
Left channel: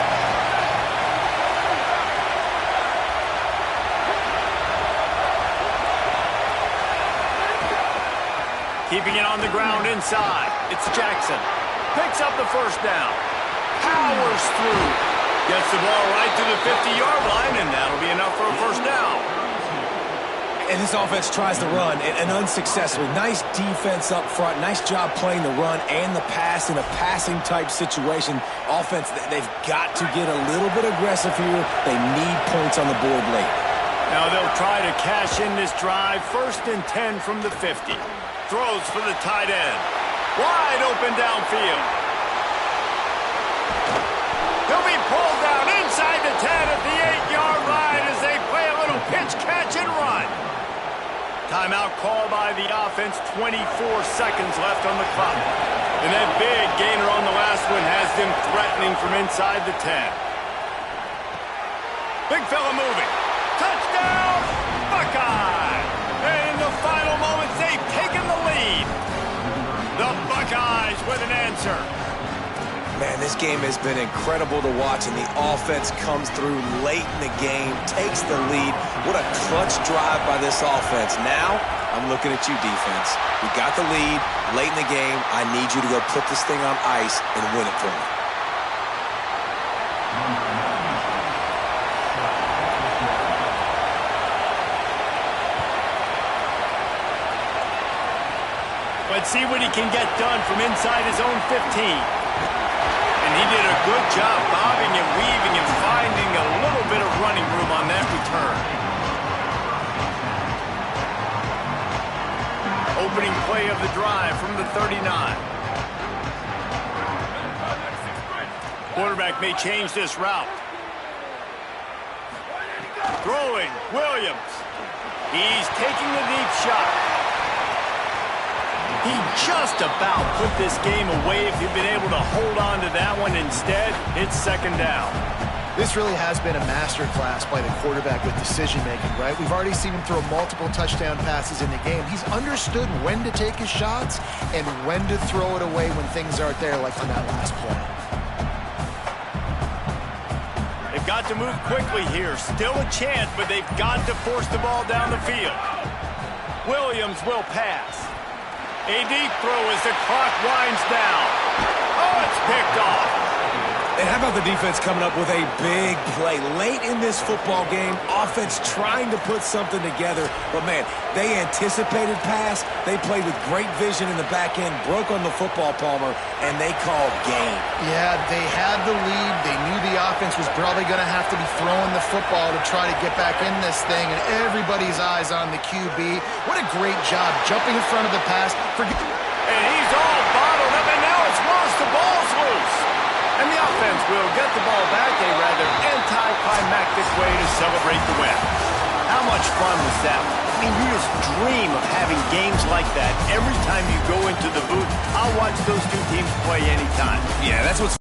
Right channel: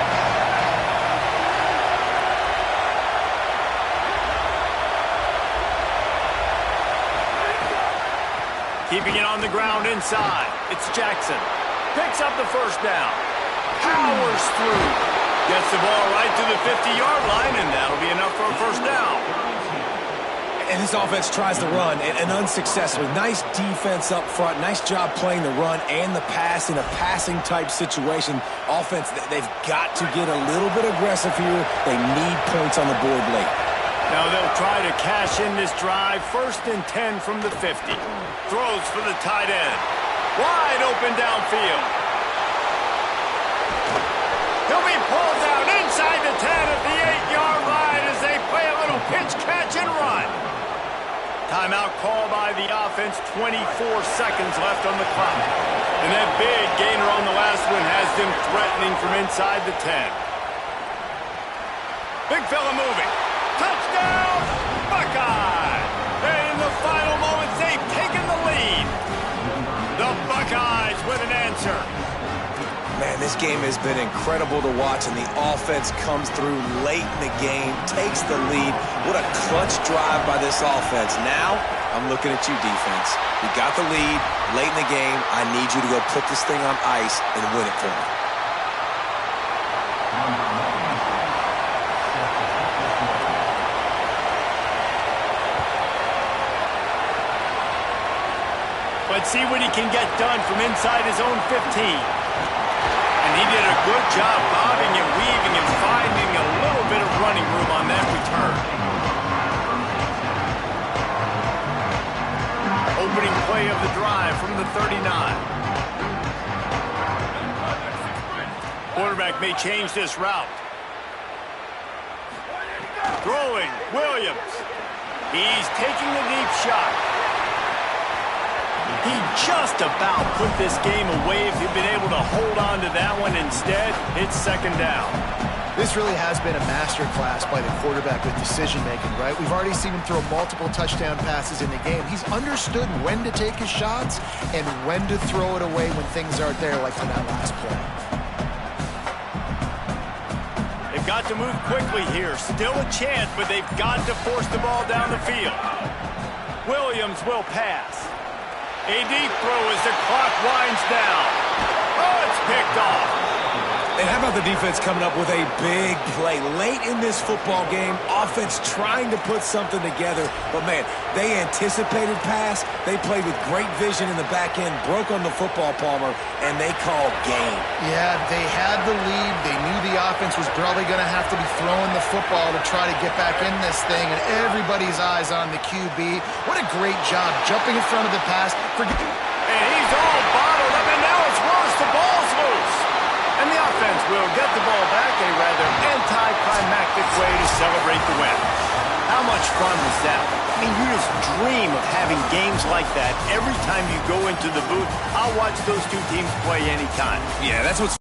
Keeping it on the ground inside. It's Jackson. Picks up the first down. Powers through. Gets the ball right to the 50-yard line, and that'll be enough for a first down. And this offense tries to run, and unsuccessfully. Nice defense up front. Nice job playing the run and the pass in a passing-type situation. Offense, they've got to get a little bit aggressive here. They need points on the board late. Now they'll try to cash in this drive. 1st and 10 from the 50. Throws for the tight end. Wide open downfield. He'll be pulled down inside the 10 at the 8-yard line as they play a little pitch, catch, and run. Timeout call by the offense. 24 seconds left on the clock. And that big gainer on the last one has them threatening from inside the 10. Big fella moving. Touchdown, Buckeye! And in the final moments, they've taken the lead. The Buckeyes with an answer. Man, this game has been incredible to watch, and the offense comes through late in the game, takes the lead. What a clutch drive by this offense. Now, I'm looking at you, defense. We got the lead late in the game. I need you to go put this thing on ice and win it for me. Let's see what he can get done from inside his own 15. And he did a good job bobbing and weaving and finding a little bit of running room on that return. Opening play of the drive from the 39. Quarterback may change this route. Throwing, Williams. He's taking the deep shot. He just about put this game away if he'd been able to hold on to that one. Instead, it's 2nd down. This really has been a masterclass by the quarterback with decision-making, right? We've already seen him throw multiple touchdown passes in the game. He's understood when to take his shots and when to throw it away when things aren't there, like on that last play. They've got to move quickly here. Still a chance, but they've got to force the ball down the field. Williams will pass. A deep throw as the clock winds down. Oh, it's picked off. And how about the defense coming up with a big play late in this football game? Offense trying to put something together. But, man, they anticipated pass. They played with great vision in the back end, broke on the football, Palmer, and they called game. Yeah, they had the lead. They knew the offense was probably going to have to be throwing the football to try to get back in this thing, and everybody's eyes on the QB. What a great job jumping in front of the pass. And he's all bottled up, and now it's worse. The ball's loose. And the offense will get the ball back, a rather anticlimactic way to celebrate the win. How much fun was that? I mean, you just dream of having games like that every time you go into the booth. I'll watch those two teams play anytime. Yeah, that's what's